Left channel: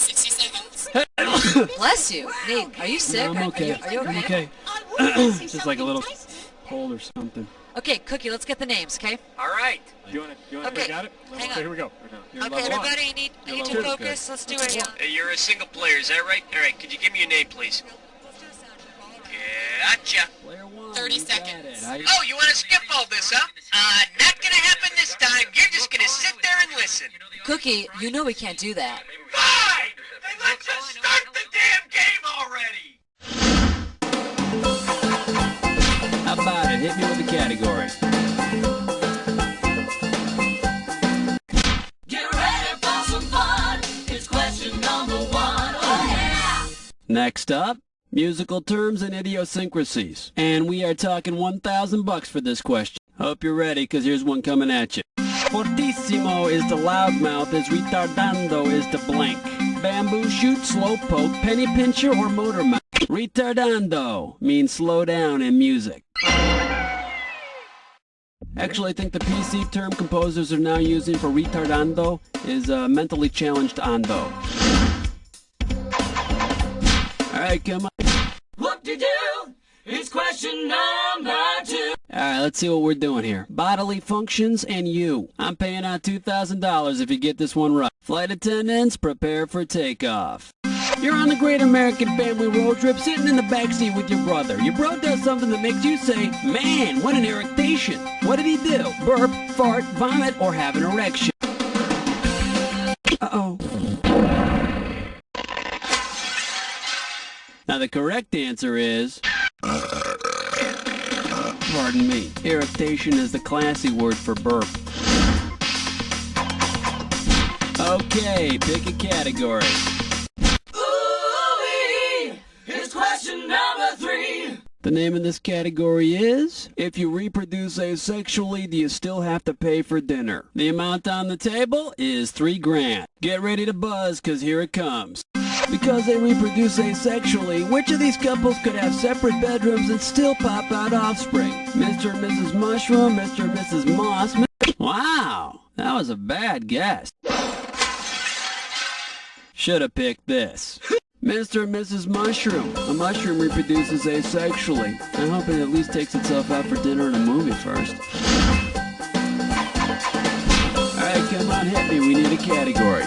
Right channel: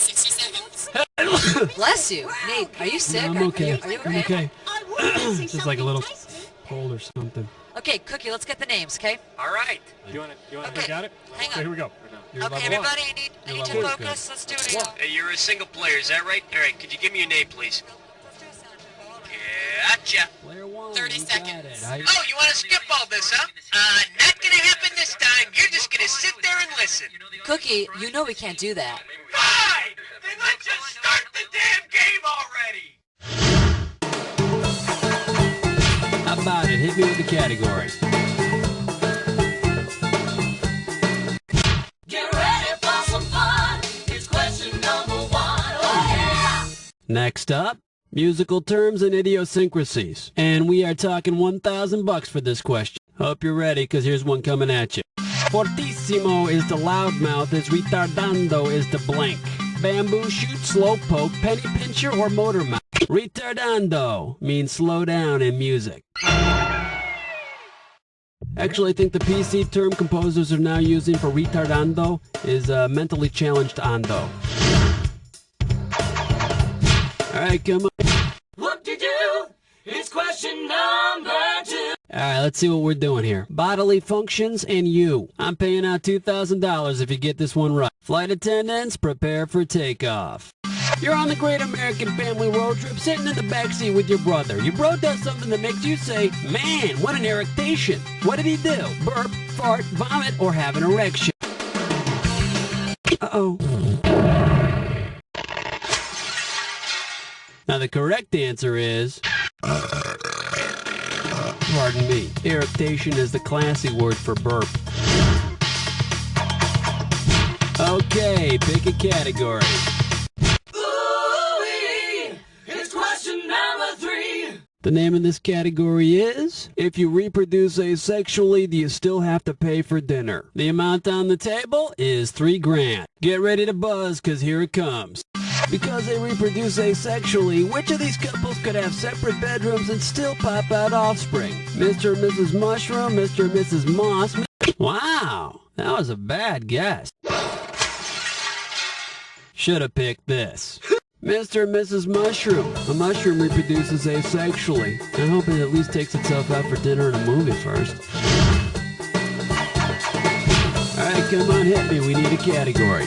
60 seconds. Bless you. Nate, are you sick? No, I'm okay. Are you I'm okay? okay. Just like a little cold or something. Okay, Cookie, let's get the names, okay? All right. You want to Okay. got it? Hang on. Okay, here we go. You're Okay, level one. everybody, I need You're to level focus. good. Let's do a... Hey, you're a single player, is that right? All right, could you give me your name, please? Gotcha. Player one. 30 you got seconds. it. How you- Oh, you want to skip all this, huh? Not gonna happen this time. You're just gonna sit there and listen. Cookie, you know we can't do that. Fine! Then let's just start the damn game already! How about it? Hit me with the category. Get ready for some fun. It's question number 1. Oh yeah! Next up, musical terms and idiosyncrasies. And we are talking $1,000 for this question. Hope you're ready, because here's one coming at you. Fortissimo is the loudmouth, as retardando is the blank. Bamboo shoot, slow poke, penny pincher, or motor mouth. Retardando means slow down in music. Actually, I think the PC term composers are now using for retardando is mentally challenged ando. Alright, come on. Whoop-de-doo! It's question number 2. Alright, let's see what we're doing here. Bodily functions and you. I'm paying out $2,000 if you get this one right. Flight attendants, prepare for takeoff. You're on the Great American Family Road Trip, sitting in the backseat with your brother. Your bro does something that makes you say, man, what an eructation. What did he do? Burp, fart, vomit, or have an erection? Uh-oh. Now the correct answer is... Pardon me. Eructation is the classy word for burp. Okay, pick a category. Ooh-wee! It's question number 3. The name of this category is, if you reproduce asexually, do you still have to pay for dinner? The amount on the table is $3 grand. Get ready to buzz, cause here it comes. Because they reproduce asexually, which of these couples could have separate bedrooms and still pop out offspring? Mr. and Mrs. Mushroom, Mr. and Mrs. Moss. Wow, that was a bad guess. Should have picked this. Mr. and Mrs. Mushroom. A mushroom reproduces asexually. I hope it at least takes itself out for dinner and a movie first. Alright, come on, hit me. We need a category.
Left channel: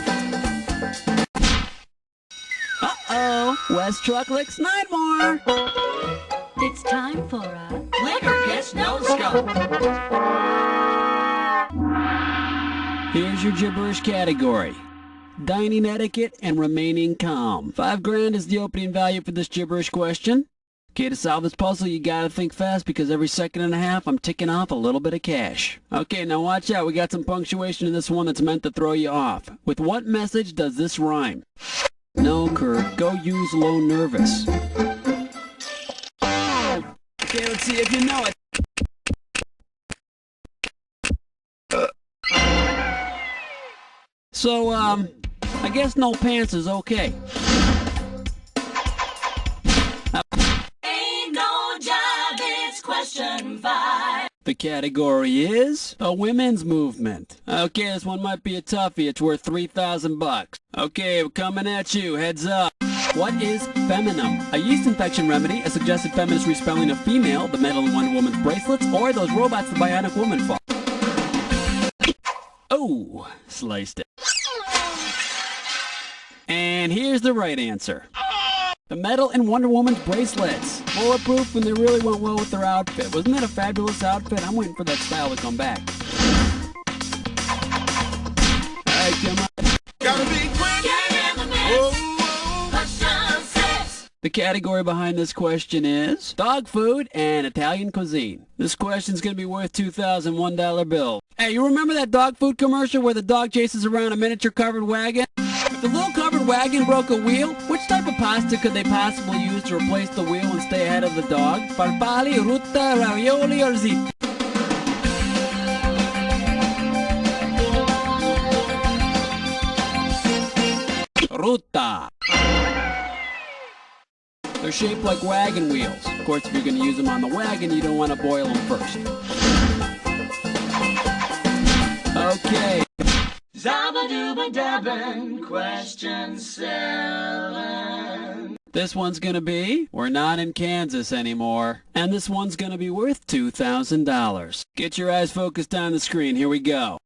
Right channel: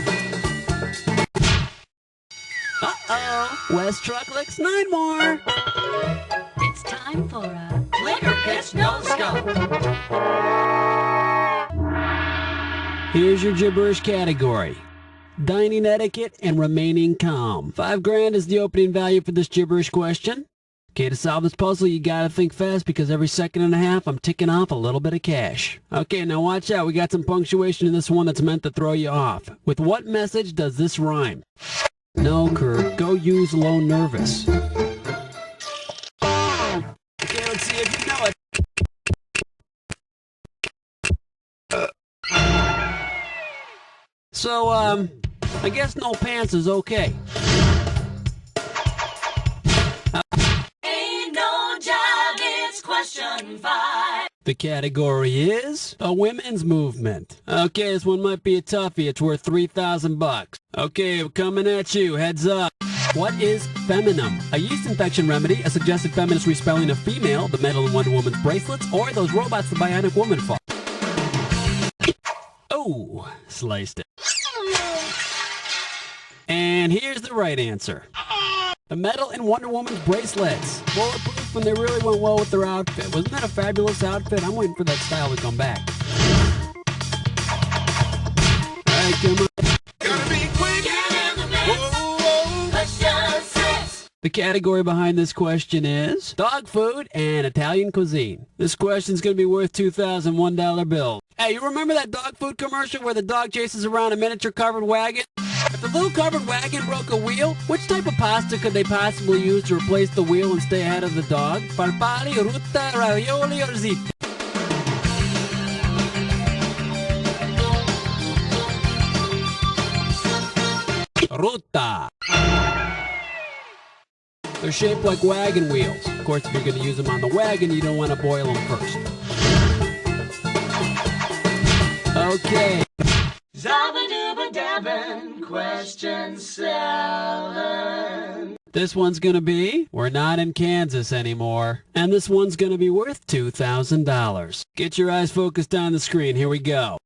Uh-oh. West Truck licks 9 more. It's time for a Liquor pitch, no scope. Here's your gibberish category. Dining etiquette and remaining calm. $5 grand is the opening value for this gibberish question. Okay, to solve this puzzle, you gotta think fast because every second and a half, I'm ticking off a little bit of cash. Okay, now watch out. We got some punctuation in this one that's meant to throw you off. With what message does this rhyme? No, Kurt. Go use low nervous. Okay, let's see if you know it. So, I guess no pants is okay. Ain't no job, it's question 5. The category is a women's movement. Okay, this one might be a toughie. It's worth $3,000. Okay, we're coming at you. Heads up. What is feminine? A yeast infection remedy, a suggested feminist respelling of female, the metal in Wonder Woman's bracelets, or those robots the Bionic Woman fought. Oh, sliced it. And here's the right answer. The metal in Wonder Woman's bracelets. Bulletproof when they really went well with their outfit. Wasn't that a fabulous outfit? I'm waiting for that style to come back. Alright, come on. Gotta be quick. Get in the mix. Whoa, whoa. Question 6. The category behind this question is dog food and Italian cuisine. This question's going to be worth $2,001 bill. Hey, you remember that dog food commercial where the dog chases around a miniature covered wagon? If the little covered wagon broke a wheel, which type of pasta could they possibly use to replace the wheel and stay ahead of the dog? Farfalle, rutta, ravioli, or ziti? Rutta. They're shaped like wagon wheels. Of course, if you're going to use them on the wagon, you don't want to boil them first. Okay. Zabba-dooba-dabbin', question 7. This one's going to be, we're not in Kansas anymore. And this one's going to be worth $2,000. Get your eyes focused on the screen. Here we go.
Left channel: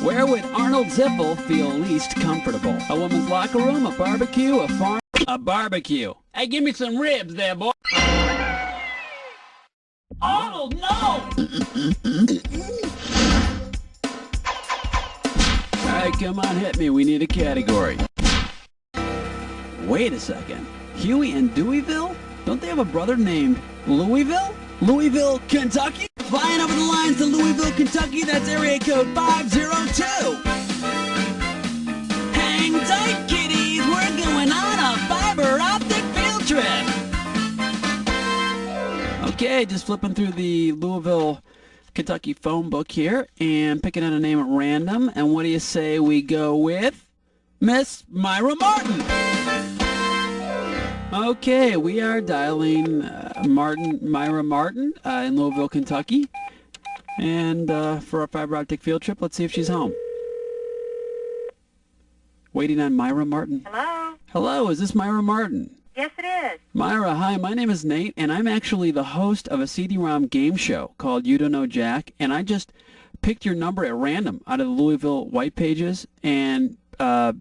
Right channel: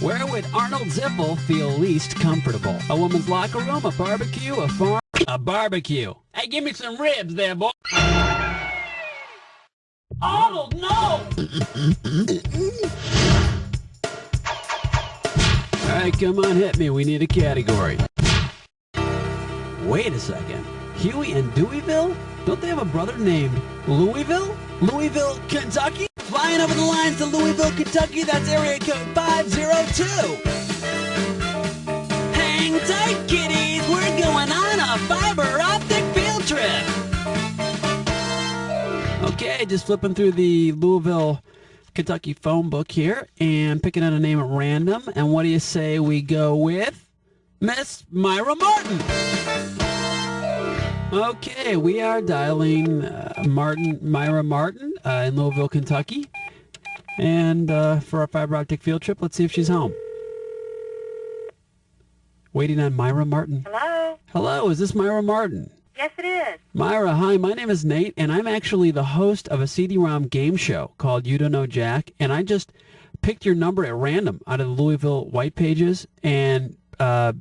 Where would Arnold Ziffel feel least comfortable? A woman's locker room, a barbecue, a farm? A barbecue. Hey, give me some ribs there, boy. Arnold, no! All right, come on, hit me. We need a category. Wait a second. Huey and Deweyville? Don't they have a brother named Louisville? Louisville, Kentucky? Flying over the lines to Louisville, Kentucky, that's area code 502. Hang tight, kiddies. We're going on a Fibre Optic field trip. Okay, just flipping through the Louisville, Kentucky phone book here and picking out a name at random. And what do you say we go with Miss Myra Martin? Okay, we are dialing Myra Martin in Louisville, Kentucky. And for our Fibre Optic field trip, let's see if she's home. Waiting on Myra Martin. Hello? Hello, is this Myra Martin? Yes, it is. Myra, hi, my name is Nate, and I'm actually the host of a CD-ROM game show called You Don't Know Jack, and I just picked your number at random out of the Louisville White Pages, and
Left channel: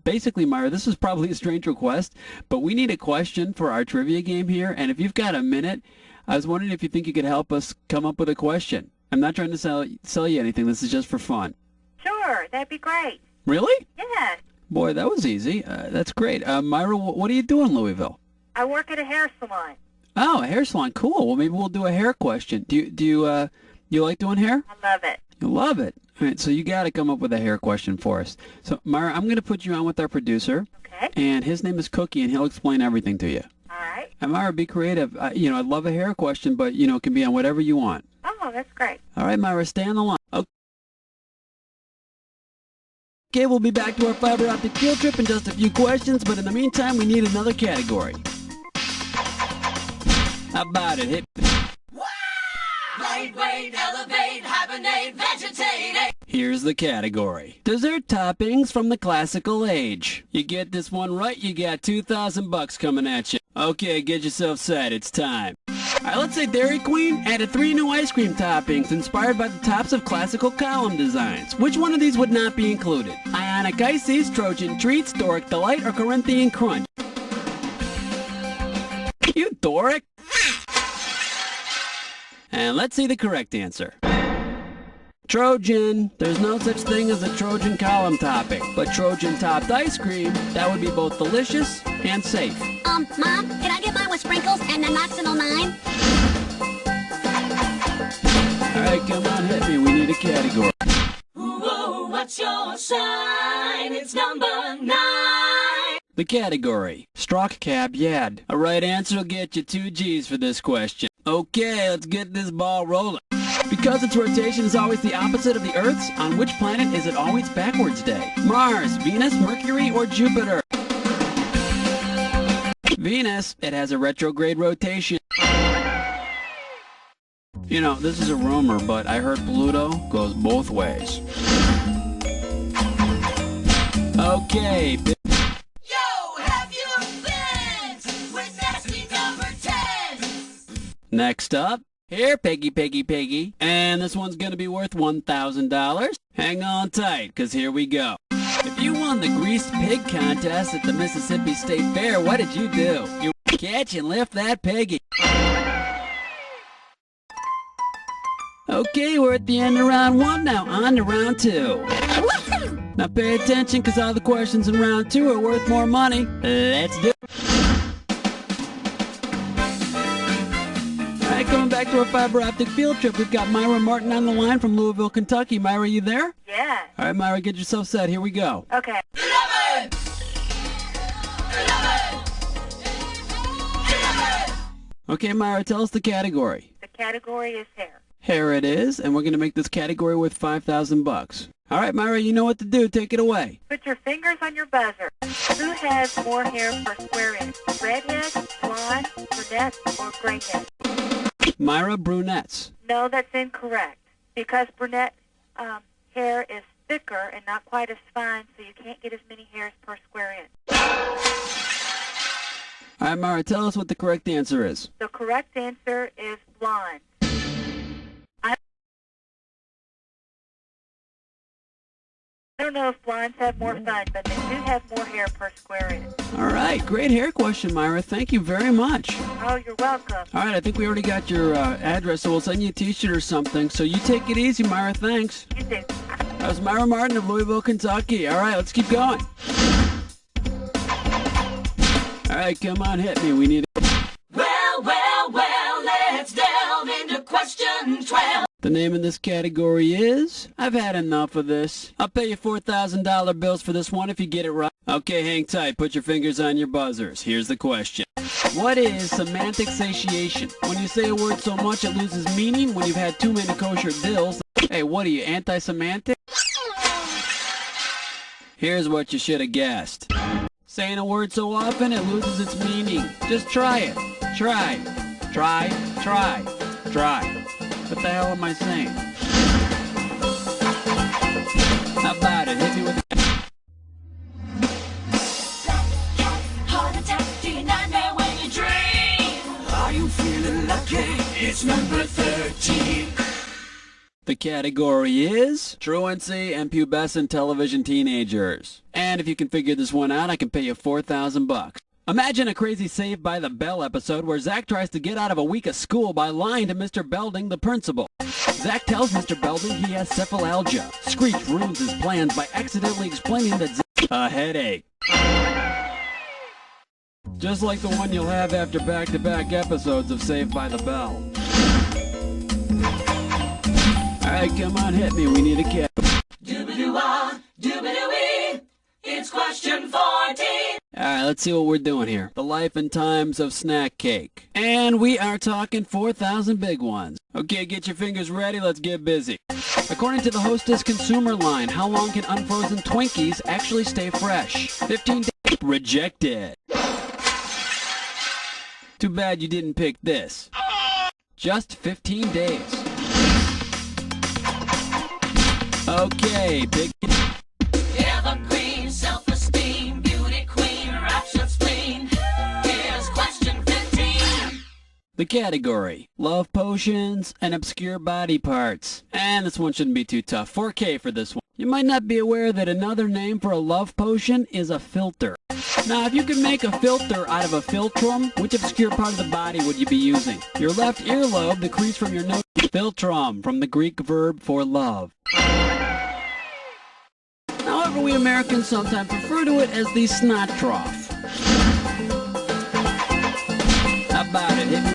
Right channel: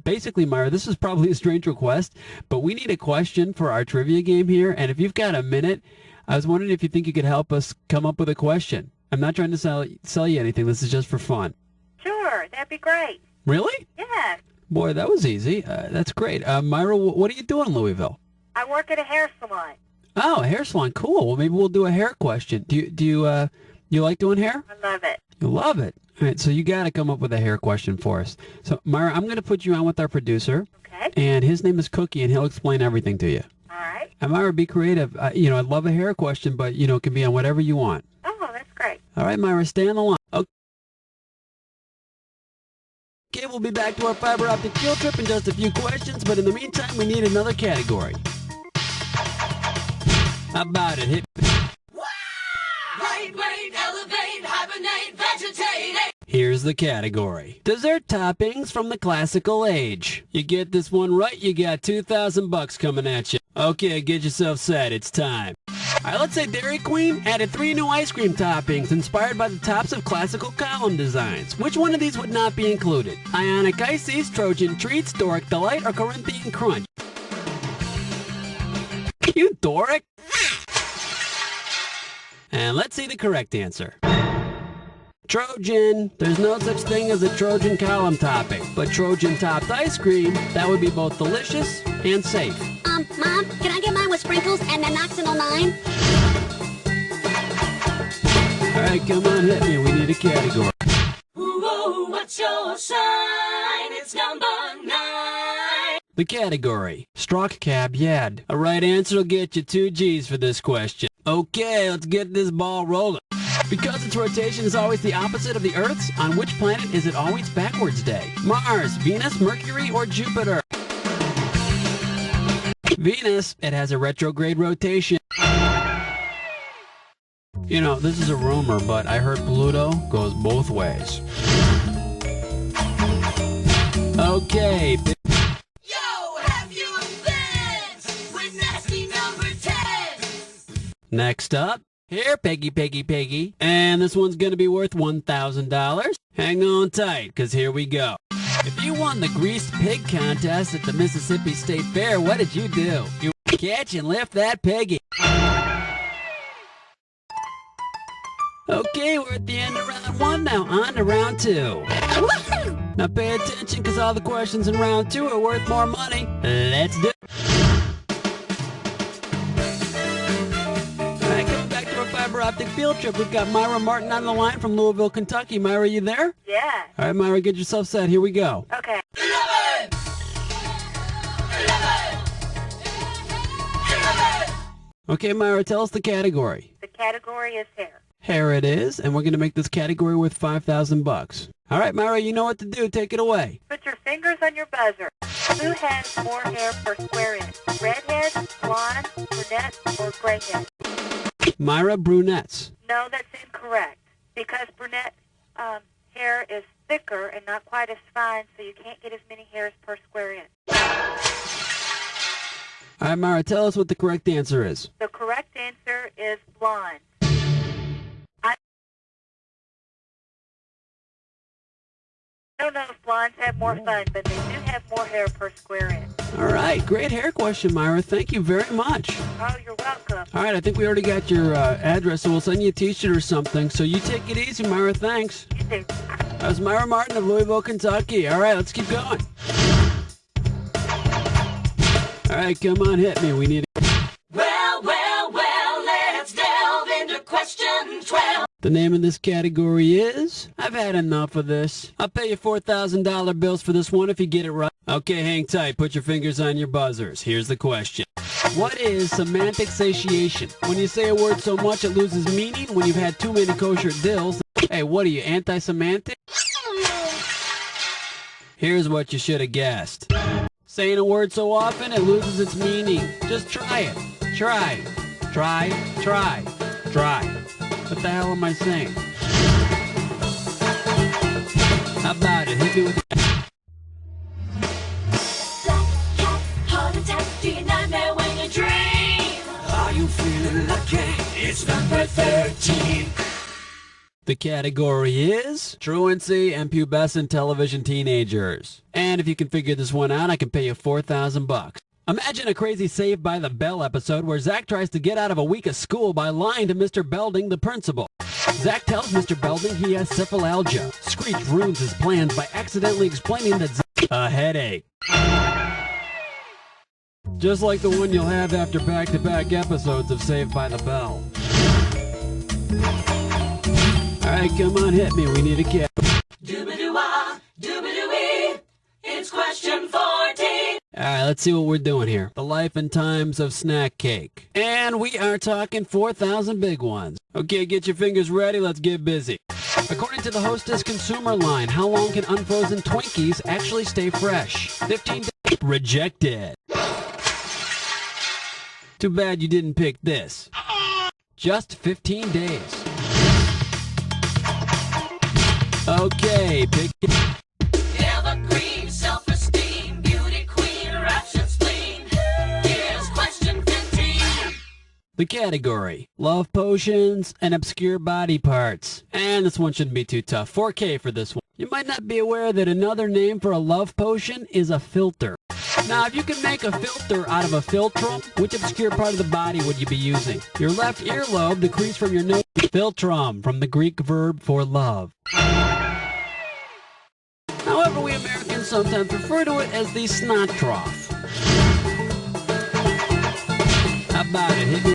basically, Myra, this is probably a strange request, but we need a question for our trivia game here, and if you've got a minute, I was wondering if you think you could help us come up with a question. I'm not trying to sell you anything. This is just for fun. Sure, that'd be great. Really? Yes. Boy, that was easy. That's great. Myra, what do you do in Louisville? I work at a hair salon. Oh, a hair salon. Cool. Well, maybe we'll do a hair question. Do you like doing hair? I love it. You love it. All right, so you got to come up with a hair question for us. So, Myra, I'm going to put you on with our producer. Okay. And his name is Cookie, and he'll explain everything to you. All right. And Myra, be creative. I'd love a hair question, but, it can be on whatever you want. Oh, that's great. All right, Myra, stay on the line. Okay, we'll be back to our Fibre Optic field trip in just a few questions, but in the meantime, we need another category. How about it? Hit. Lightweight, elevate, hibernate, vegetate. Here's the category. Dessert toppings from the classical age. You get this one right, you got $2,000 coming at you. Okay, get yourself set. It's time. All right, let's say Dairy Queen added 3 new ice cream toppings inspired by the tops of classical column designs. Which one of these would not be included? Ionic Ices, Trojan Treats, Doric Delight, or Corinthian Crunch? You Doric! And let's see the correct answer. Trojan. There's no such thing as a Trojan column topping, but Trojan topped ice cream, that would be both delicious and safe. Mom, can I get mine with sprinkles and Nanoxynol 9? All right, come on, hit me. We need a category. Ooh, what's your sign? It's number 9. The category, Strock Cab Yad. A right answer will get you 2 G's for this question. Okay, let's get this ball rolling. Because its rotation is always the opposite of the Earth's, on which planet is it always backwards day? Mars, Venus, Mercury, or Jupiter? Venus, it has a retrograde rotation. This is a rumor, but I heard Pluto goes both ways. Okay. Yo, have you been with nasty number 10? Next up, here, Peggy. And this one's going to be worth $1,000. Hang on tight, because here we go. If you won the Greased Pig contest at the Mississippi State Fair, what did you do? You catch and lift that piggy. Okay, we're at the end of round 1, now on to round 2. Now pay attention, because all the questions in round 2 are worth more money. Let's do it. All right, coming back to our Fibre Optic field trip, we've got Myra Martin on the line from Louisville, Kentucky. Myra, you there? Yeah. All right, Myra, get yourself set. Here we go. Okay. 11. Okay, Myra, tell us the category. The category is hair. Here it is, and we're going to make this category worth $5,000. All right, Myra, you know what to do. Take it away. Put your fingers on your buzzer. Who has more hair per square inch? Redhead, blonde, brunette, or grayhead? Myra, brunettes. No, that's incorrect. Because brunette hair is thicker and not quite as fine, so you can't get as many hairs per square inch. All right, Myra, tell us what the correct answer is. The correct answer is blonde. I don't know if blondes have more fun, but they do have more hair per square inch. All right, great hair question, Myra. Thank you very much. Oh, you're welcome. All right, I think we already got your address, so we'll send you a T-shirt or something. So you take it easy, Myra. Thanks. You too. That was Myra Martin of Louisville, Kentucky. All right, let's keep going. All right, come on, hit me. We need Well, let's delve into question 12. The name of this category is, I've had enough of this. I'll pay you $4,000 bills for this one if you get it right. Okay, hang tight. Put your fingers on your buzzers. Here's the question. What is semantic satiation? When you say a word so much it loses meaning, when you've had too many kosher dills. Hey, what are you, anti-semantic? Here's what you should have guessed. Saying a word so often it loses its meaning. Just try it. Try. What the hell am I saying? How about it? Hit me with Black cat, heart attack, do you nightmare when you dream? Are you feeling lucky? It's number 13. The category is truancy and pubescent television teenagers. And if you can figure this one out, I can pay you $4,000. Imagine a crazy Saved by the Bell episode where Zach tries to get out of a week of school by lying to Mr. Belding, the principal. Zach tells Mr. Belding he has cephalalgia. Screech ruins his plans by accidentally explaining that Zach a headache. Just like the one you'll have after back-to-back episodes of Saved by the Bell. All right, come on, hit me. We need a cat. Doobadoo-wah, doobadoo-wee. It's question 14. All right, let's see what we're doing here. The life and times of snack cake. And we are talking 4,000 big ones. Okay, get your fingers ready. Let's get busy. According to the Hostess consumer line, how long can unfrozen Twinkies actually stay fresh? 15 days. Rejected. Too bad you didn't pick this. Just 15 days. Okay, pick it. Evergreen, self-esteem, beauty queen, rapture spleen. Here's question 15. The category, love potions and obscure body parts. And this one shouldn't be too tough. 4K for this one. You might not be aware that another name for a love potion is a filter. Now, if you could make a filter out of a philtrum, which obscure part of the body would you be using? Your left earlobe, the crease from your nose. Philtrum, from the Greek verb for love. However, we Americans sometimes refer to it as the snot trough. How about it? Hit me.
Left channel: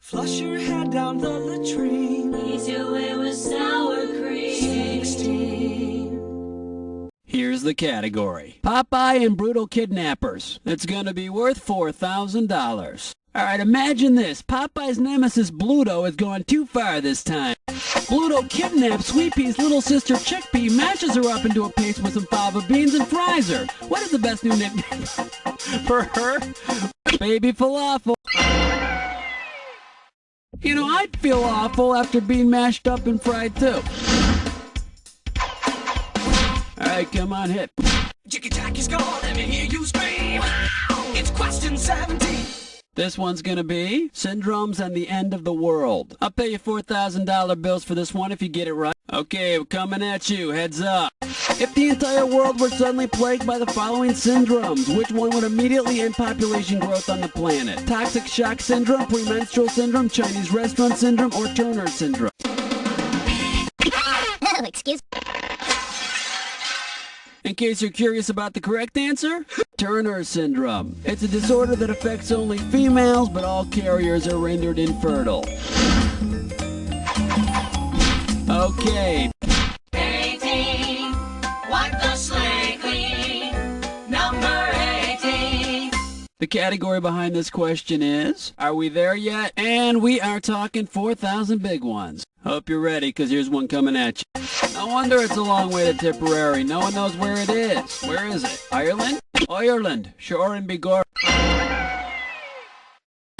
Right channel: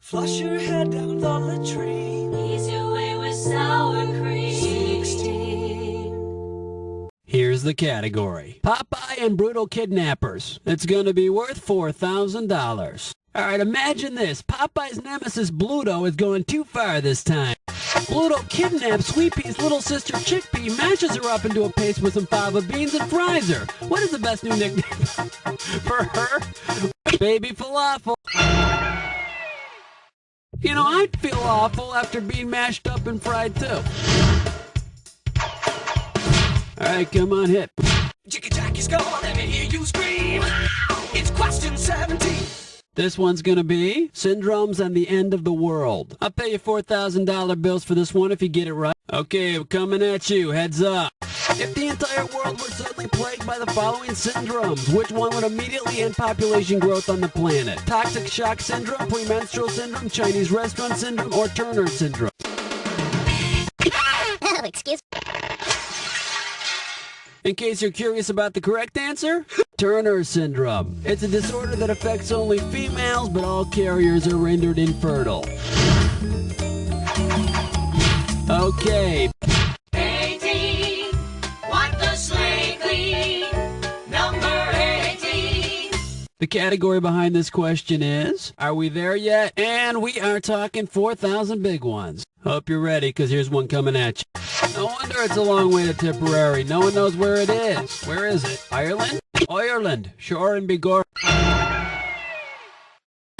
Flush your head down the latrine. Ease your way with sour cream. 16. Here's the category. Popeye and brutal kidnappers. It's gonna be worth $4,000. All right, imagine this. Popeye's nemesis Bluto has gone too far this time. Bluto kidnaps Sweet Pea's little sister Chickpea, mashes her up into a paste with some fava beans, and fries her. What is the best new nickname for her? Baby Falafel. You know, I'd feel awful after being mashed up and fried too. All right, come on, hit. Jiggy Jackie's gone, let me hear you scream. It's question 17. This one's gonna be syndromes and the end of the world. I'll pay you $4,000 bills for this one if you get it right. Okay, we're coming at you. Heads up. If the entire world were suddenly plagued by the following syndromes, which one would immediately end population growth on the planet? Toxic shock syndrome, premenstrual syndrome, Chinese restaurant syndrome, or Turner syndrome? Oh, excuse me. In case you're curious about the correct answer, Turner syndrome. It's a disorder that affects only females, but all carriers are rendered infertile. Okay. 18. Wipe the slate clean. Number 18. The category behind this question is, are we there yet? And we are talking 4,000 big ones. Hope you're ready, because here's one coming at you. No wonder it's a long way to Tipperary. No one knows where it is. Where is it? Ireland? Ireland. Sure and be gore.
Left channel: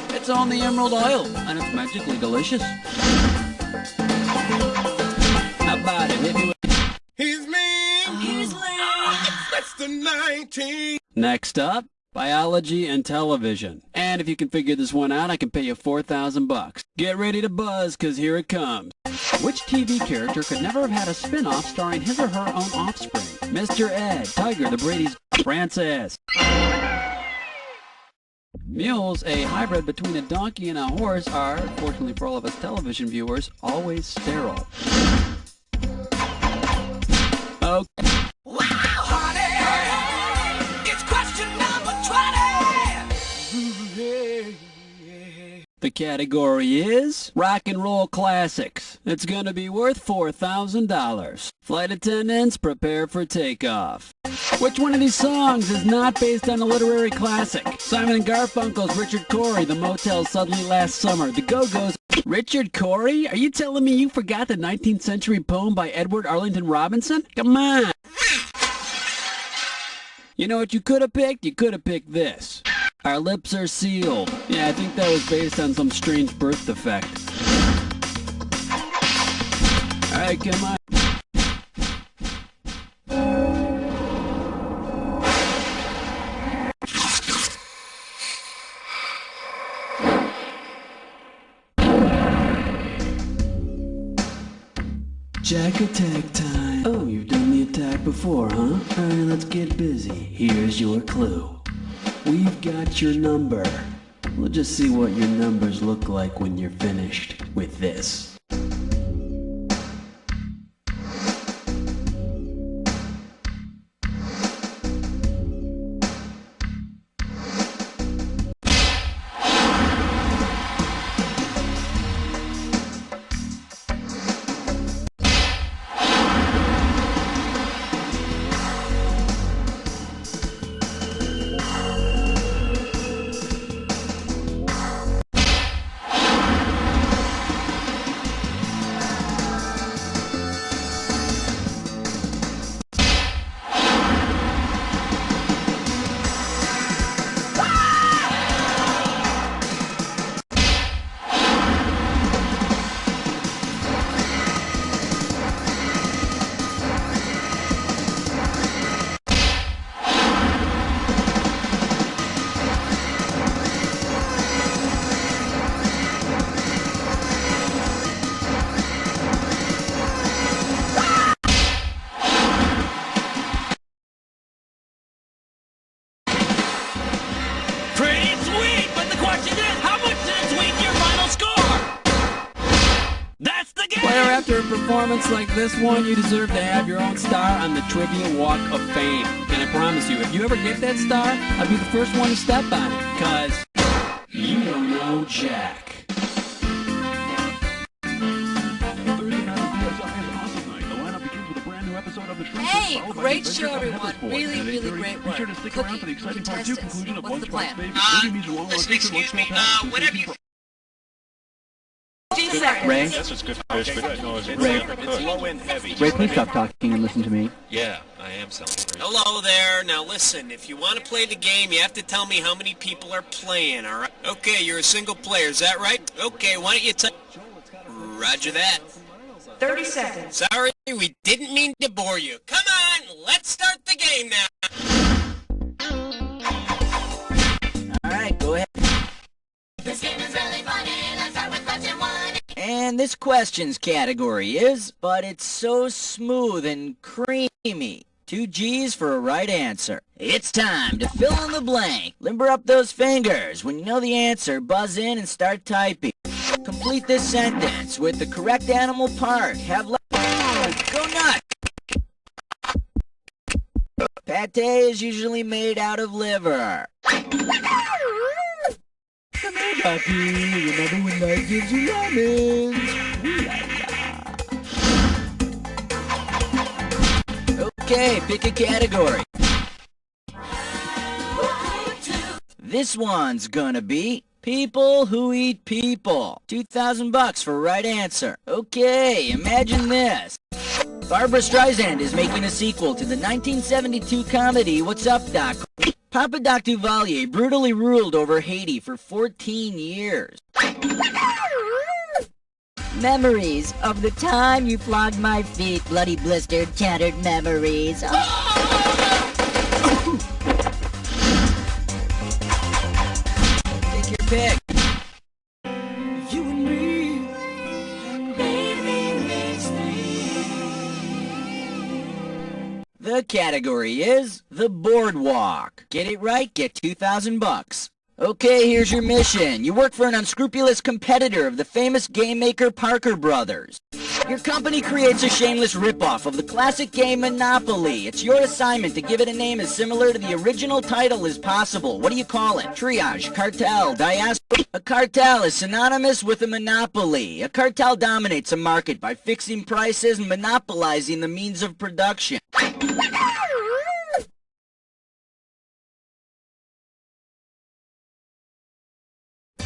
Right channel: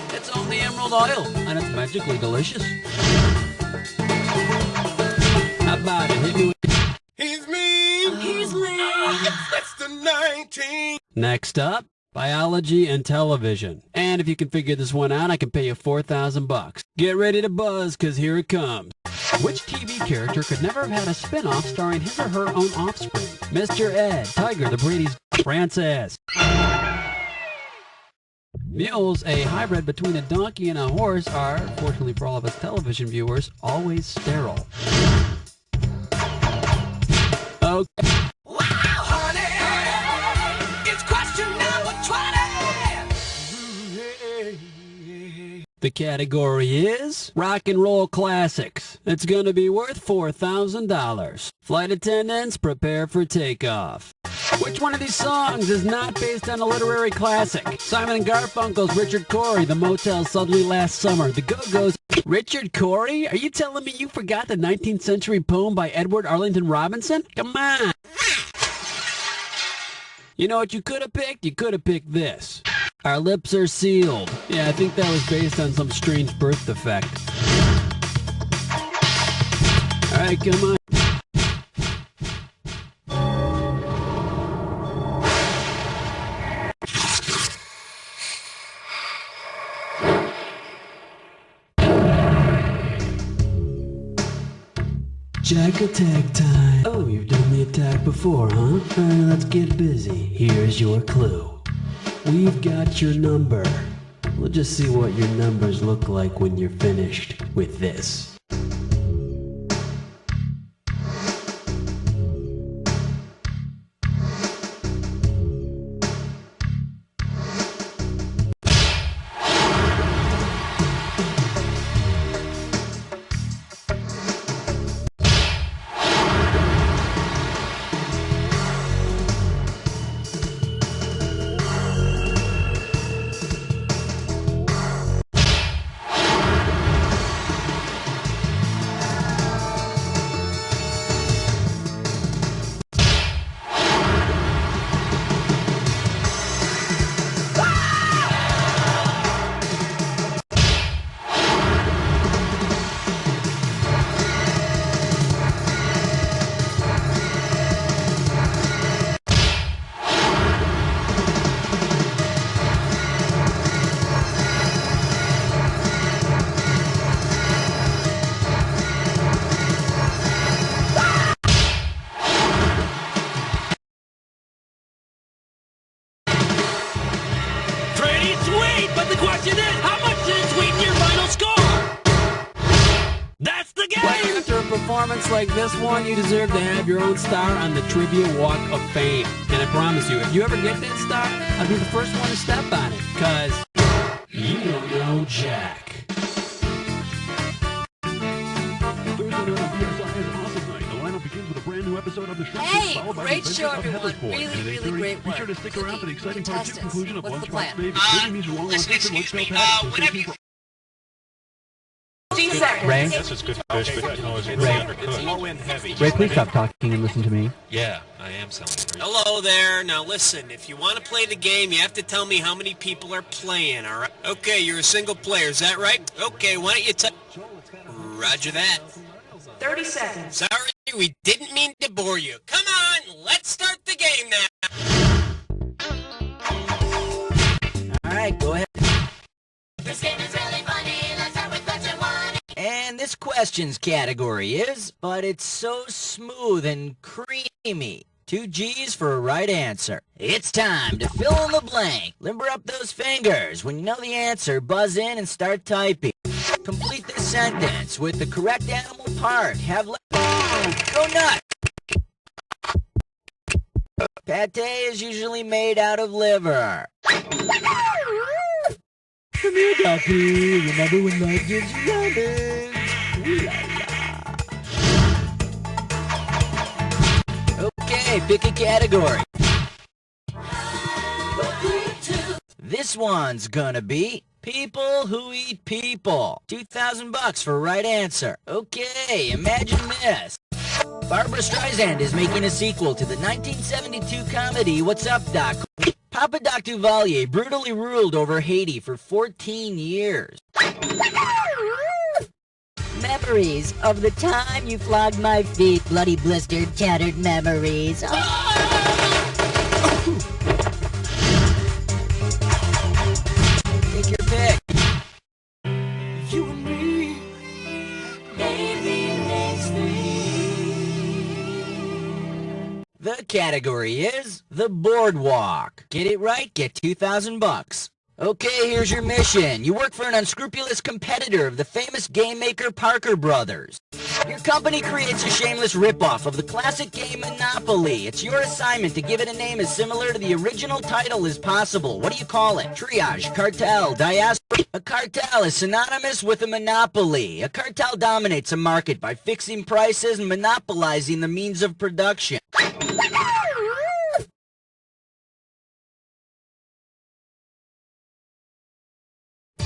It's on the Emerald Isle, and it's magically delicious. How about it? Hit me with... He's mean. He's lean. That's the 19. Next up, biology and television. And if you can figure this one out, I can pay you $4,000. Get ready to buzz, because here it comes. Which TV character could never have had a spin-off starring his or her own offspring? Mr. Ed, Tiger, the Brady's, Francis. Mules, a hybrid between a donkey and a horse, are, fortunately for all of us television viewers, always sterile. Okay. Wow, honey, it's question number 20. The category is rock and roll classics. It's gonna be worth $4,000. Flight attendants, prepare for takeoff. Which one of these songs is not based on a literary classic? Simon and Garfunkel's Richard Cory, The Motel Suddenly Last Summer, The Go-Go's. Richard Cory? Are you telling me you forgot the 19th century poem by Edward Arlington Robinson? Come on! You know what you could have picked? You could have picked this. Our lips are sealed. Yeah, I think that was based on some strange birth defect. Alright, come on. Jack attack time. Oh, you've done the attack before, huh? Alright, let's get busy. Here's your clue. We've got your number. We'll just see what your numbers look like when you're finished with this. Pretty sweet, but the question is, how much did it sweeten your final score? That's the game! Player, after a performance like this one, you deserve to have your own star on the Trivia Walk of Fame. And I promise you, if you ever get that star, I'll be the first one to step on it, cause you don't know Jack. Hey, great show, everyone. Really, really great work. Cookie, contestants, what's the plan? Listen, excuse me, whenever you... 15 seconds. Ray? Yes, it's good fish, but you know, it's Ray. It's low-end heavy. Ray, please stop talking and listen to me. Yeah, I am selling it. Hello there. Now listen, if you want to play the game, you have to tell me how many people are playing, all right? Okay, you're a single player, is that right? Okay, why don't you tell... Roger that. 30 seconds. Sorry, we didn't mean to bore you. Come on, let's start the game now. All right, go ahead. This game is really funny. Let's start with question 1. And this questions category is, but it's so smooth and creamy. 2 G's for a right answer. It's time to fill in the blank. Limber up those fingers. When you know the answer, buzz in and start typing. Complete this sentence with the correct animal part. Have go nuts! Pate is usually made out of liver. Come here, Ducky. Remember when life gives you lemons? Ooh la la. Okay, pick a category. This one's gonna be people who eat people. $2,000 for right answer. Okay, imagine this. Barbra Streisand is making a sequel to the 1972 comedy What's Up, Doc? Papa Doc Duvalier brutally ruled over Haiti for 14 years. Memories of the time you flogged my feet. Bloody, blistered, tattered memories. Take your pick. You and me, baby, makes three. The category is the boardwalk. Get it right, get $2,000. Okay, here's your mission. You work for an unscrupulous competitor of the famous game maker Parker Brothers. Your company creates a shameless ripoff of the classic game Monopoly. It's your assignment to give it a name as similar to the original title as possible. What do you call it? Triage, cartel, diaspora. A cartel is synonymous with a monopoly. A cartel dominates a market by fixing prices and monopolizing the means of production.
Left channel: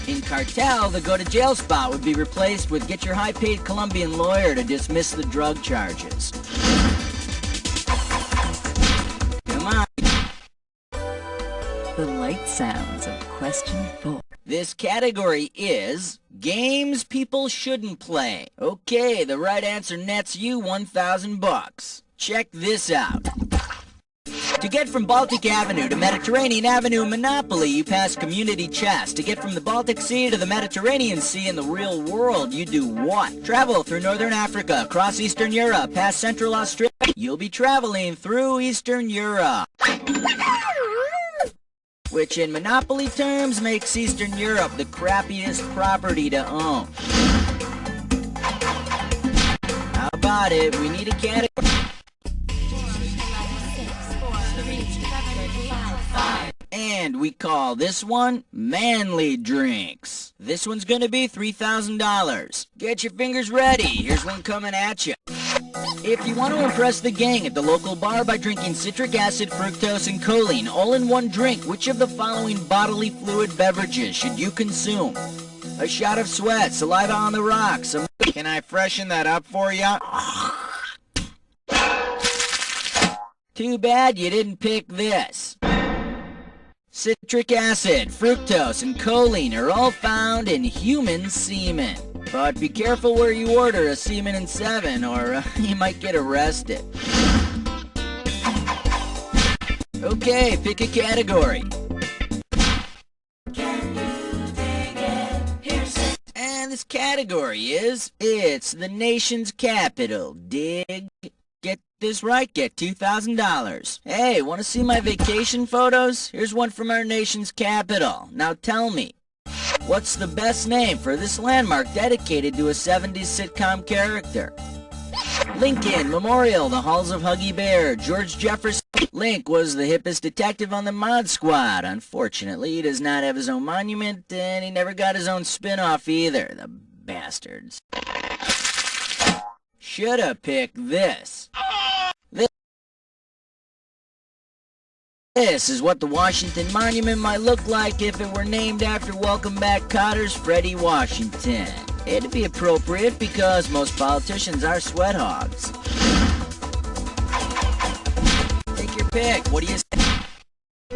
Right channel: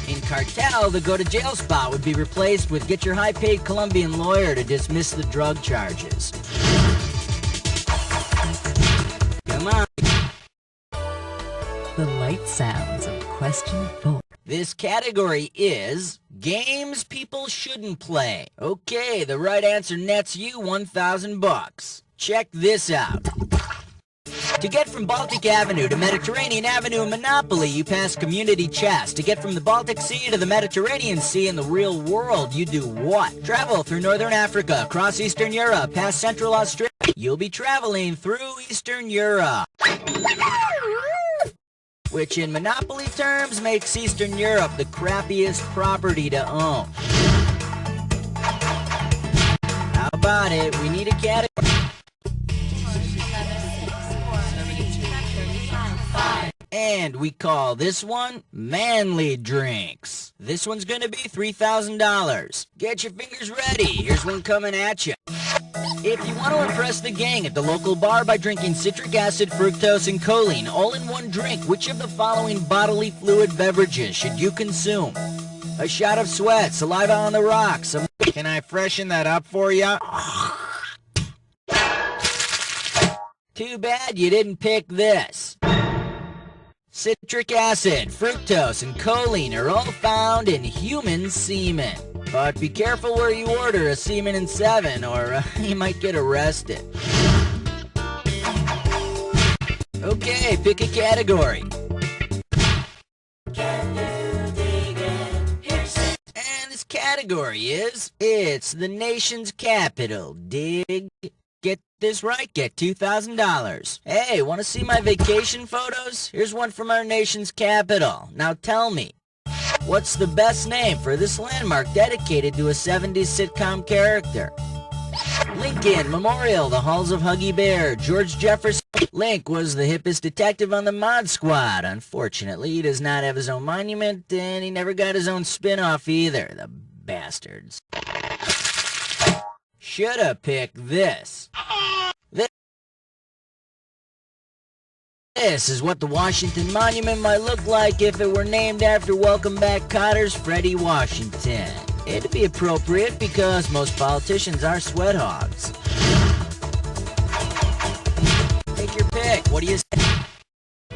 In cartel, the go-to-jail spot would be replaced with get your high-paid Colombian lawyer to dismiss the drug charges. Come on. The light sounds of question 4. This category is games people shouldn't play. Okay, the right answer nets you $1,000. Check this out. To get from Baltic Avenue to Mediterranean Avenue in Monopoly, you pass community chess. To get from the Baltic Sea to the Mediterranean Sea in the real world, you do what? Travel through Northern Africa, across Eastern Europe, past Central Australia. You'll be traveling through Eastern Europe. Which in Monopoly terms makes Eastern Europe the crappiest property to own. How about it? We need a category. And we call this one Manly Drinks. This one's gonna be $3,000. Get your fingers ready. Here's one coming at you. If you want to impress the gang at the local bar by drinking citric acid, fructose, and choline all in one drink, which of the following bodily fluid beverages should you consume? A shot of sweat, saliva on the rocks. Can I freshen that up for ya? Too bad you didn't pick this. Citric acid, fructose, and choline are all found in human semen. But be careful where you order a semen in 7 or you might get arrested. Okay, pick a category. Can you dig it? Here's it. And this category is, it's the nation's capital. Dig. Get this right, get $2,000. Hey, want to see my vacation photos? Here's one from our nation's capital. Now tell me, what's the best name for this landmark dedicated to a 70s sitcom character? Lincoln Memorial, the halls of Huggy Bear, George Jefferson. Link was the hippest detective on the Mod Squad. Unfortunately, he does not have his own monument, and he never got his own spin-off either, the bastards. Shoulda picked this. This is what the Washington Monument might look like if it were named after Welcome Back Cotter's Freddie Washington. It'd be appropriate because most politicians are sweat hogs. Take your pick. What do you say?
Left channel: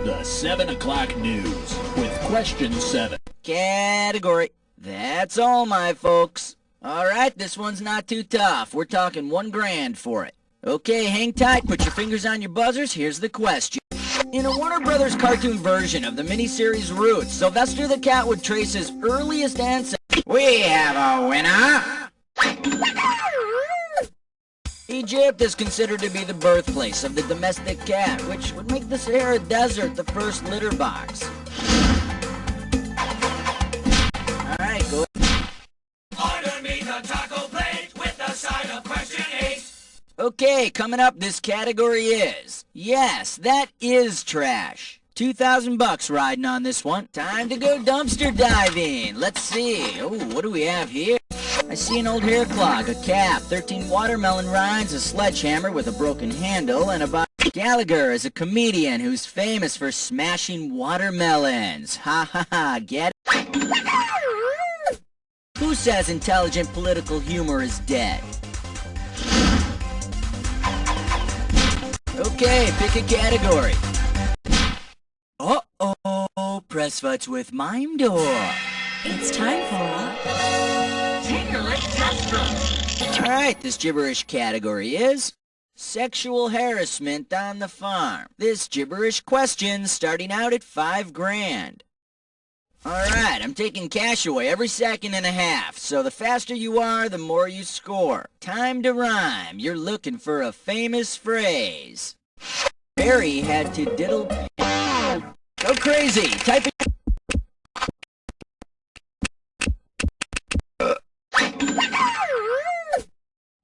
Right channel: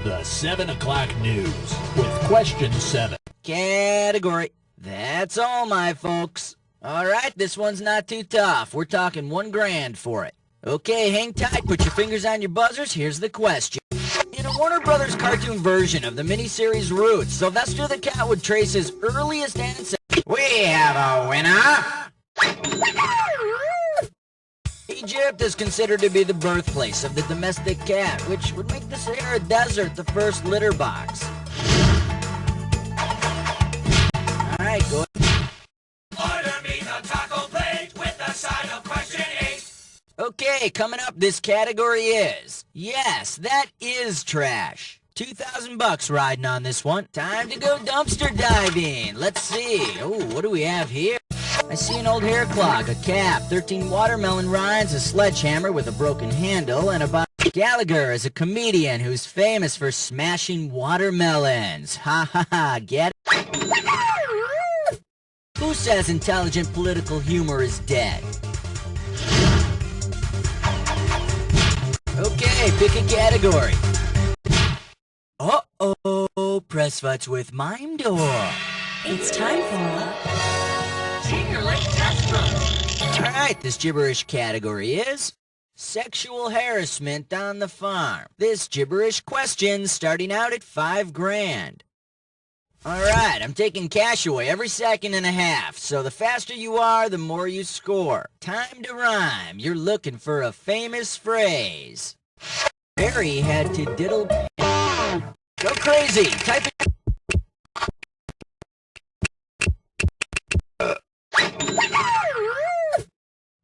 The 7 o'clock news with question 7. Category. That's all, my folks. All right, this one's not too tough. We're talking $1,000 for it. Okay, hang tight. Put your fingers on your buzzers. Here's the question. In a Warner Brothers cartoon version of the miniseries Roots, Sylvester the Cat would trace his earliest ancestors. We have a winner! Egypt is considered to be the birthplace of the domestic cat, which would make the Sahara Desert the first litter box. Alright, go ahead. Order me the taco plate with the side of question 8. Okay, coming up, this category is, yes, that is trash. $2,000 riding on this one. Time to go dumpster diving. Let's see. Oh, what do we have here? I see an old hair clog, a cap, 13 watermelon rinds, a sledgehammer with a broken handle, and a box. Gallagher is a comedian who's famous for smashing watermelons. Ha ha ha, get it? Who says intelligent political humor is dead? Okay, pick a category. Uh-oh, press fights with Mime Door. It's time for a Here, let's test them. All right, this gibberish category is sexual harassment on the farm. This gibberish question starting out at $5,000. All right, I'm taking cash away every second and a half, so the faster you are, the more you score. Time to rhyme. You're looking for a famous phrase. Barry had to diddle... Go crazy! Type it...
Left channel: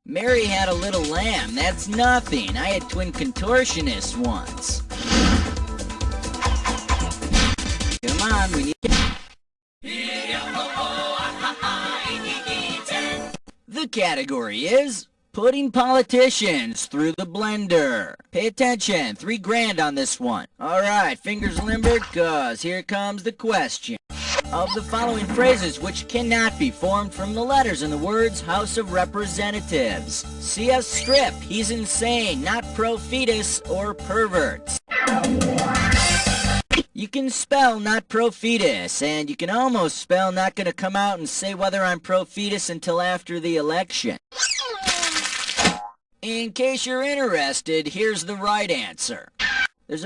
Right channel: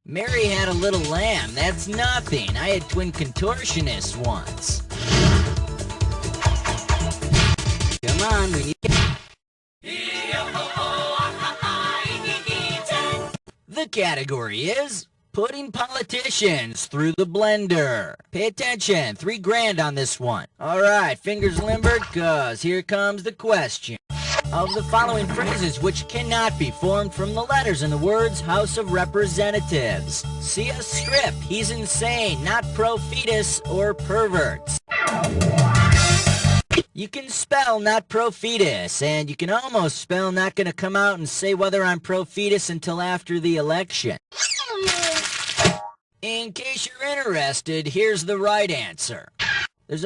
Mary had a little lamb. That's nothing. I had twin contortionists once. Come on, we need... The category is putting politicians through the blender. Pay attention, $3,000 on this one. All right, fingers limbered, cause here comes the question. Of the following phrases which cannot be formed from the letters in the words House of Representatives. C.S. Strip, he's insane, not pro-fetus or perverts. You can spell not pro-fetus, and you can almost spell not gonna come out and say whether I'm pro-fetus until after the election. In case you're interested, here's the right answer. There's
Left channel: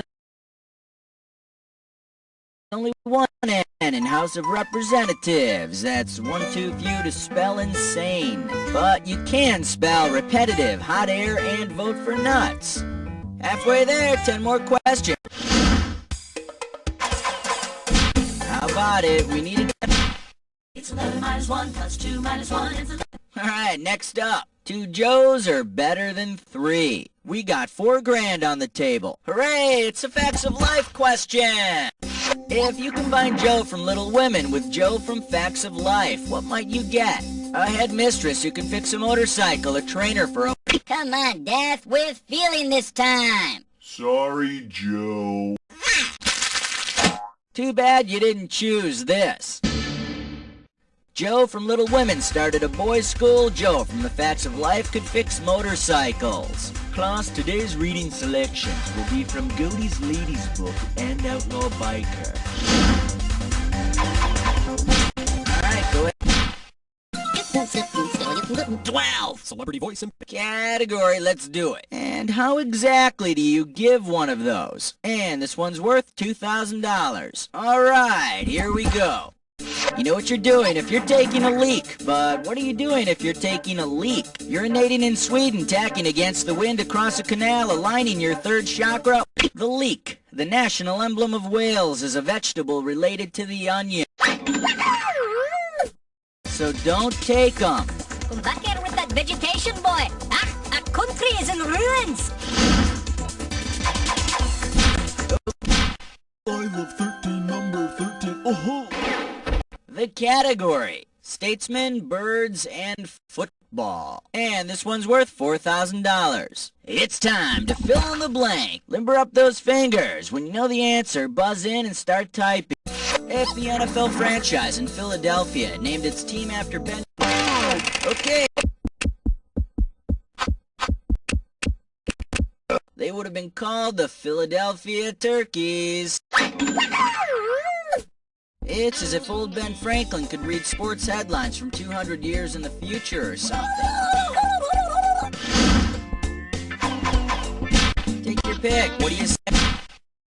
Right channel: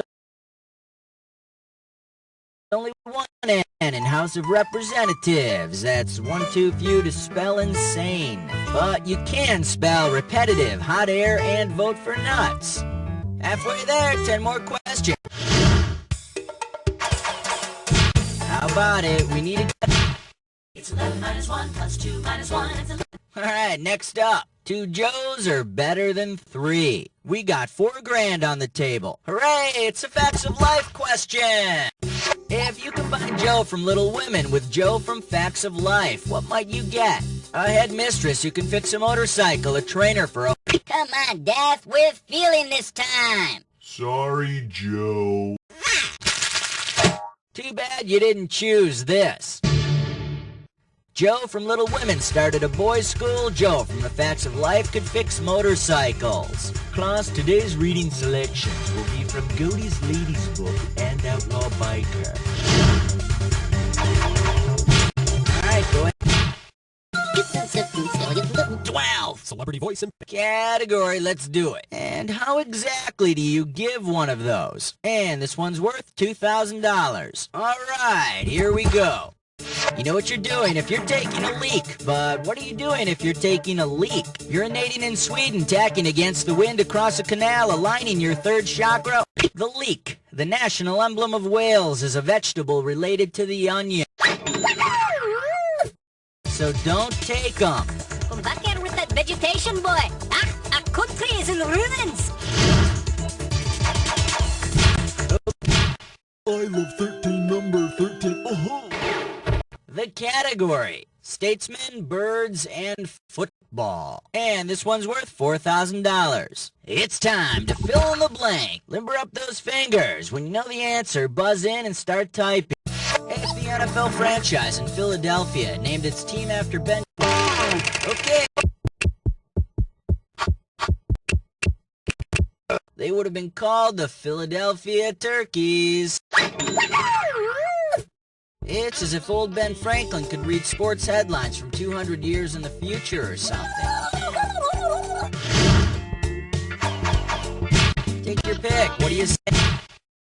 only one N in House of Representatives. That's one too few to spell insane. But you can spell repetitive, hot air, and vote for nuts. Halfway there, 10 more questions. How about it? We need it. It's 11 minus 1 plus 2 minus 1 is 11. All right, next up. 2 Joes are better than 3. We got $4,000 on the table. Hooray! It's a Facts of Life question. If you combine Joe from Little Women with Joe from Facts of Life, what might you get? A headmistress who can fix a motorcycle, a trainer for a... Come on, Death, we're feeling this time. Sorry, Joe. Too bad you didn't choose this. Joe from Little Women started a boys' school. Joe from the Facts of Life could fix motorcycles. Class, today's reading selections will be from Godey's Ladies Book and Outlaw Biker. Alright, go ahead. 12. Celebrity voice and... Category, let's do it. And how exactly do you give one of those? And this one's worth $2,000. Alright, here we go. You know what you're doing if you're taking a leak, but what are you doing if you're taking a leak? Urinating in Sweden, tacking against the wind across a canal, aligning your third chakra. The leek, the national emblem of Wales, is a vegetable related to the onion. So don't take them. Come back here with that vegetation, boy. Ah, our country is in ruins. I love 13, number 13. Oh-ho! The category, statesmen, birds, and football. And this one's worth $4,000. It's time to fill in the blank. Limber up those fingers. When you know the answer, buzz in and start typing. If the NFL franchise in Philadelphia named its team after Ben... Okay. They would have been called the Philadelphia Turkeys. It's as if old Ben Franklin could read sports headlines from 200 years in the future or something. Take your pick. What do you say?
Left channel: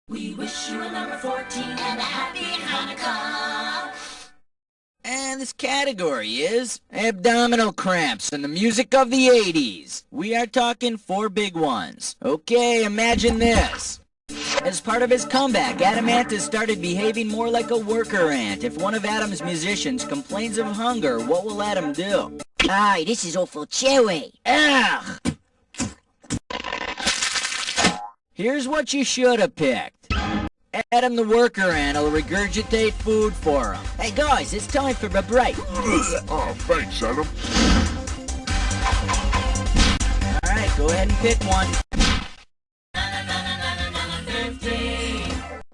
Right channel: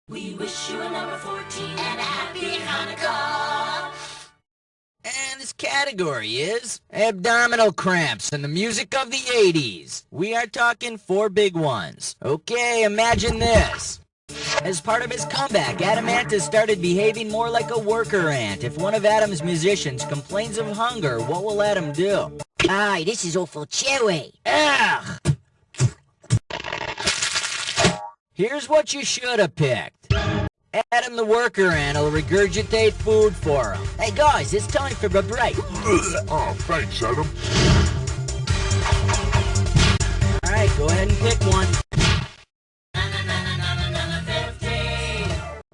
We wish you a number 14 and a happy Hanukkah. And this category is abdominal cramps and the music of the 80s. We are talking 4 big ones. Okay, imagine this. As part of his comeback, Adamantis started behaving more like a worker ant. If one of Adam's musicians complains of hunger, what will Adam do? Aye, this is awful chewy. Ugh! Here's what you should have picked. Adam the worker ant will regurgitate food for him. Hey guys, it's time for a break. Oh, thanks, Adam. Alright, go ahead and pick one.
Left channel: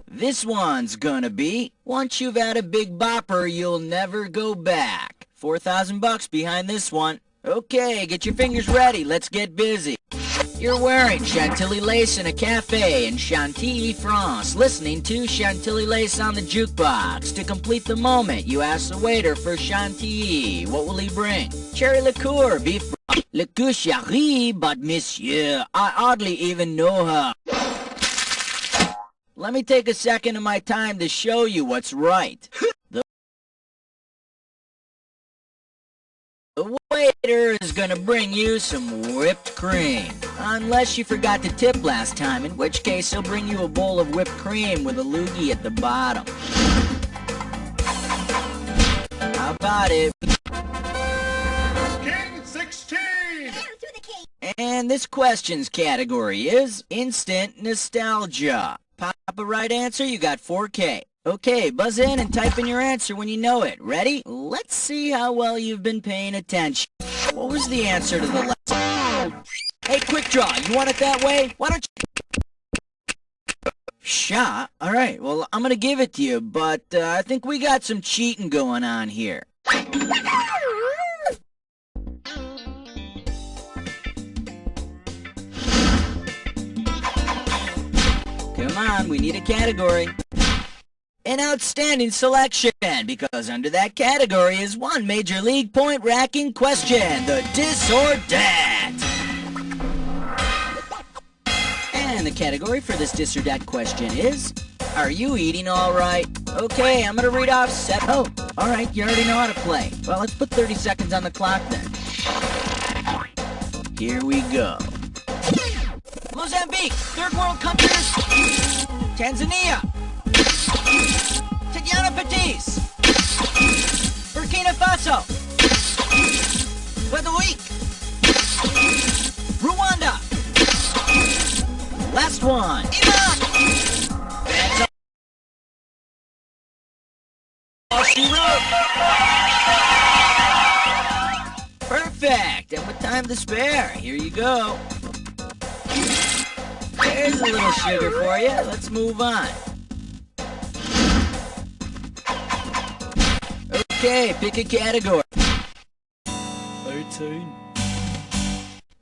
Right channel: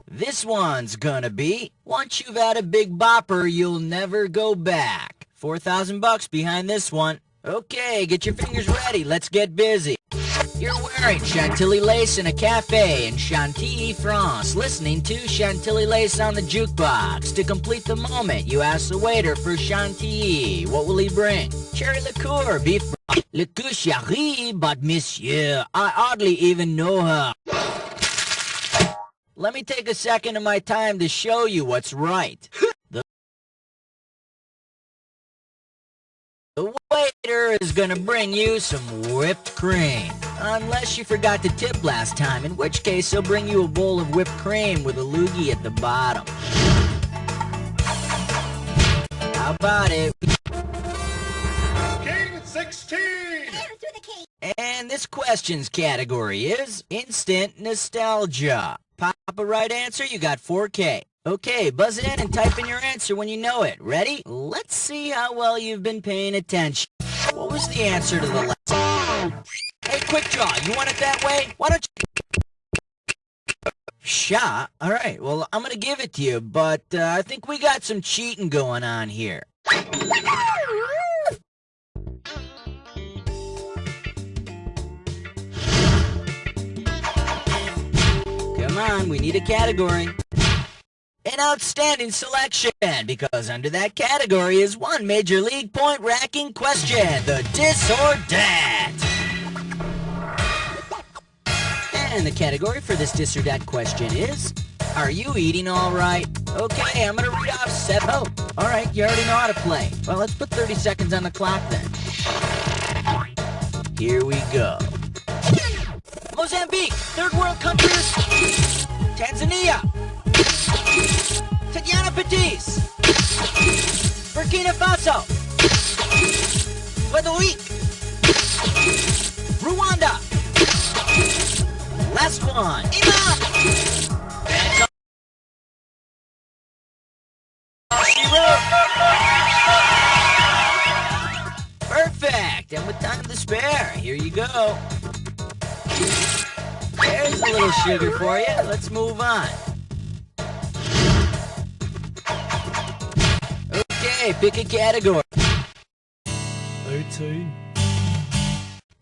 This one's gonna be, once you've had a big bopper, you'll never go back. $4,000 behind this one. Okay, get your fingers ready. Let's get busy. You're wearing Chantilly lace in a cafe in Chantilly, France, listening to Chantilly lace on the jukebox. To complete the moment, you ask the waiter for Chantilly. What will he bring? Cherry liqueur, beef liqueur chérie, but monsieur, I hardly even know her. Let me take a second of my time to show you what's right. The waiter is gonna bring you some whipped cream. Unless you forgot to tip last time, in which case he'll bring you a bowl of whipped cream with a loogie at the bottom. How about it? King 16! And this question's category is instant nostalgia. Pop a right answer, you got 4K. Okay, buzz in and type in your answer when you know it. Ready? Let's see how well you've been paying attention. What was the answer to the last? Hey, quick draw, you want it that way? Why don't you... Shot? Alright, well, I'm gonna give it to you, but I think we got some cheating going on here. Come on, we need a category. An outstanding selection, because under that category is one Major League point-racking question, the Dis or Dat. And the category for this Dis or Dat question is, are you eating all right? Okay, I'm gonna read off 7. Oh, all right, you already know how to play. Well, let's put 30 seconds on the clock then. Here we go. Mozambique, third world countries. Tanzania. Tatiana Pettis. Burkina Faso. Puerto Rico. Rwanda. Last one. Imam. That's all she wrote. Perfect. And with time to spare, here you go. There's a little sugar for you. Let's move on. Okay, pick a category. 18.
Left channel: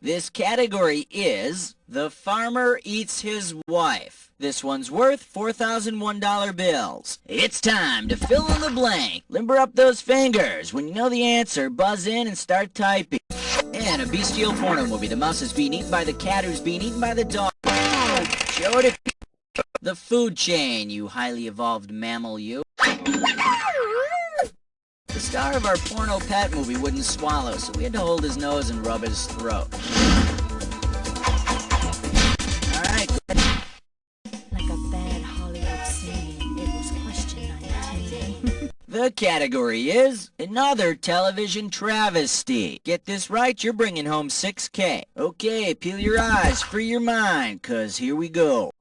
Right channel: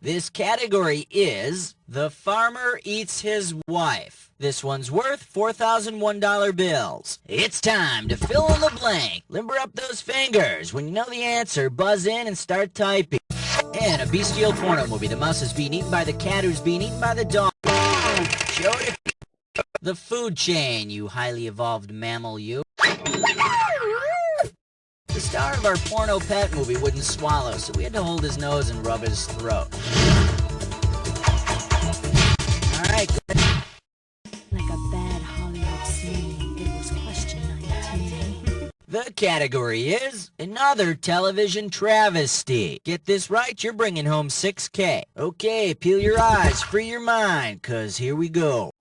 This category is The Farmer Eats His Wife. This one's worth $4,001 bills. It's time to fill in the blank. Limber up those fingers. When you know the answer, buzz in and start typing. In a bestial porno movie, the mouse is being eaten by the cat who's being eaten by the dog. Show it to the food chain, you highly evolved mammal, you. The star of our porno pet movie wouldn't swallow, so we had to hold his nose and rub his throat. Alright, good. Like a bad Hollywood scene, it was question 19. The category is another television travesty. Get this right, you're bringing home 6K. Okay, peel your eyes, free your mind, 'cause here we go.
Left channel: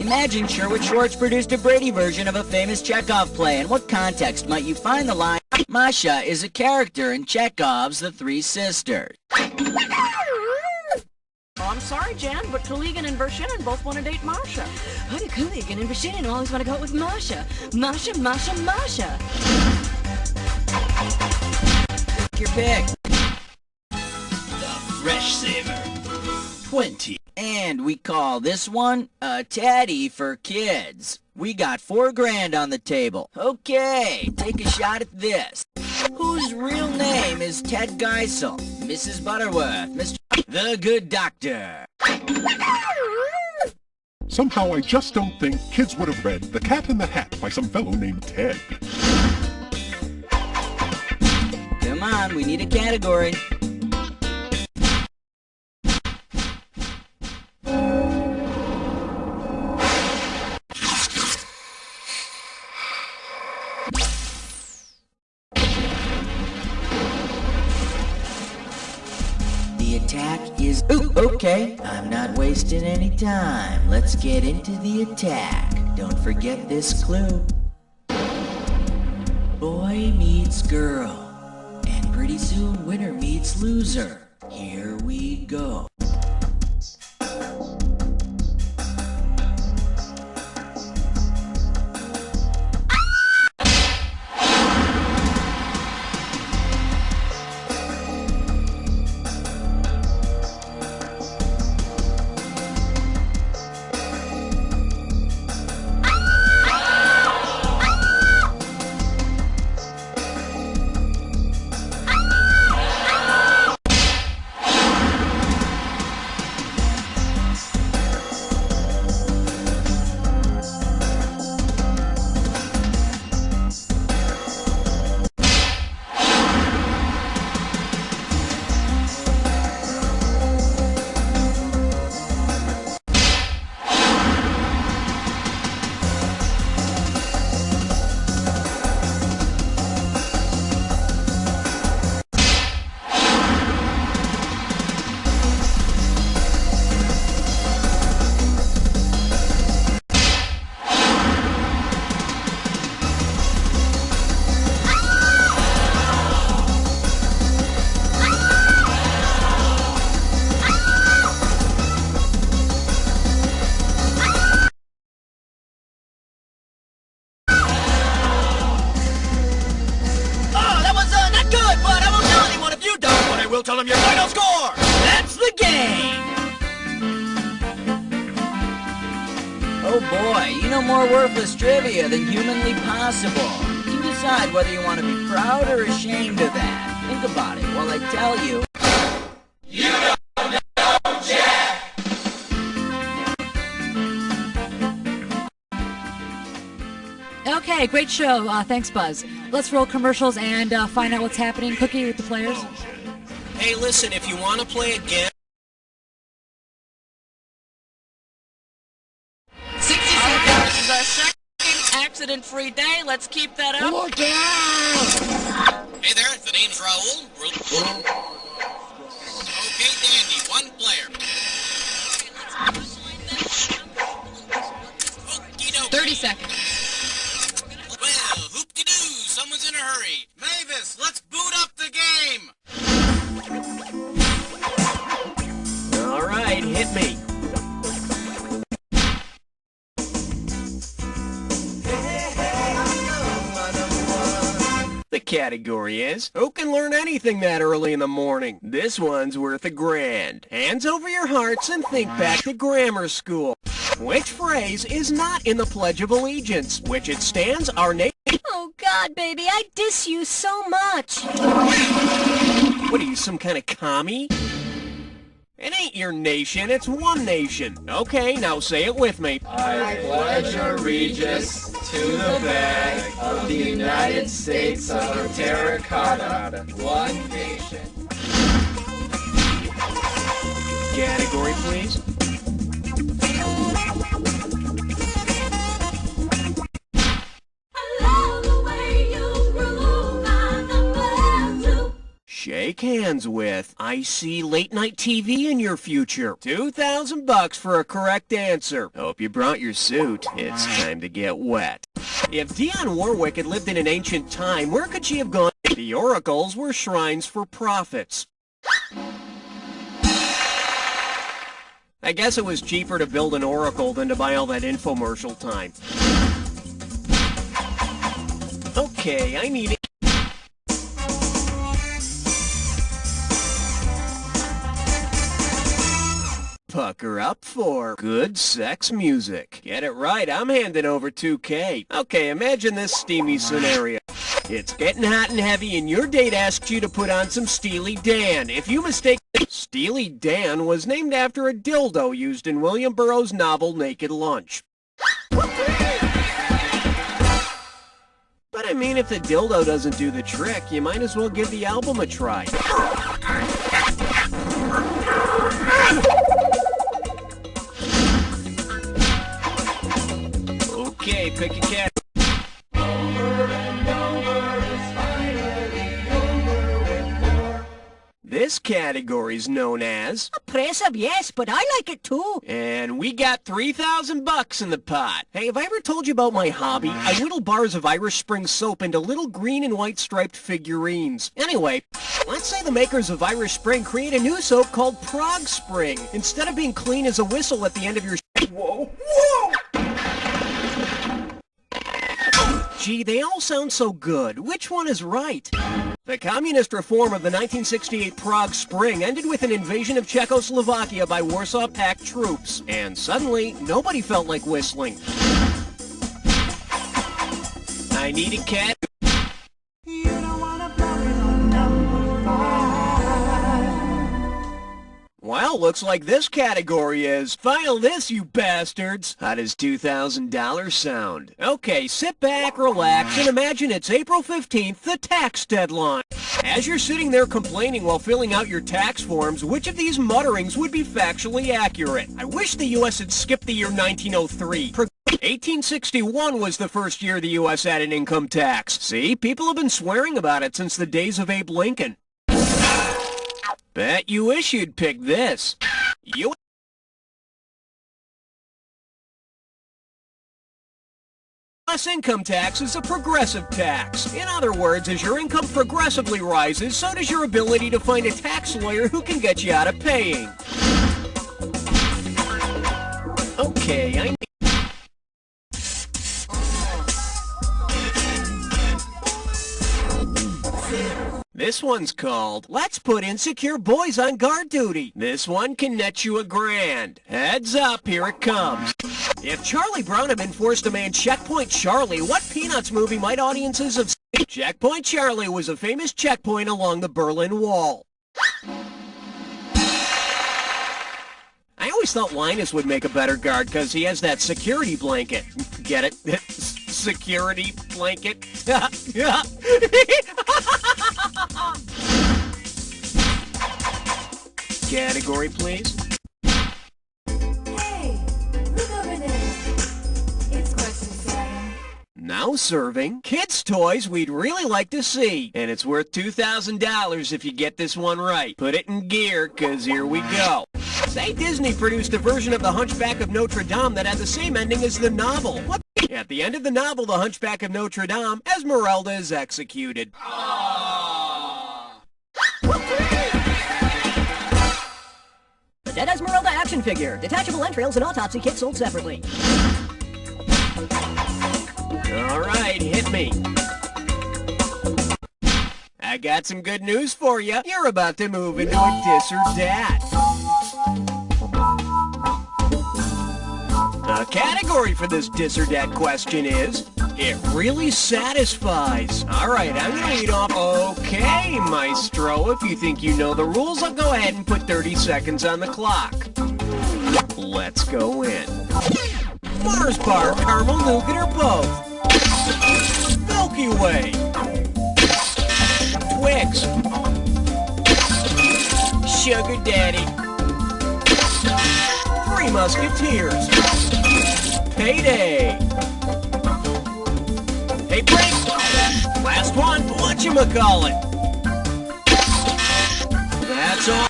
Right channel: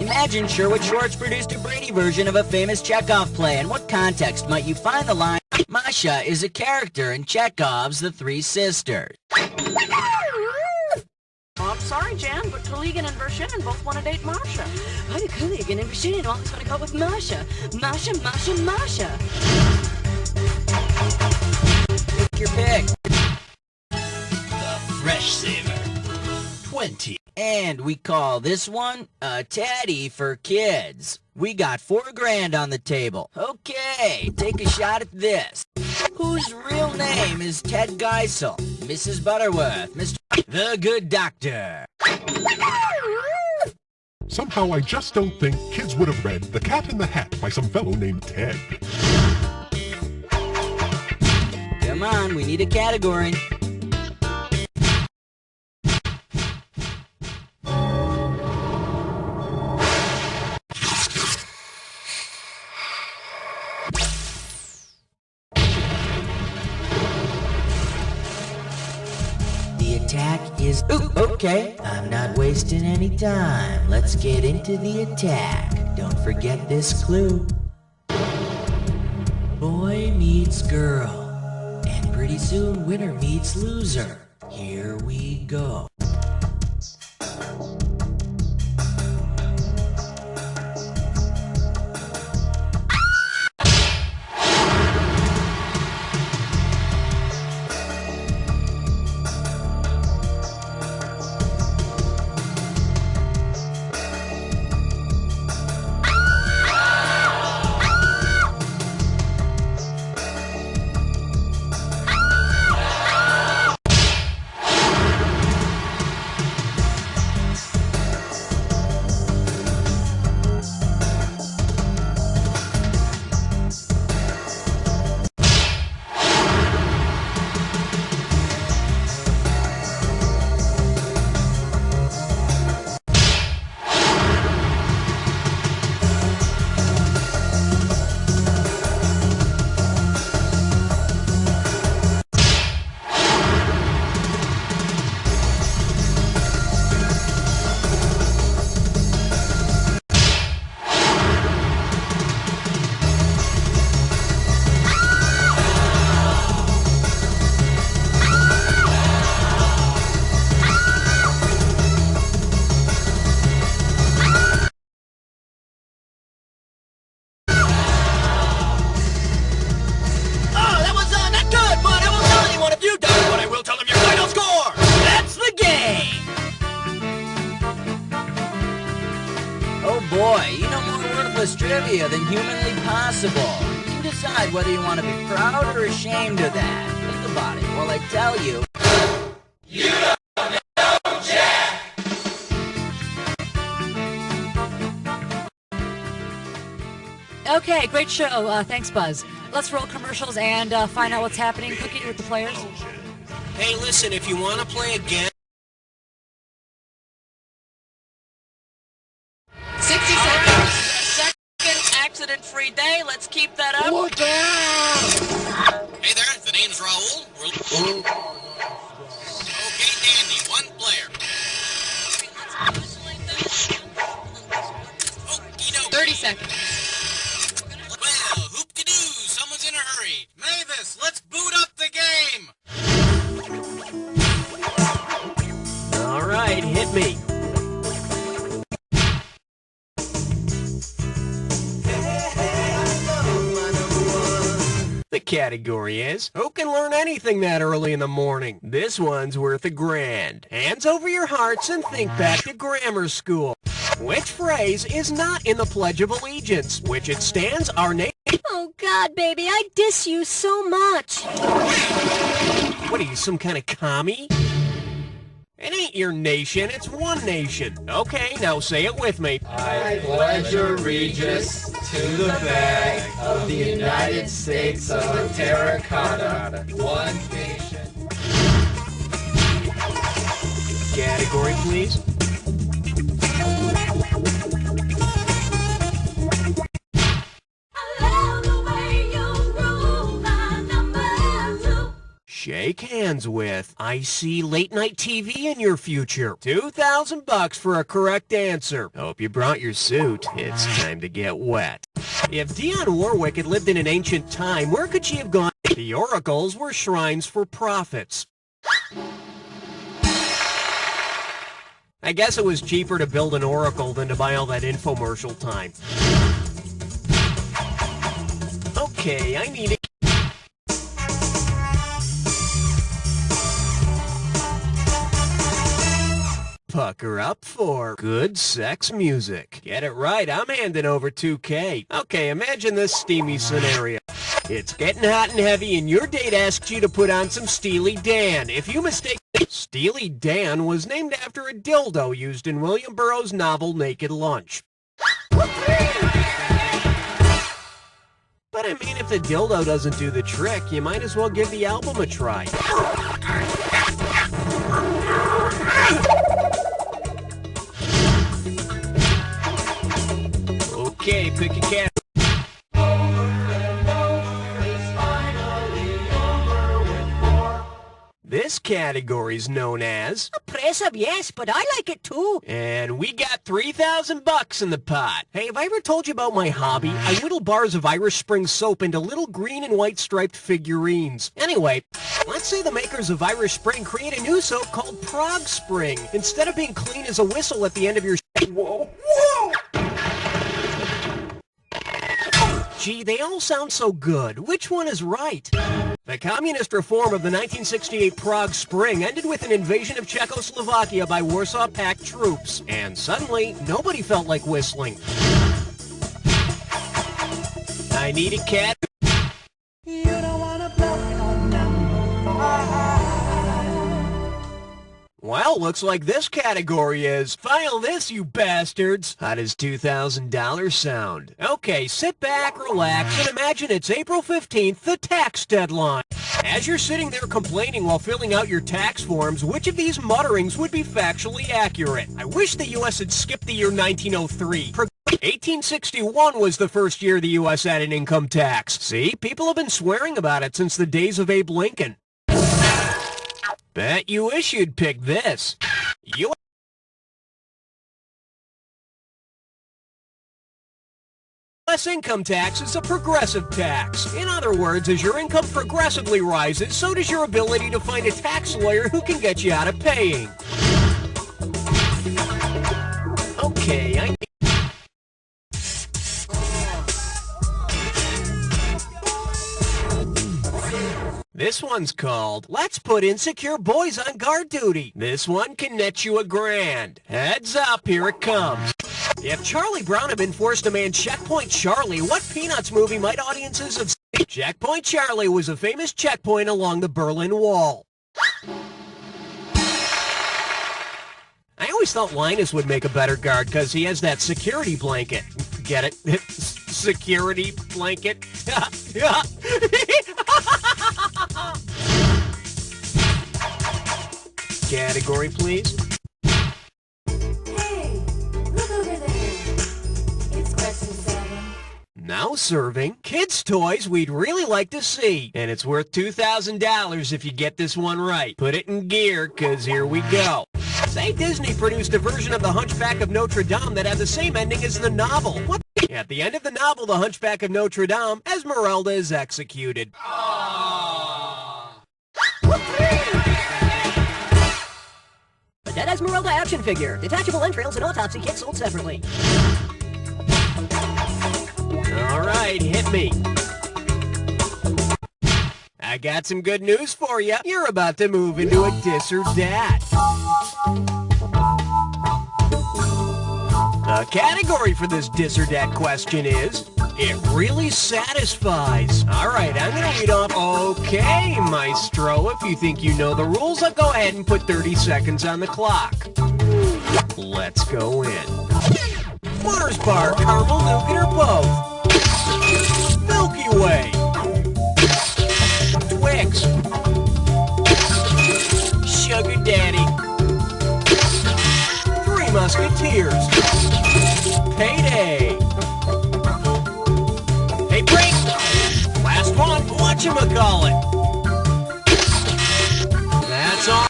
Imagine Sherwood Schwartz produced a Brady version of a famous Chekhov play. In what context might you find the line, Masha is a character in Chekhov's The Three Sisters? Oh, I'm sorry, Jan, but Kuligan and Vershinin both want to date Masha. Why do Kuligan and Vershinin always want to go out with Masha? Masha, Masha, Masha. Pick your pick. The Fresh Saver. 20. And we call this one a Teddy for Kids. We got $4,000 on the table. Okay, take a shot at this. Whose real name is Ted Geisel? Mrs. Butterworth, Mr. The Good Doctor. Somehow I just don't think kids would have read The Cat in the Hat by some fellow named Ted. Come on, we need a category. Attack is... Ooh, okay. I'm not wasting any time. Let's get into the attack. Don't forget this clue. Boy meets girl. And pretty soon winner meets loser. Here we go. tell them your final score! That's the game! Oh boy, you know more worthless trivia than humanly possible. You can decide whether you want to be proud or ashamed of that. Think about it while I tell you. You don't know Jack! Okay, great show. Thanks, Buzz. Let's roll commercials and find out what's happening. Cookie with the players. Hey, listen, if you want to play again... 60 seconds. This is our second accident-free day. Let's keep that up. Look out! Hey there, the name's Raul. Okay, dandy, one player. 30 seconds. Well, hoop-de-doo, someone's in a hurry. Mavis, let's boot up the game! All right, hit me. The category is, who can learn anything that early in the morning? This one's worth $1,000. Hands over your hearts and think back to grammar school. Which phrase is not in the Pledge of Allegiance? Which it stands our nation... Oh, God, baby, I diss you so much. What are you, some kind of commie? It ain't your nation, it's one nation. Okay, now say it with me. I pledge allegiance to the flag of the United States of Terracotta, one nation. Category, please. Shake hands with. I see late night TV in your future. $2,000 for a correct answer. Hope you brought your suit. It's time to get wet. If Dionne Warwick had lived in an ancient time, where could she have gone? The oracles were shrines for prophets. I guess it was cheaper to build an oracle than to buy all that infomercial time. Okay, I need it. Pucker up for good sex music. Get it right, I'm handing over $2K. Okay, imagine this steamy scenario. It's getting hot and heavy and your date asks you to put on some Steely Dan. If you mistake... Steely Dan was named after a dildo used in William Burroughs' novel Naked Lunch. But I mean, if the dildo doesn't do the trick, you might as well give the album a try. Okay, pick a cat. This category's known as... Impressive, yes, but I like it too. And we got $3,000 in the pot. Hey, have I ever told you about my hobby? I whittle bars of Irish Spring soap into little green and white striped figurines. Anyway, let's say the makers of Irish Spring create a new soap called Prague Spring. Instead of being clean as a whistle at the end of your... Whoa, whoa! Gee, they all sound so good. Which one is right? The communist reform of the 1968 Prague Spring ended with an invasion of Czechoslovakia by Warsaw Pact troops. And suddenly, nobody felt like whistling. I need a cat. You don't wanna blow it on number 5. Well, looks like this category is, file this, you bastards. How does $2,000 sound? Okay, sit back, relax, and imagine it's April 15th, the tax deadline. As you're sitting there complaining while filling out your tax forms, which of these mutterings would be factually accurate? I wish the U.S. had skipped the year 1903. 1861 was the first year the U.S. had an income tax. See, people have been swearing about it since the days of Abe Lincoln. Bet you wish you'd pick this. U.S. income tax is a progressive tax. In other words, as your income progressively rises, so does your ability to find a tax lawyer who can get you out of paying. Okay, I... This one's called, Let's Put Insecure Boys on Guard Duty. This one can net you $1,000. Heads up, here it comes. If Charlie Brown had been forced to man Checkpoint Charlie, what Peanuts movie might audiences have seen? Checkpoint Charlie was a famous checkpoint along the Berlin Wall. I always thought Linus would make a better guard because he has that security blanket. Get it? Security blanket? Category, please. Hey, look over there. It's question 7. Now serving kids' toys we'd really like to see. And it's worth $2,000 if you get this one right. Put it in gear, because here we go. Say Disney produced a version of The Hunchback of Notre Dame that had the same ending as the novel. What? At the end of the novel, The Hunchback of Notre Dame, Esmeralda is executed. The Dead Esmeralda action figure. Detachable entrails and autopsy kit sold separately. All right, hit me. I got some good news for you. You're about to move into a dis or dat. The category for this dis or dat question is, it really satisfies. All right, I'm going to read off. Okay, Maestro, if you think you know the rules, I'll go ahead and put 30 seconds on the clock. Let's go in. Mars bar, caramel, nougat, or both? Milky Way. Twix. Sugar Daddy. Three Musketeers. Payday. Hey, break! Last one, whatchamacallit? That's all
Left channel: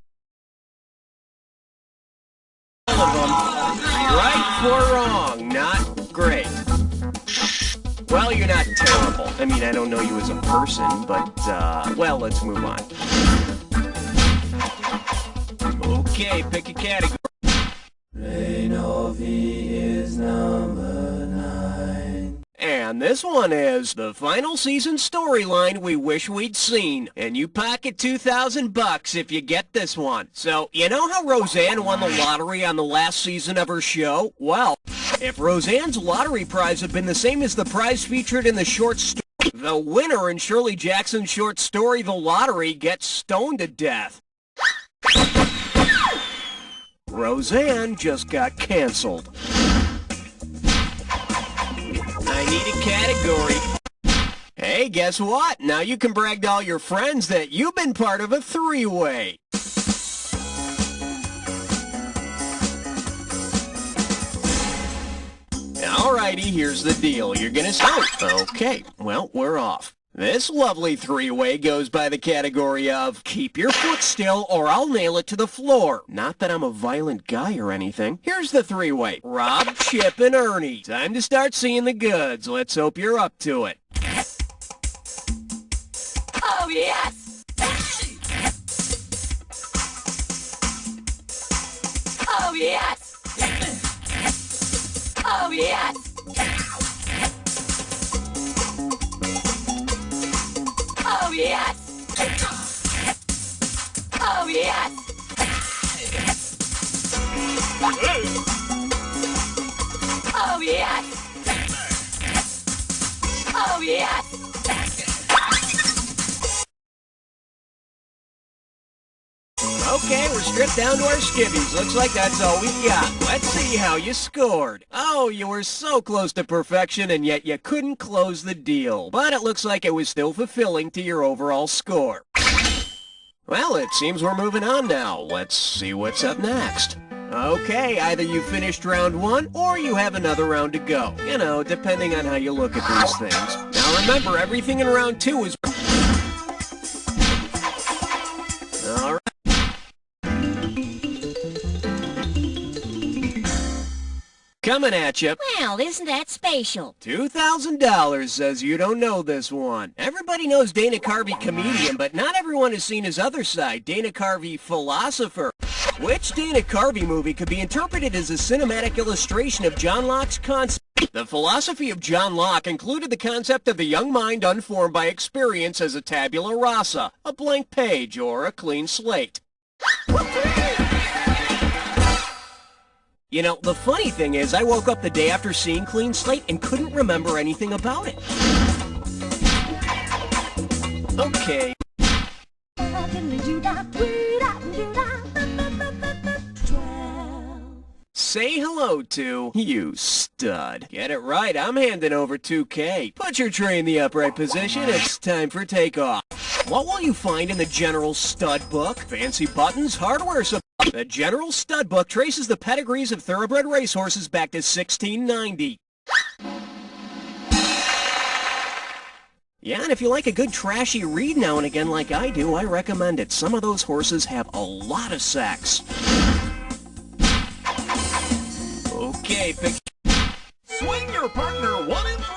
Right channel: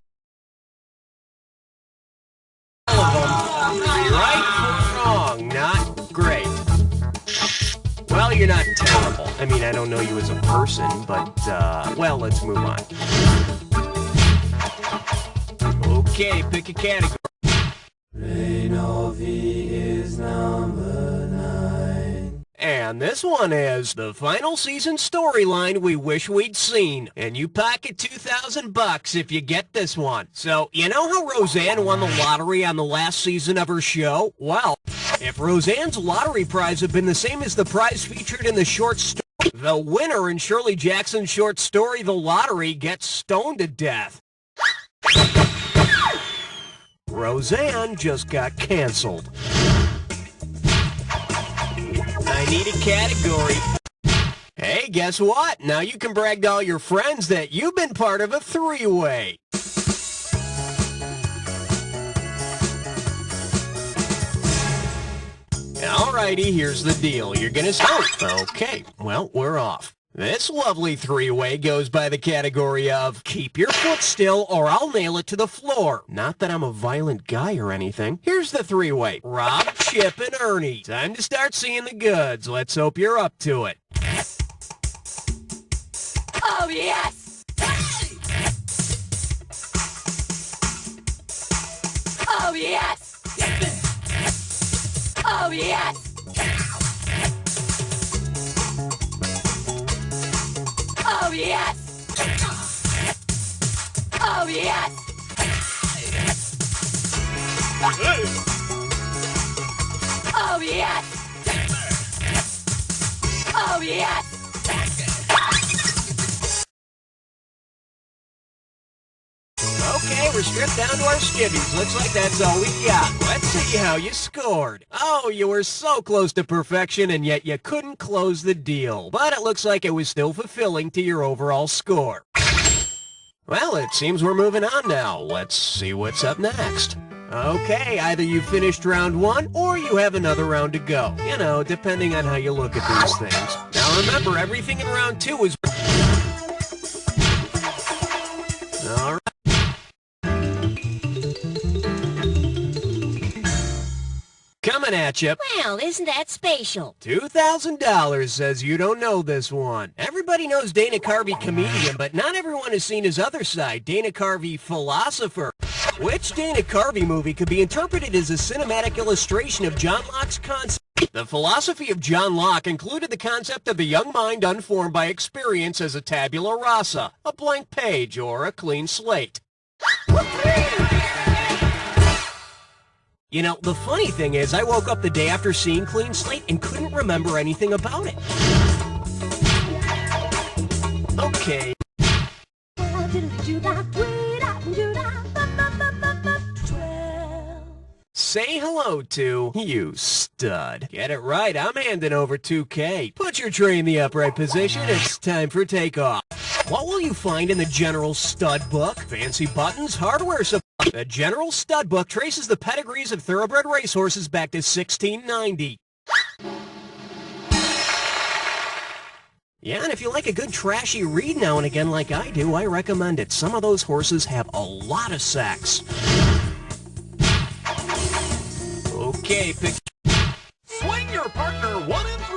of them. 3 right, 4 wrong. Not great. Well, you're not terrible. I mean, I don't know you as a person, but, well, let's move on. Okay, pick a category. Reinovi is number 9. And this one is the final season storyline we wish we'd seen. And you pocket $2,000 if you get this one. So, you know how Roseanne won the lottery on the last season of her show? Well, if Roseanne's lottery prize had been the same as the prize featured in the short story, the winner in Shirley Jackson's short story, The Lottery, gets stoned to death. Roseanne just got canceled. I need a category. Hey, guess what? Now you can brag to all your friends that you've been part of a 3-way. Alrighty, here's the deal. You're gonna start. Okay, well, we're off. This lovely 3-way goes by the category of keep your foot still or I'll nail it to the floor. Not that I'm a violent guy or anything. Here's the 3-way. Rob, Chip, and Ernie. Time to start seeing the goods. Let's hope you're up to it. Oh, yes! Oh, yes! Oh, yes! Oh, yes! Oh, yes! Oh, yes! Oh, yes! Okay, we're stripped down to our skivvies. Looks like that's all we got. Let's see how you scored. Oh, you were so close to perfection, and yet you couldn't close the deal. But it looks like it was still fulfilling to your overall score. Well, it seems we're moving on now. Let's see what's up next. Okay, either you finished round 1 or you have another round to go. You know, depending on how you look at these things. Now remember, everything in round 2 is... All right. Coming at you. Well, isn't that spatial? $2,000 says you don't know this one. Everybody knows Dana Carvey comedian, but not everyone has seen his other side, Dana Carvey philosopher. Which Dana Carvey movie could be interpreted as a cinematic illustration of John Locke's concept The philosophy of John Locke included the concept of the young mind unformed by experience as a tabula rasa, a blank page, or a clean slate. You know, the funny thing is, I woke up the day after seeing Clean Slate and couldn't remember anything about it. Okay. Say hello to you, stud. Get it right, I'm handing over 2K. Put your tray in the upright position, it's time for takeoff. What will you find in the General Stud Book? Fancy buttons, hardware supply. The General Stud Book traces the pedigrees of thoroughbred racehorses back to 1690. Yeah, and if you like a good trashy read now and again like I do, I recommend it. Some of those horses have a lot of sex. Okay, pick... Swing your partner 1 and 3.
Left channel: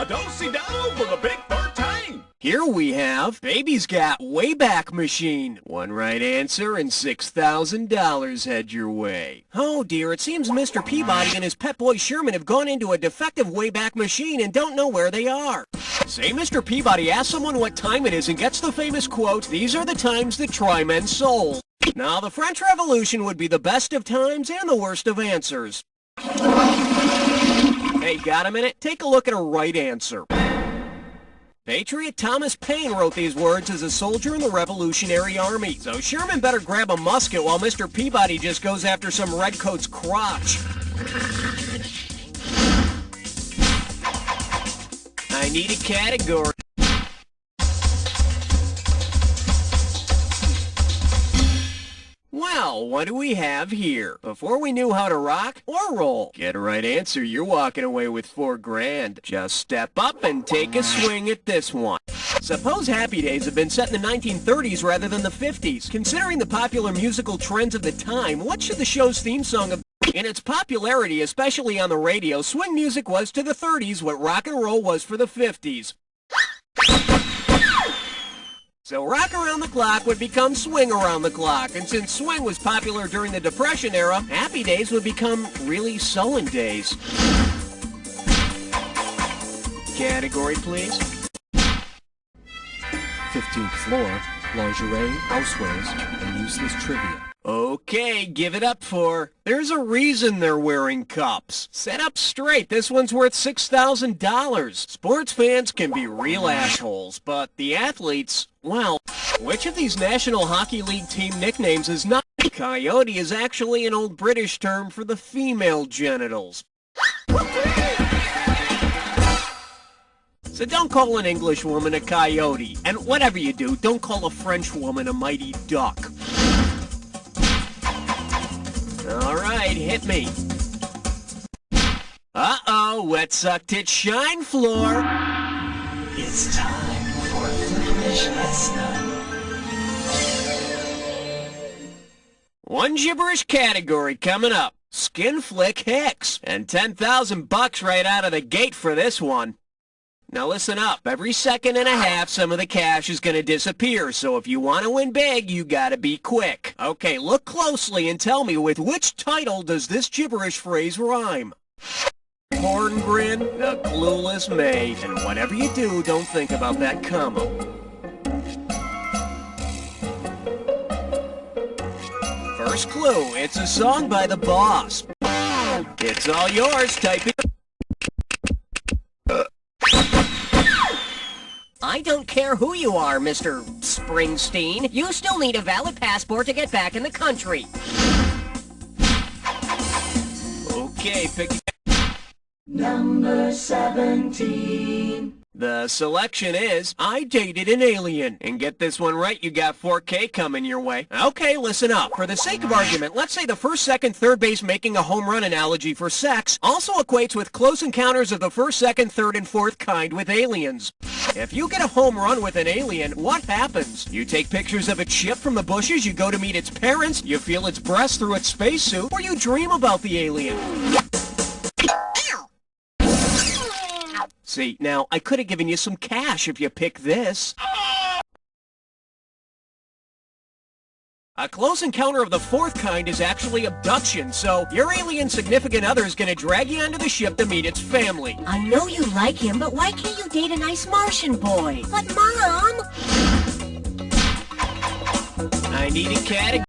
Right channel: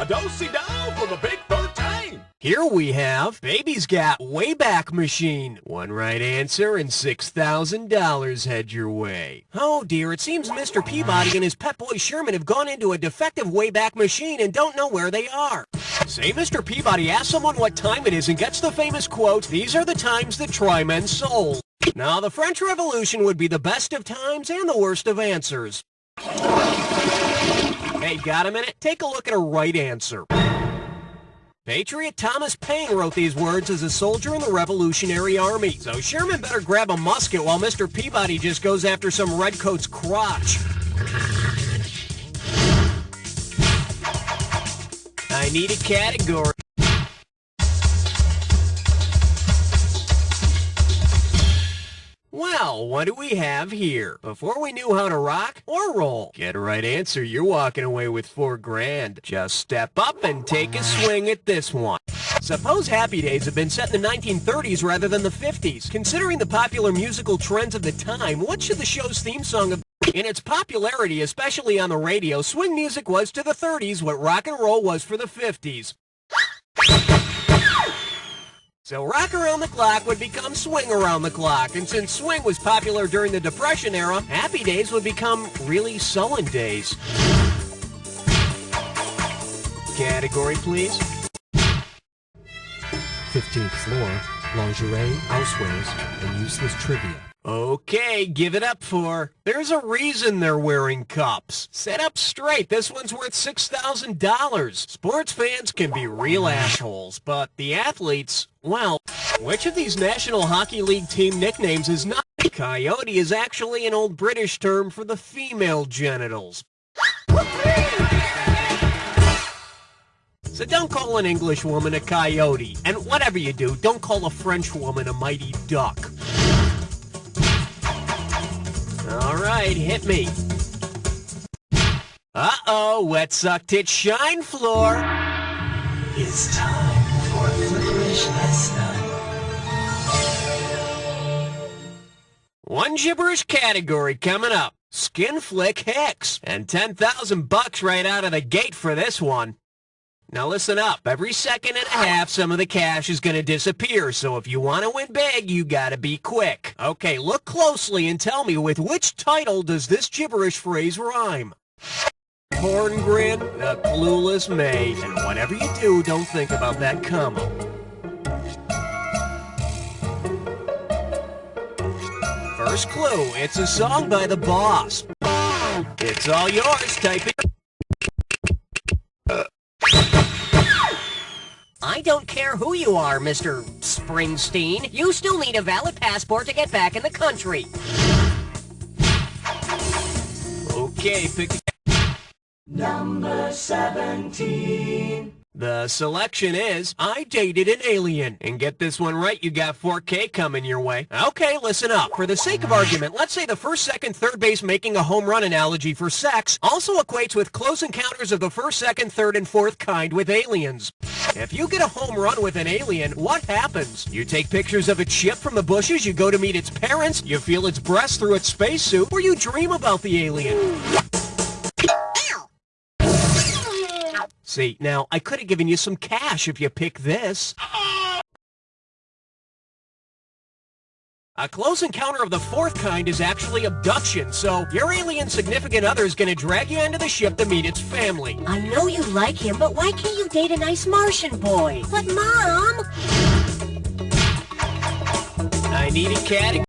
A do-si-do for the big 13. Here we have Baby's Got Wayback Machine. One right answer and $6,000 head your way. Oh dear, it seems Mr. Peabody and his pet boy Sherman have gone into a defective Wayback Machine and don't know where they are. Say Mr. Peabody asks someone what time it is and gets the famous quote, "These are the times that try men's souls." Now, the French Revolution would be the best of times and the worst of answers. Hey, got a minute? Take a look at a right answer. Patriot Thomas Paine wrote these words as a soldier in the Revolutionary Army. So Sherman better grab a musket while Mr. Peabody just goes after some redcoat's crotch. I need a category. Well, what do we have here? Before we knew how to rock or roll. Get a right answer, you're walking away with $4,000. Just step up and take a swing at this one. Suppose Happy Days have been set in the 1930s rather than the 50s. Considering the popular musical trends of the time, what should the show's theme song have been? In its popularity, especially on the radio, swing music was to the 30s what rock and roll was for the 50s. So rock around the clock would become swing around the clock, and since swing was popular during the Depression era, Happy Days would become really sullen days. Category, please. 15th floor, lingerie, housewares, and useless trivia. Okay, give it up for... There's a reason they're wearing cups. Set up straight, this one's worth $6,000. Sports fans can be real assholes, but the athletes, well, which of these National Hockey League team nicknames is not? Coyote is actually an old British term for the female genitals. So don't call an English woman a coyote, and whatever you do, don't call a French woman a mighty duck. All right, hit me. Uh-oh, wet suck tit shine floor. It's time for Flickerish Lesson. One gibberish category coming up. Skin Flick Hicks. And $10,000 right out of the gate for this one. Now listen up. Every second and a half, some of the cash is going to disappear. So if you want to win big, you got to be quick. Okay, look closely and tell me with which title does this gibberish phrase rhyme? Horngrin, a clueless maid. And whatever you do, don't think about that comma. First clue, it's a song by The Boss. It's all yours, type it. I don't care who you are, Mr. Springsteen. You still need a valid passport to get back in the country. Okay, pick... Number 17. The selection is, I dated an alien. And get this one right, you got $4K coming your way. Okay, listen up. For the sake of argument, let's say the first, second, third base making a home run analogy for sex also equates with close encounters of the first, second, third, and fourth kind with aliens. If you get a home run with an alien, what happens? You take pictures of its ship from the bushes, you go to meet its parents, you feel its breasts through its spacesuit, or you dream about the alien. See, now, I could have given you some cash if you pick this. A close encounter of the fourth kind is actually abduction, so your alien significant other is going to drag you onto the ship to meet its family. I know you like him, but why can't you date a nice Martian boy? But Mom! I need a category.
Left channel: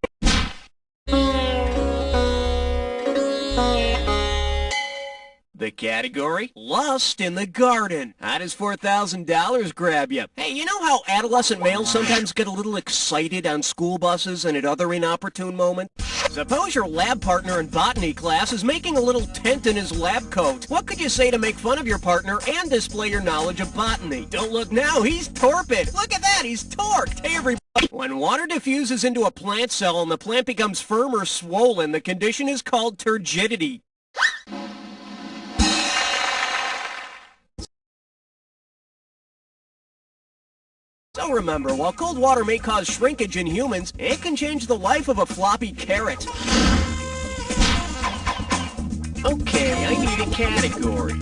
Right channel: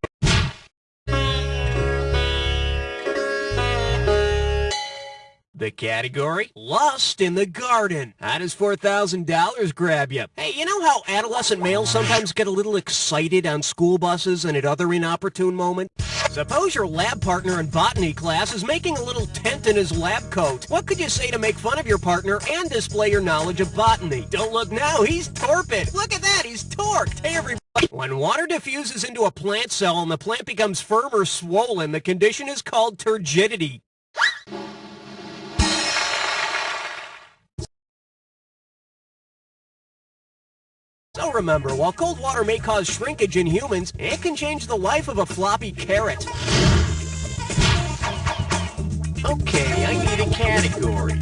The category? Lust in the garden. How does $4,000 grab you? Hey, you know how adolescent males sometimes get a little excited on school buses and at other inopportune moments? Suppose your lab partner in botany class is making a little tent in his lab coat. What could you say to make fun of your partner and display your knowledge of botany? Don't look now, he's torpid. Look at that, he's torqued. Hey, everybody. When water diffuses into a plant cell and the plant becomes firm or swollen, the condition is called turgidity. So remember, while cold water may cause shrinkage in humans, it can change the life of a floppy carrot. Okay, I need a category.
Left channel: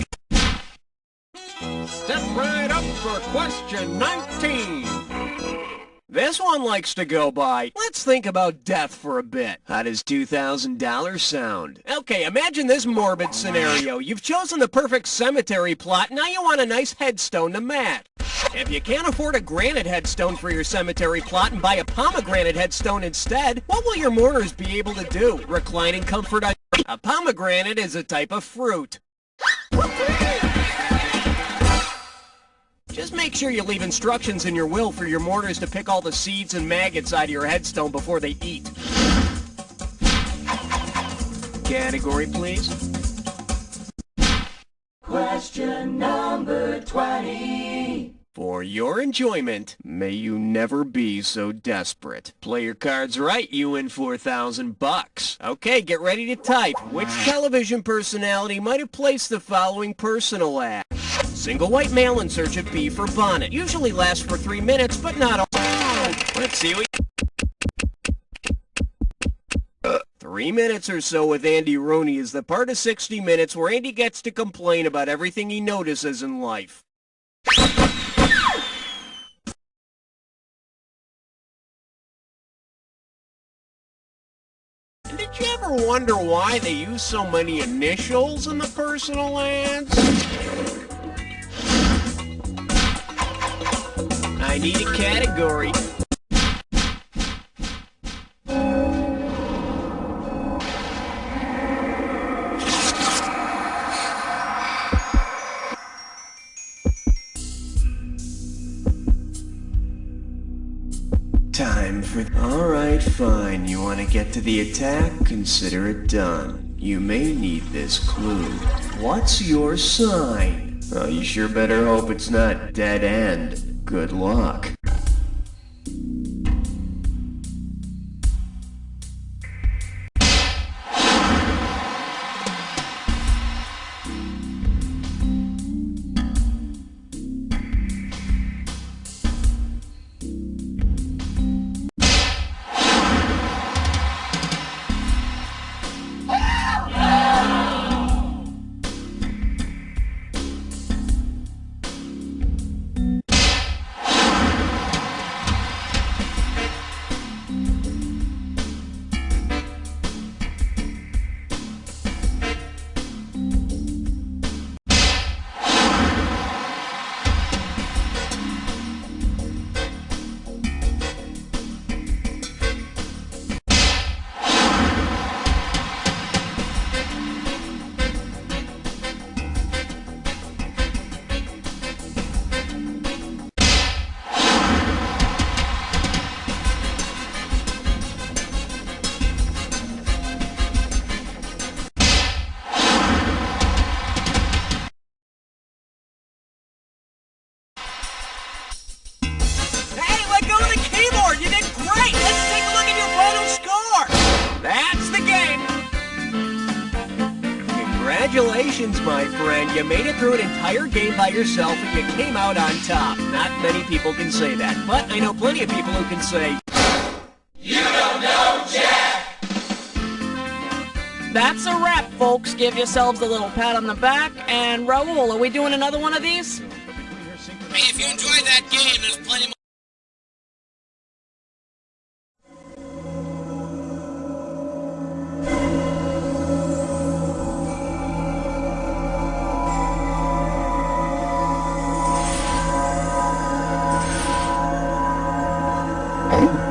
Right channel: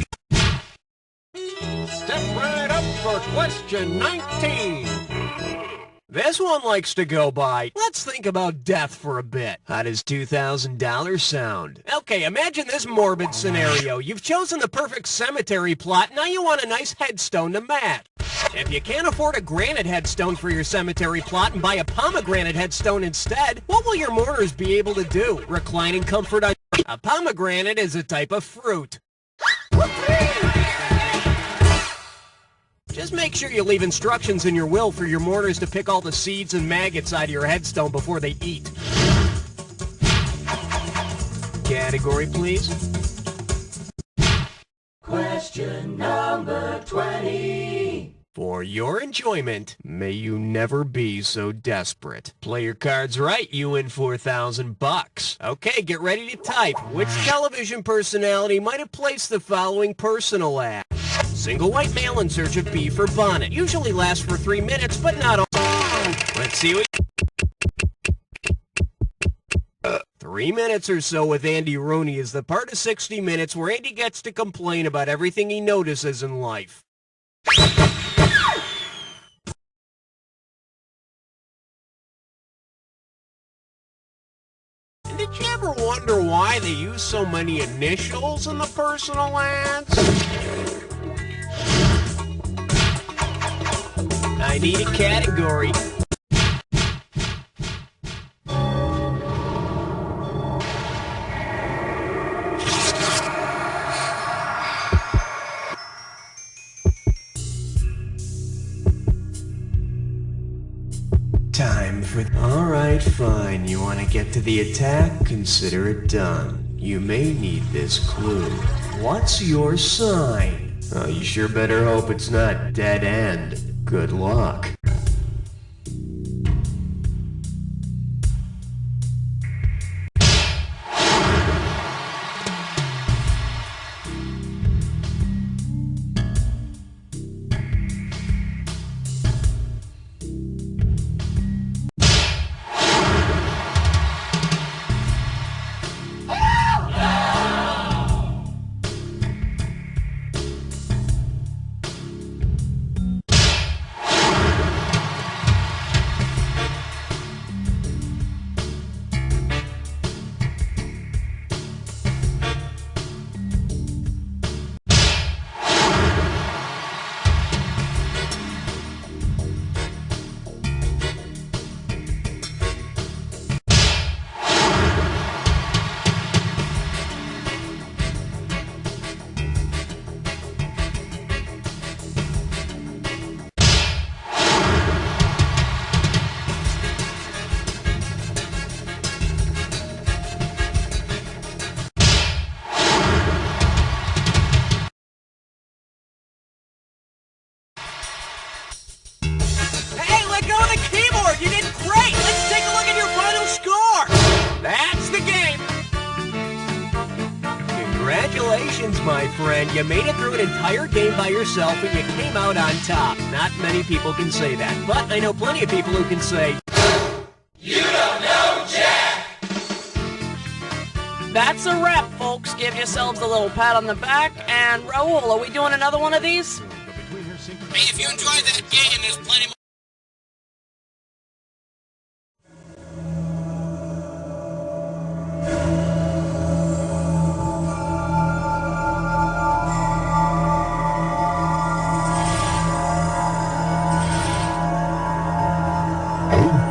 Step right up for question 19. This one likes to go by. Let's think about death for a bit. How does $2,000 sound? Okay, imagine this morbid scenario. You've chosen the perfect cemetery plot, now you want a nice headstone to match. If you can't afford a granite headstone for your cemetery plot and buy a pomegranate headstone instead, what will your mourners be able to do? Recline in comfort on... A pomegranate is a type of fruit. Just make sure you leave instructions in your will for your mourners to pick all the seeds and maggots out of your headstone before they eat. Category, please. Question number 20. For your enjoyment, may you never be so desperate. Play your cards right, you win $4,000. Okay, get ready to type. Which television personality might have placed the following personal ad? Single white male in search of B for bonnet. Usually lasts for 3 minutes, but not all. Let's see what... 3 minutes or so with Andy Rooney is the part of 60 Minutes where Andy gets to complain about everything he notices in life. Did you ever wonder why they use so many initials in the personal ads? I need a category. Time for... Alright, fine. You want to get to the attack? Consider it done. You may need this clue. What's your sign? Oh, you sure better hope it's not dead end. Good luck. That's the game! Congratulations, my friend. You made it through an entire game by yourself and you came out on top. Not many people can say that, but I know plenty of people who can say, You don't know Jack! That's a wrap, folks. Give yourselves a little pat on the back. And Raul, are we doing another one of these? Hey, if you enjoyed that game, there's plenty more.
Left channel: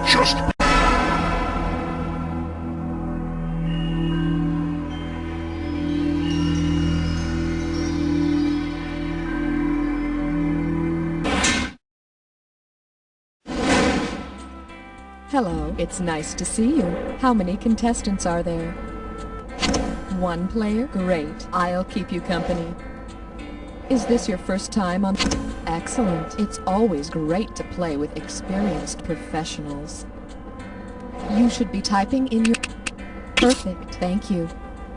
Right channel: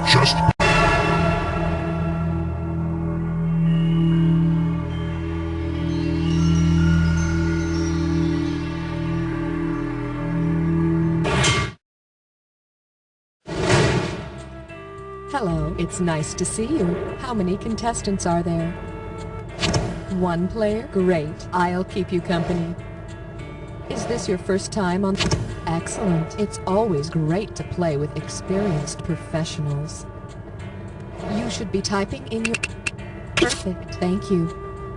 Just... Hello, it's nice to see you. How many contestants are there? One player? Great. I'll keep you company. Is this your first time on... Excellent. It's always great to play with experienced professionals. You should be typing in your... Perfect. Thank you.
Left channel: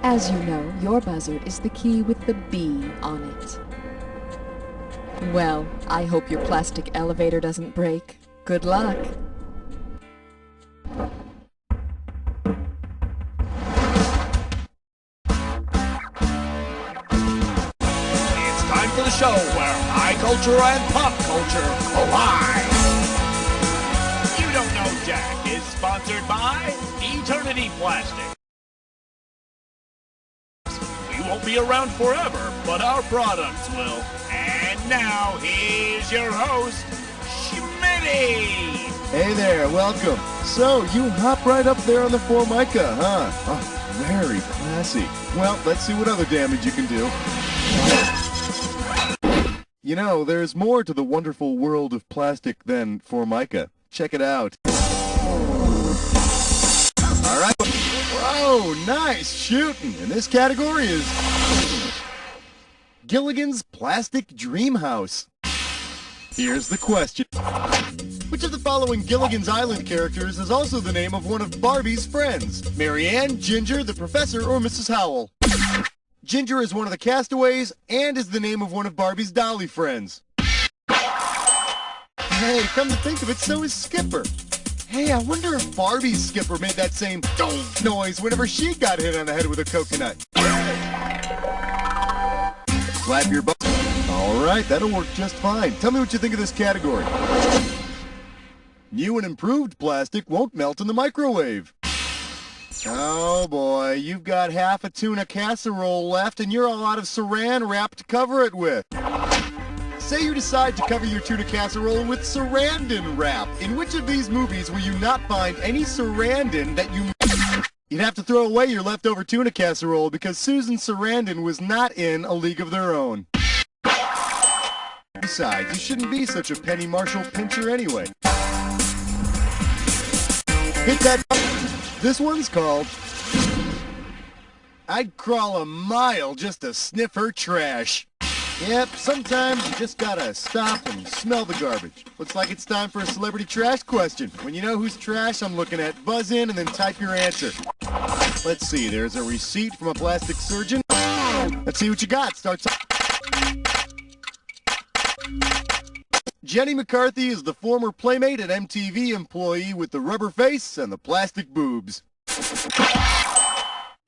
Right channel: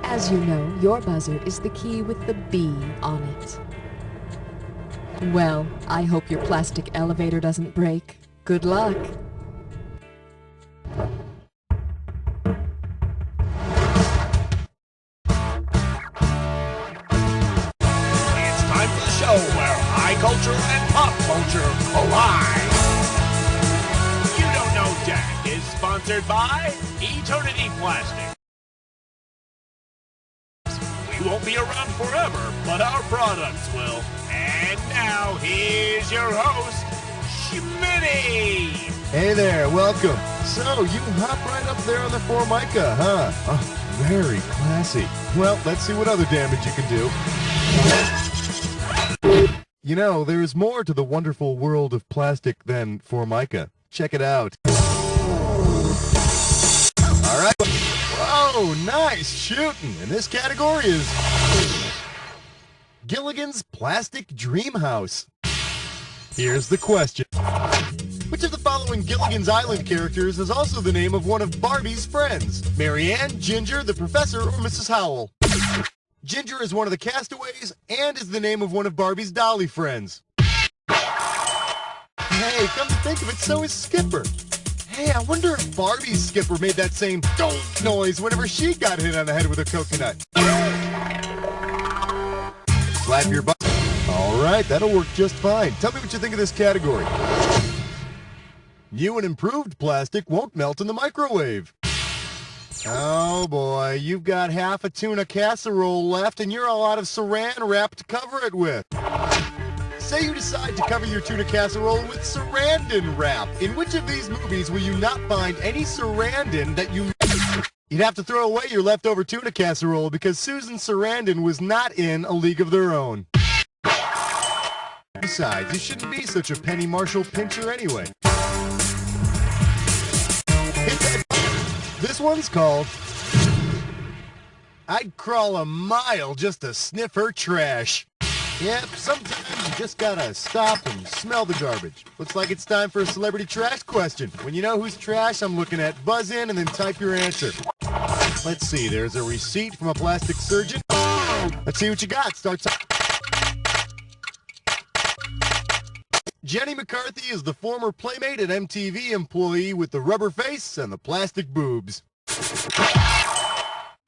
As you know, your buzzard is the key with the B on it. Well, I hope your plastic elevator doesn't break. Good luck. It's time for the show where high culture and pop culture collide. You Don't Know Jack is sponsored by Eternity Plastic. We won't be around forever, but our products will. And now, here's your host, Schmitty. Hey there, welcome. So, you hop right up there on the Formica, huh? Oh, very classy. Well, let's see what other damage you can do. You know, there's more to the wonderful world of plastic than Formica. Check it out. All right. Whoa, nice shooting. And this category is Gilligan's Plastic Dream House. Here's the question. Which of the following Gilligan's Island characters is also the name of one of Barbie's friends? Marianne, Ginger, the Professor, or Mrs. Howell? Ginger is one of the castaways and is the name of one of Barbie's dolly friends. Hey, come to think of it, so is Skipper. Hey, I wonder if Barbie's Skipper made that same donk noise whenever she got hit on the head with a coconut. Slap your butt. All right, that'll work just fine. Tell me what you think of this category. New and improved plastic won't melt in the microwave. Oh boy, you've got half a tuna casserole left and you're all out of saran wrap to cover it with. Say you decide to cover your tuna casserole with Sarandon wrap. In which of these movies will you not find any Sarandon that you... You'd have to throw away your leftover tuna casserole because Susan Sarandon was not in A League of Their Own. Besides, you shouldn't be such a Penny Marshall pincher anyway. Hit that button. This one's called I'd Crawl a Mile Just to Sniff Her Trash. Yep, sometimes you just gotta stop and smell the garbage. Looks like it's time for a celebrity trash question. When you know whose trash I'm looking at, buzz in and then type your answer. Let's see, there's a receipt from a plastic surgeon. Let's see what you got. Starts. Jenny McCarthy is the former Playmate and MTV employee with the rubber face and the plastic boobs.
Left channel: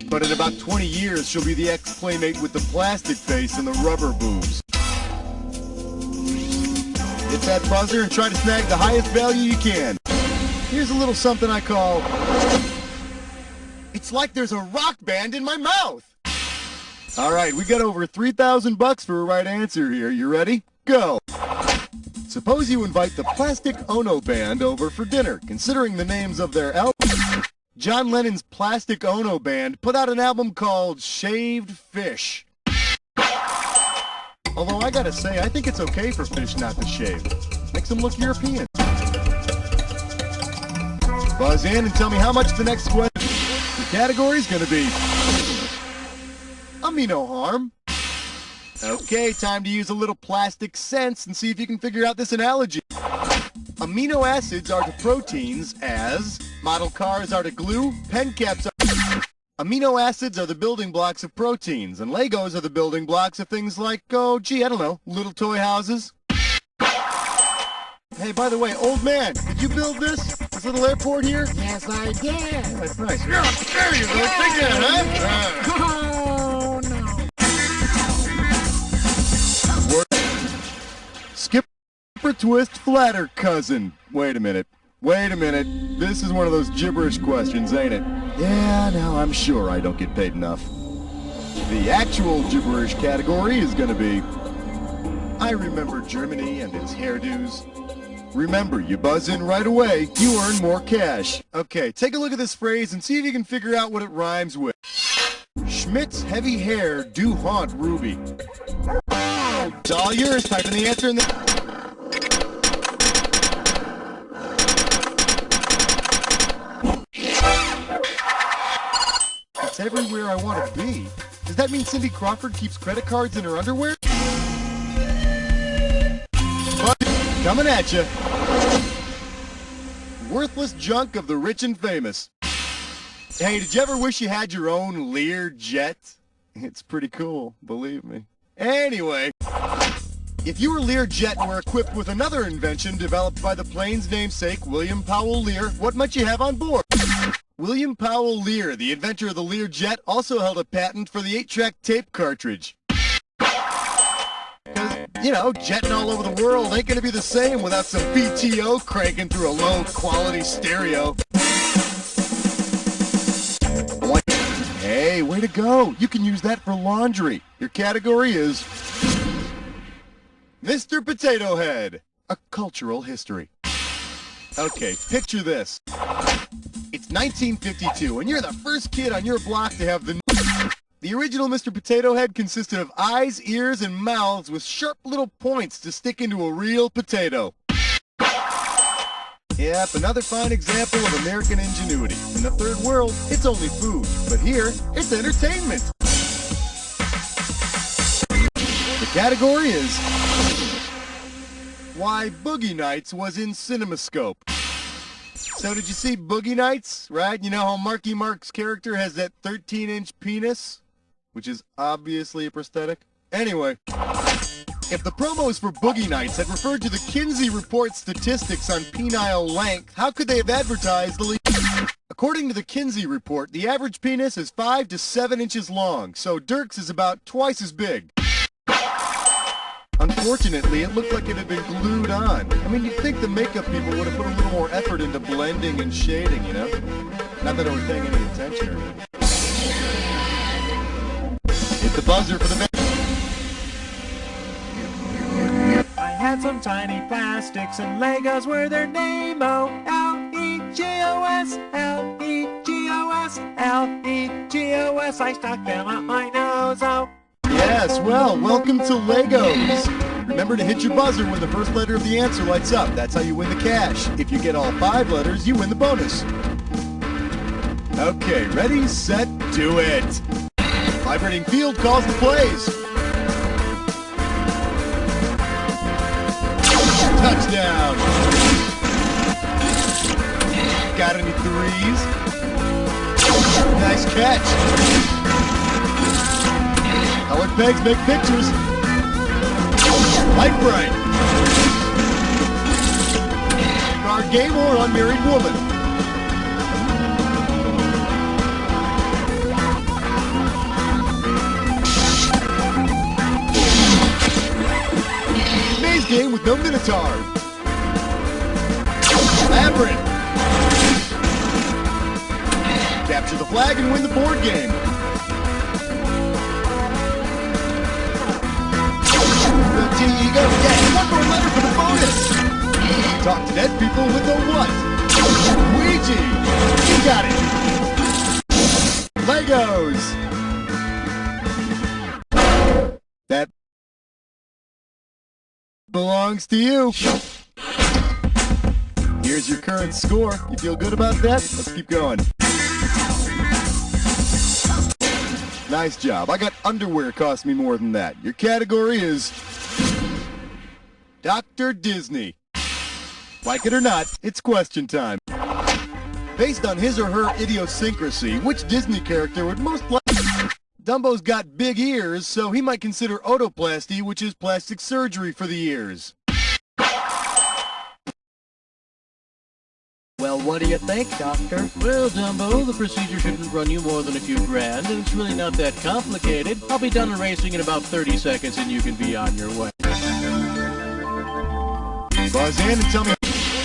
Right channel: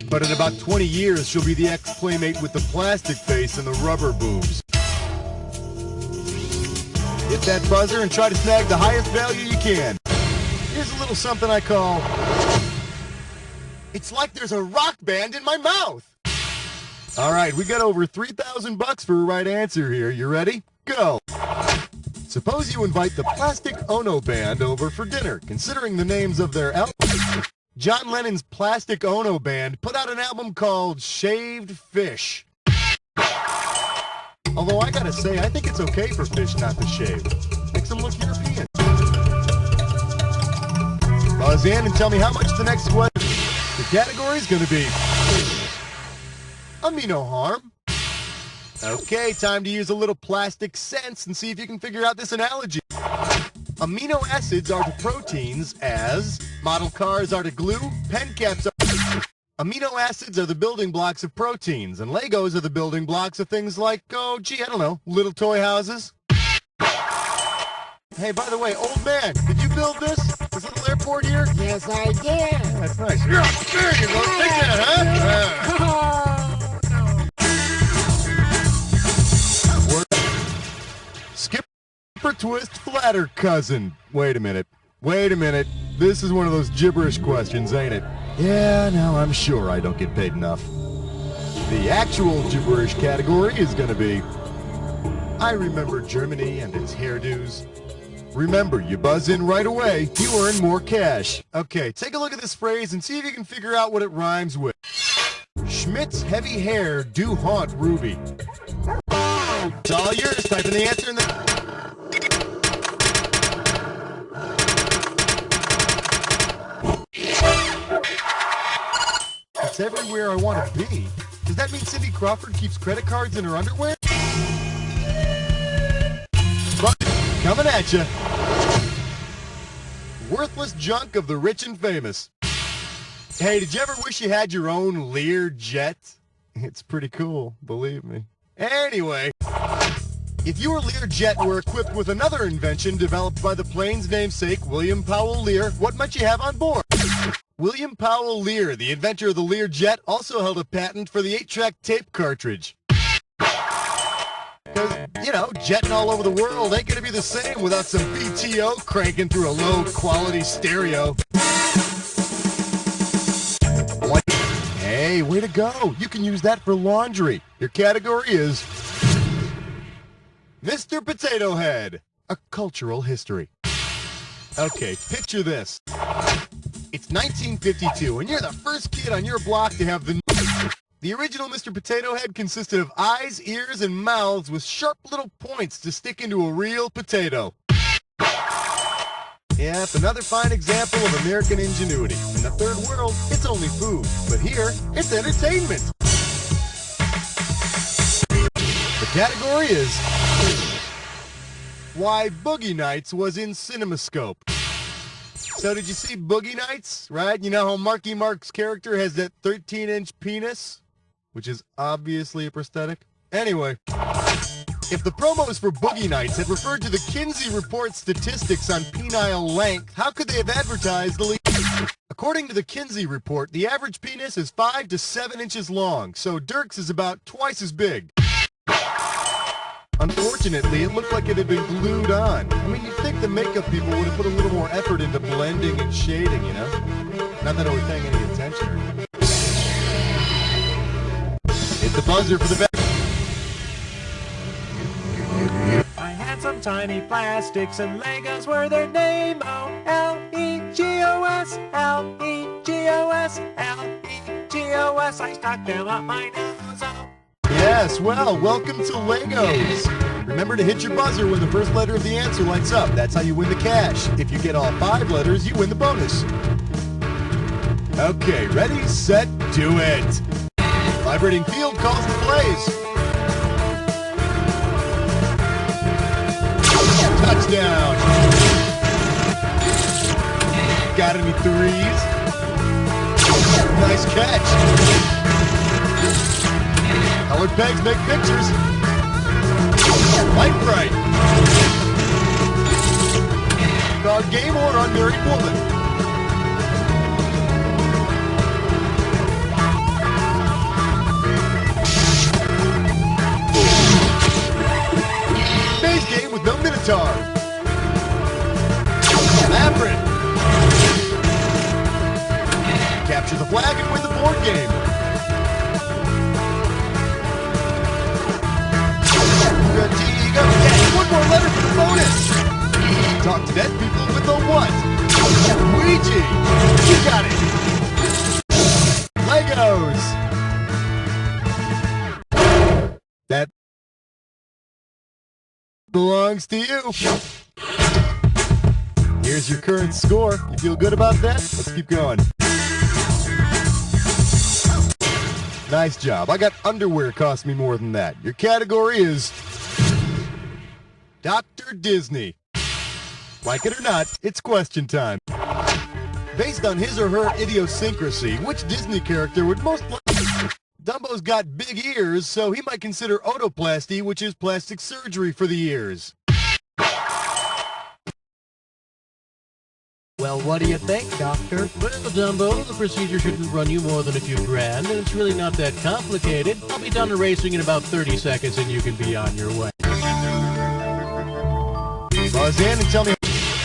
But in about 20 years, she'll be the ex-Playmate with the plastic face and the rubber boobs. Hit that buzzer and try to snag the highest value you can. Here's a little something I call... It's like there's a rock band in my mouth! All right, we got over $3,000 for a right answer here. You ready? Go! Suppose you invite the Plastic Ono Band over for dinner. Considering the names of their albums, John Lennon's Plastic Ono Band put out an album called Shaved Fish. Although I gotta say, I think it's okay for fish not to shave. Makes them look European. Buzz in and tell me how much the next question. The category is gonna be amino harm. Okay, time to use a little plastic sense and see if you can figure out this analogy. Amino acids are to proteins as model cars are to glue, pen caps are... Amino acids are the building blocks of proteins, and Legos are the building blocks of things like, oh, gee, I don't know, little toy houses. Hey, by the way, old man, did you build this little airport here? Yes, I did. Yeah, that's nice. Yeah, there you go. Take that, huh? Oh, no. Skipper Twist Flatter Cousin. Wait a minute. This is one of those gibberish questions, ain't it? Yeah, no, I'm sure I don't get paid enough. The actual gibberish category is gonna be I remember Germany and its hairdos. Remember, you buzz in right away, you earn more cash. Okay, take a look at this phrase and see if you can figure out what it rhymes with. Schmidt's heavy hair do haunt Ruby. It's all yours. Type in the answer in the... It's everywhere I want to be. Does that mean Cindy Crawford keeps credit cards in her underwear? But coming at you. Worthless junk of the rich and famous. Hey, did you ever wish you had your own Lear jet? It's pretty cool, believe me. Anyway, if your Lear jet were equipped with another invention developed by the plane's namesake, William Powell Lear, what might you have on board? William Powell Lear, the inventor of the Lear jet, also held a patent for the 8-track tape cartridge. Because, you know, jetting all over the world ain't going to be the same without some PTO cranking through a low-quality stereo. Hey, way to go. You can use that for laundry. Your category is Mr. Potato Head, a cultural history. Okay, picture this. It's 1952, and you're the first kid on your block to have the... The original Mr. Potato Head consisted of eyes, ears, and mouths with sharp little points to stick into a real potato. Yep, another fine example of American ingenuity. In the third world, it's only food, but here, it's entertainment. The category is why Boogie Nights was in CinemaScope. So did you see Boogie Nights, right? You know how Marky Mark's character has that 13-inch penis? Which is obviously a prosthetic. Anyway, if the promos for Boogie Nights had referred to the Kinsey Report statistics on penile length, how could they have advertised the lead? According to the Kinsey Report, the average penis is 5 to 7 inches long, so Dirk's is about twice as big. Unfortunately, it looked like it had been glued on. I mean, you'd think the makeup people would have put a little more effort into blending and shading, you know? Not that I was paying any attention or anything. Hit the buzzer for the best. I had some tiny plastics and Legos were their name-o. L-E-G-O-S, L-E-G-O-S, L-E-G-O-S. I stuck them up my nose-o. Yes, well, welcome to Legos. Remember to hit your buzzer when the first letter of the answer lights up. That's how you win the cash. If you get all 5 letters, you win the bonus. Okay, ready, set, do it. Vibrating field calls the plays. Touchdown. Got any threes? Nice catch. Colored pegs make pictures. Light bright. Card game or unmarried woman. Maze game with no Minotaur. Labyrinth. Capture the flag and win the board game. Vertigo. Yeah, one more letter for the bonus. Talk to dead people with a what? Ouija. You got it. Legos. That belongs to you. Here's your current score. You feel good about that? Let's keep going. Nice job. I got underwear cost me more than that. Your category is Dr. Disney. Like it or not, it's question time. Based on his or her idiosyncrasy, which Disney character would most likely... Dumbo's got big ears, so he might consider otoplasty, which is plastic surgery for the ears. Well, what do you think, Doctor? Well, Dumbo, the procedure shouldn't run you more than a few grand, and it's really not that complicated. I'll be done erasing in about 30 seconds, and you can be on your way. Buzz in and tell me...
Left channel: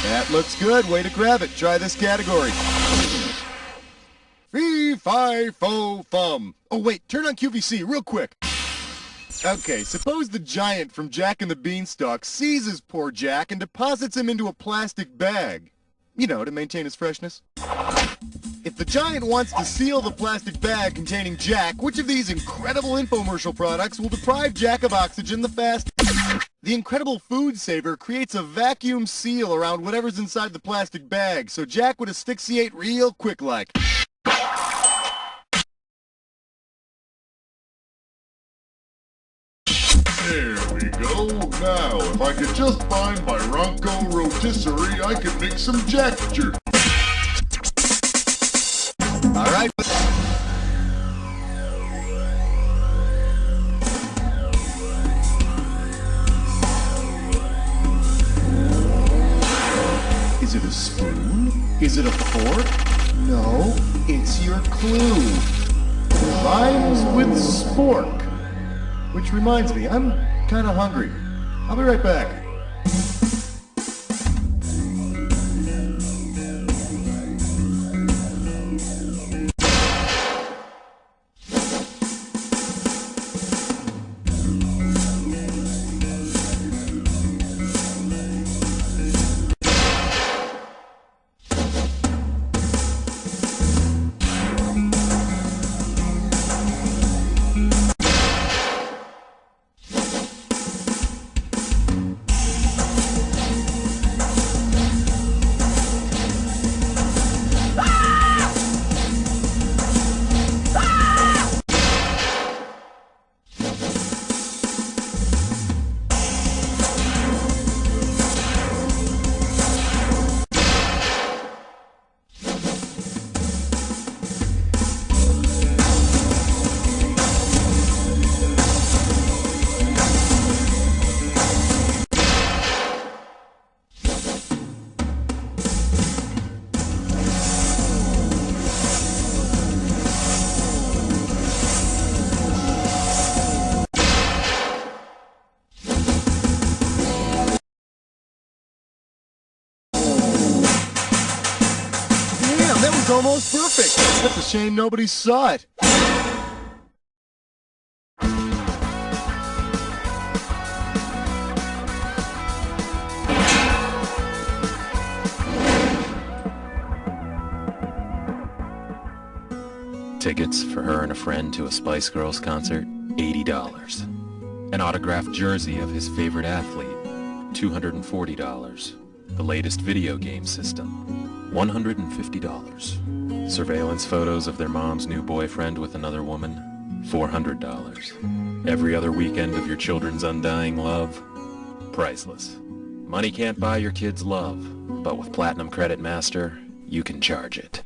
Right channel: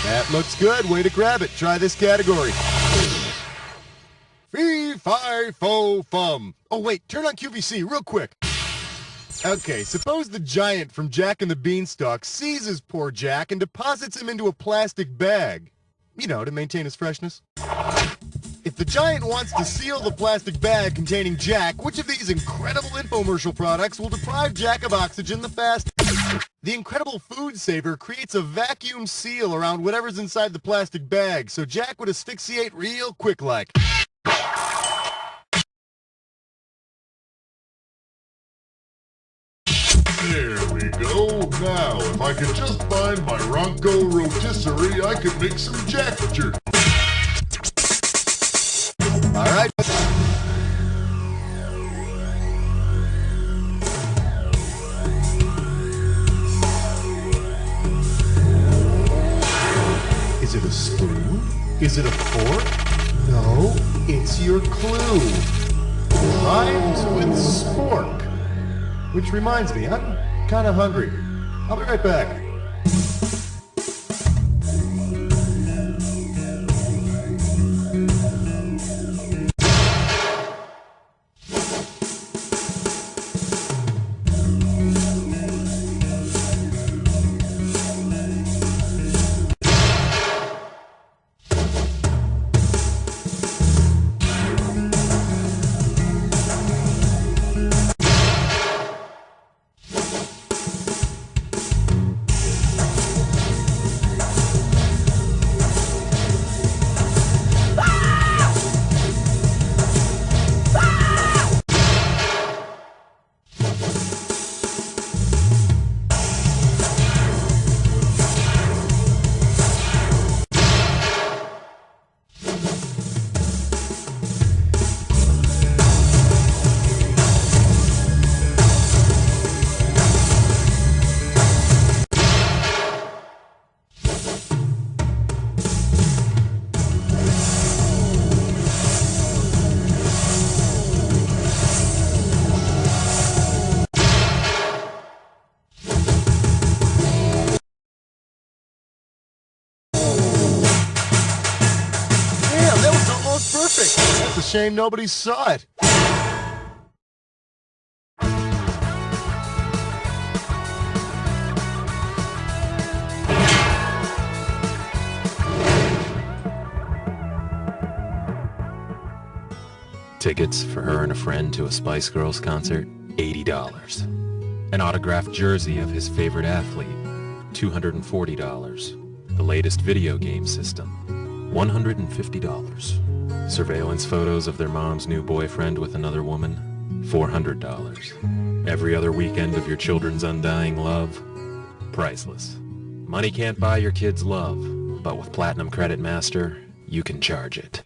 That looks good. Way to grab it. Try this category. Fee, fi, fo, fum. Oh, wait. Turn on QVC real quick. Okay, suppose the giant from Jack and the Beanstalk seizes poor Jack and deposits him into a plastic bag. You know, to maintain his freshness. If the giant wants to seal the plastic bag containing Jack, which of these incredible infomercial products will deprive Jack of oxygen the fastest? The incredible food saver creates a vacuum seal around whatever's inside the plastic bag, so Jack would asphyxiate real quick like. There we go. Now, if I could just find my Ronco rotisserie, I could make some Jack jerk. All right. Is it a spoon? Is it a fork? No, it's your clue. Rhymes with spork. Which reminds me, I'm kind of hungry. I'll be right back. Almost perfect. That's a shame nobody saw it. Tickets for her and a friend to a Spice Girls concert, $80. An autographed jersey of his favorite athlete, $240. The latest video game system, $150. Surveillance photos of their mom's new boyfriend with another woman, $400. Every other weekend of your children's undying love, priceless. Money can't buy your kids' love, but with Platinum Credit Master, you can charge it.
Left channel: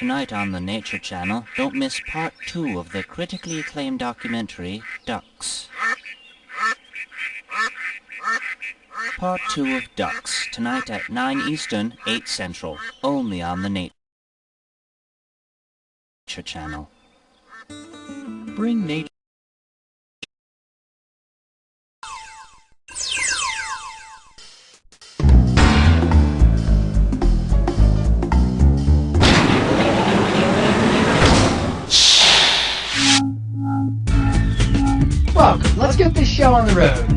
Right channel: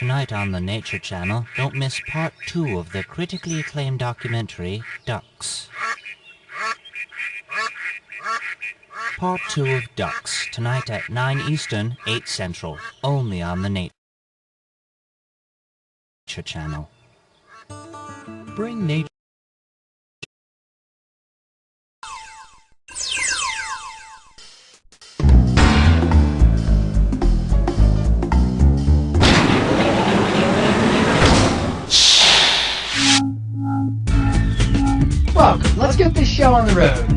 Tonight on the Nature Channel, don't miss part 2 of the critically acclaimed documentary, Ducks. Part 2 of Ducks, tonight at 9 Eastern, 8 Central, only on the Nature Channel. Bring nature. Welcome, let's get this show on the road.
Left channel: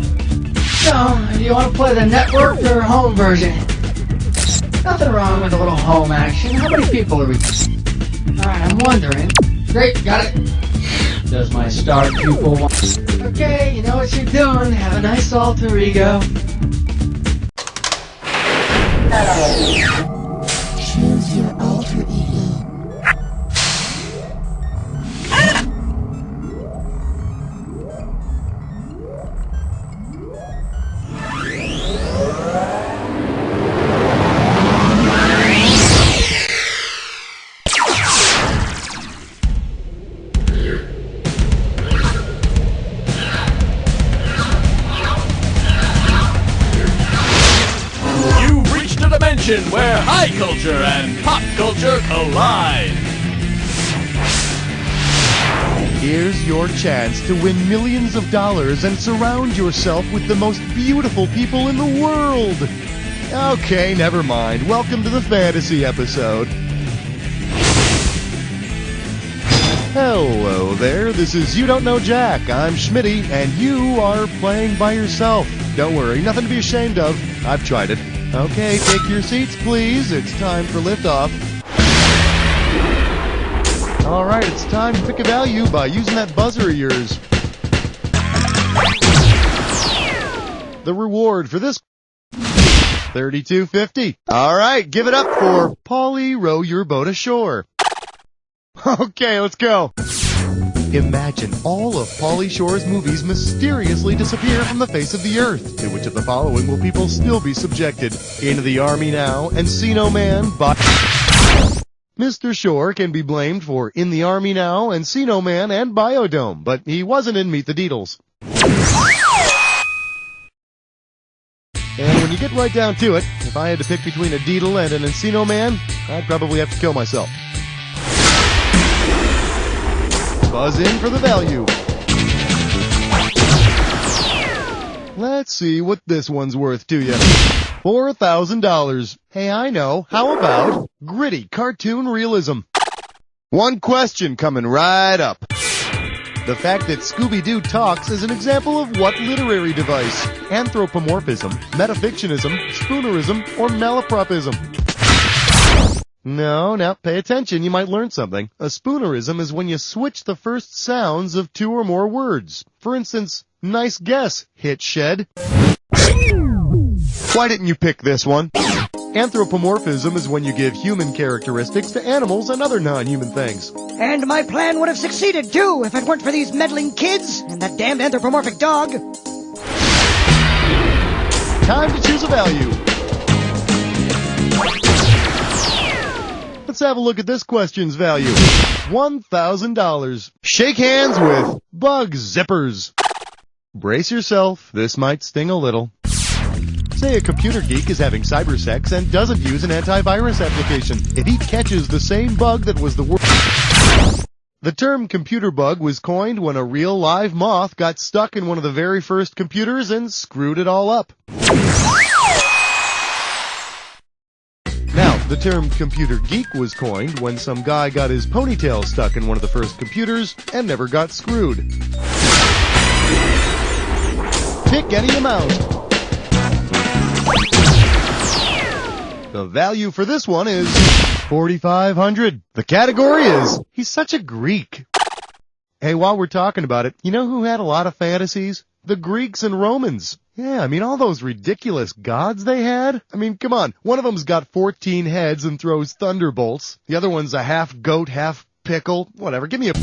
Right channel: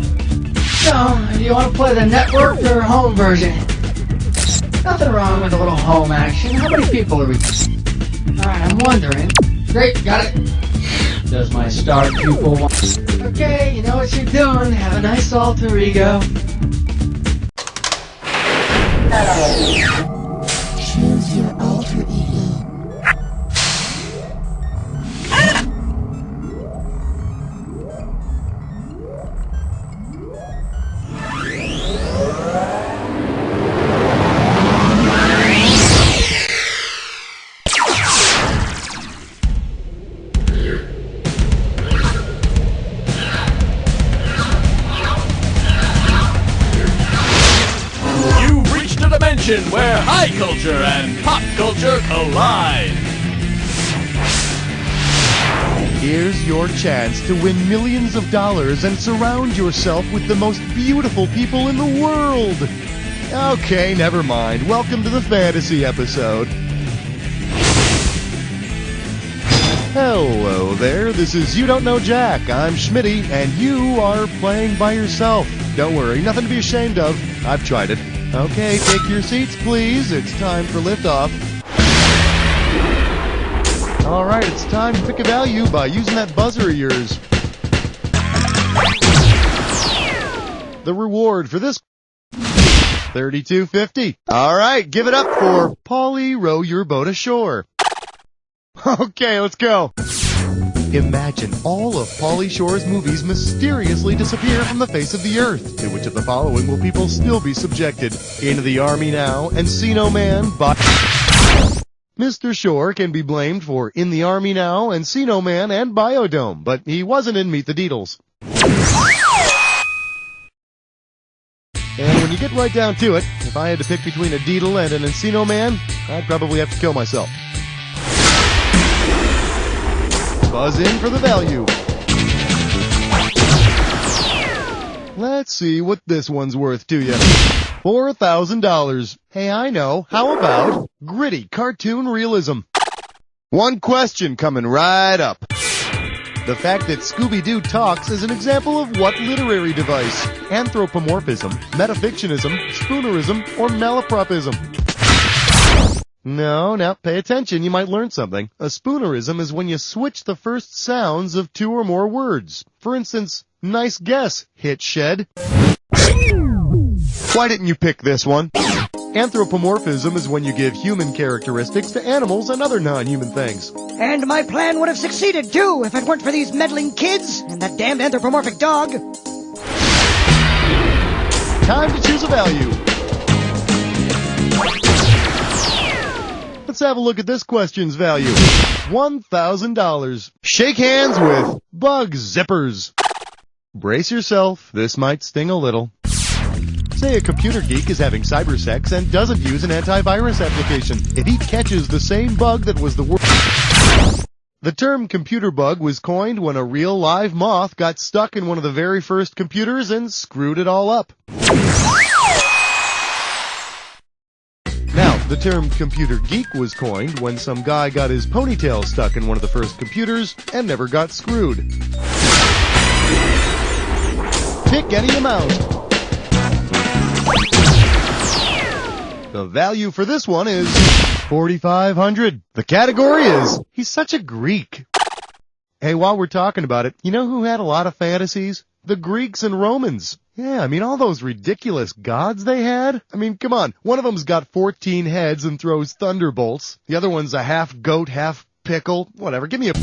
So, do you want to play the network or home version? Nothing wrong with a little home action. How many people are we? Alright, I'm wondering. Great, got it. Does my star pupil want... Okay, you know what you're doing. Have a nice alter ego. Choose your alter ego. Where high culture and pop culture collide. Here's your chance to win millions of dollars and surround yourself with the most beautiful people in the world. Okay, never mind. Welcome to the fantasy episode. Hello there, this is You Don't Know Jack. I'm Schmitty, and you are playing by yourself. Don't worry, nothing to be ashamed of. I've tried it. Okay, take your seats, please. It's time for liftoff. All right, it's time to pick a value by using that buzzer of yours. The reward for this $32.50. All right, give it up for Polly Row Your Boat Ashore. Okay, let's go. Imagine all of Pauly Shore's movies mysteriously disappear from the face of the earth. To which of the following will people still be subjected? Into the Army Now, Encino Man, by... Mr. Shore can be blamed for In the Army Now, Encino Man, and Biodome, but he wasn't in Meet the Deedles. And when you get right down to it, if I had to pick between a Deedle and an Encino Man, I'd probably have to kill myself. Buzz in for the value. Let's see what this one's worth to you. $4,000. Hey, I know. How about gritty cartoon realism? One question coming right up. The fact that Scooby-Doo talks is an example of what literary device? Anthropomorphism, metafictionism, spoonerism, or malapropism? No, pay attention, you might learn something. A spoonerism is when you switch the first sounds of two or more words. For instance, nice guess, hit shed. Why didn't you pick this one? Anthropomorphism is when you give human characteristics to animals and other non-human things. And my plan would have succeeded, too, if it weren't for these meddling kids and that damned anthropomorphic dog. Time to choose a value. Let's have a look at this question's value. $1,000. Shake hands with Bug Zippers. Brace yourself, this might sting a little. Say a computer geek is having cyber sex and doesn't use an antivirus application. If he catches the same bug that was the worst... The term computer bug was coined when a real live moth got stuck in one of the very first computers and screwed it all up. Now, the term computer geek was coined when some guy got his ponytail stuck in one of the first computers and never got screwed. Pick any amount. The value for this one is $4,500. The category is, he's such a Greek. Hey, while we're talking about it, you know who had a lot of fantasies? The Greeks and Romans. Yeah, I mean, all those ridiculous gods they had. I mean, come on. One of them's got 14 heads and throws thunderbolts. The other one's a half goat, half pickle. Whatever, give me a...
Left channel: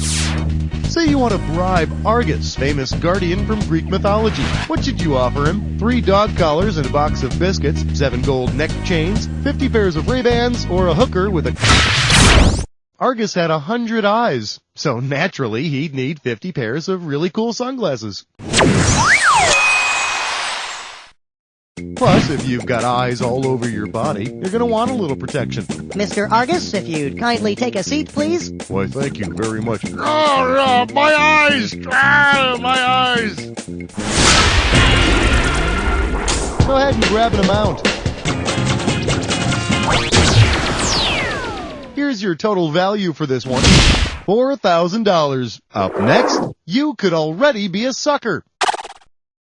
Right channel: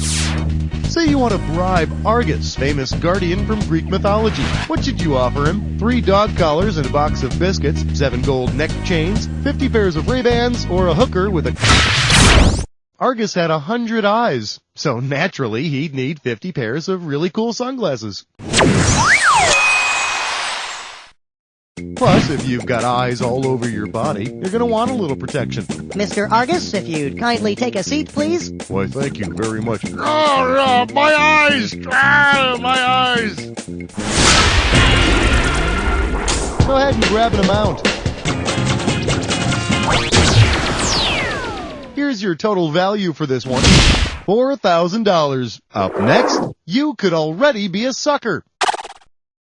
Say you want to bribe Argus, famous guardian from Greek mythology. What should you offer him? 3 dog collars and a box of biscuits, 7 gold neck chains, 50 pairs of Ray-Bans, or a hooker with a... Argus had 100 eyes, so naturally he'd need 50 pairs of really cool sunglasses. Plus, if you've got eyes all over your body, you're going to want a little protection. Mr. Argus, if you'd kindly take a seat, please. Why, thank you very much. Oh, my eyes! My eyes! Go ahead and grab an amount. Here's your total value for this one. $4,000. Up next, you could already be a sucker.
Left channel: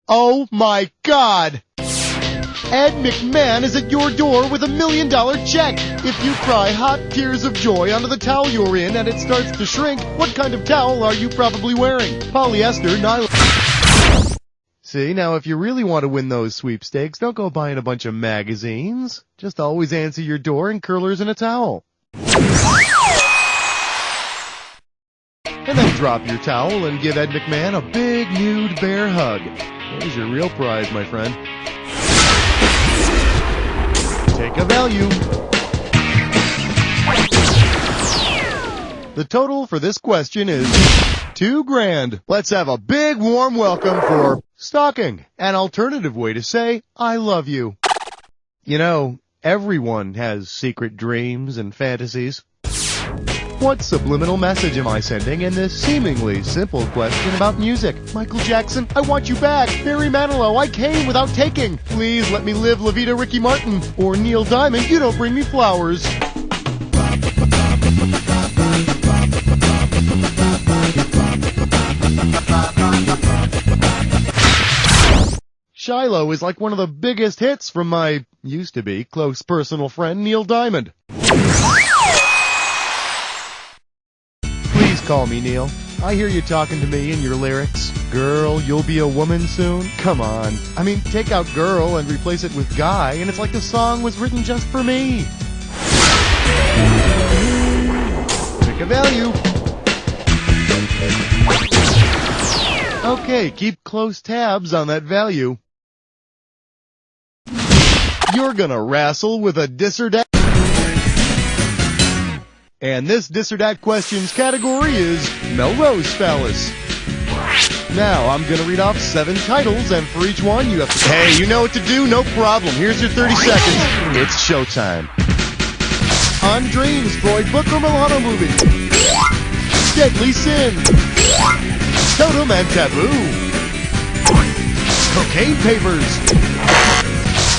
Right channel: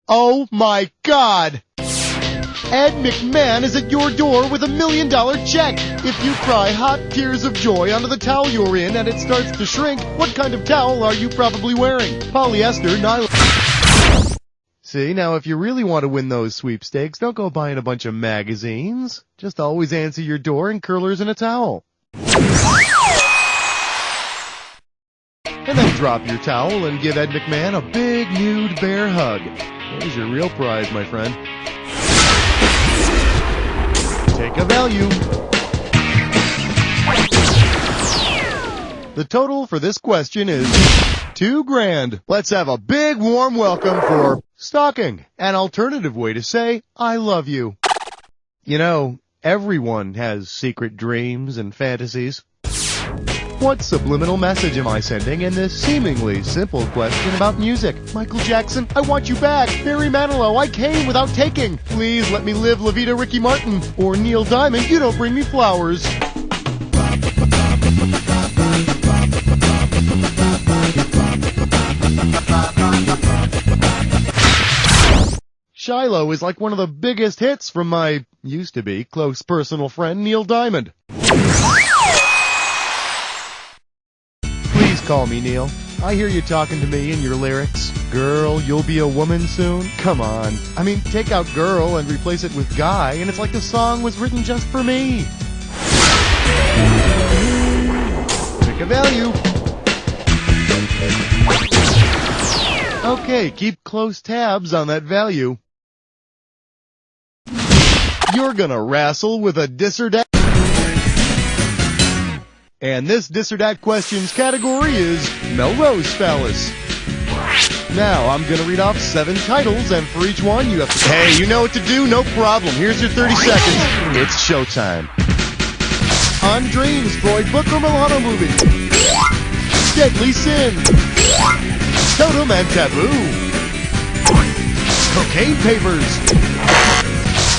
Oh my God! Ed McMahon is at your door with $1 million check. If you cry hot tears of joy onto the towel you're in and it starts to shrink, what kind of towel are you probably wearing? Polyester, nylon... See, now if you really want to win those sweepstakes, don't go buying a bunch of magazines. Just always answer your door in curlers and a towel. And then drop your towel and give Ed McMahon a big nude bear hug. There's your real prize, my friend. Take a value. The total for this question is $2,000. Let's have a big warm welcome for stalking, an alternative way to say I love you. You know, everyone has secret dreams and fantasies. What subliminal message am I sending in this seemingly simple question about music? Michael Jackson, I want you back. Barry Manilow, I came without taking. Please let me live La Vida Ricky Martin. Or Neil Diamond, you don't bring me flowers. Shiloh is like one of the biggest hits from my used-to-be close personal friend Neil Diamond. Please call me Neil. I hear you talking to me in your lyrics. Girl, you'll be a woman soon? Come on. I mean, take out girl and replace it with guy, and it's like the song was written just for me. Pick a value. Okay, keep close tabs on that value. You're gonna wrestle with a dis or dat. And this dis or dat questions category is Melrose Phallus. Now, I'm gonna read off 7 titles, and for each one you have to... Hey, you know what to do? No problem. Here's your 30 seconds. It's showtime. On Dreams, Freud book or Milano movie. Deadly Sin. Totem and Taboo. Cocaine Papers.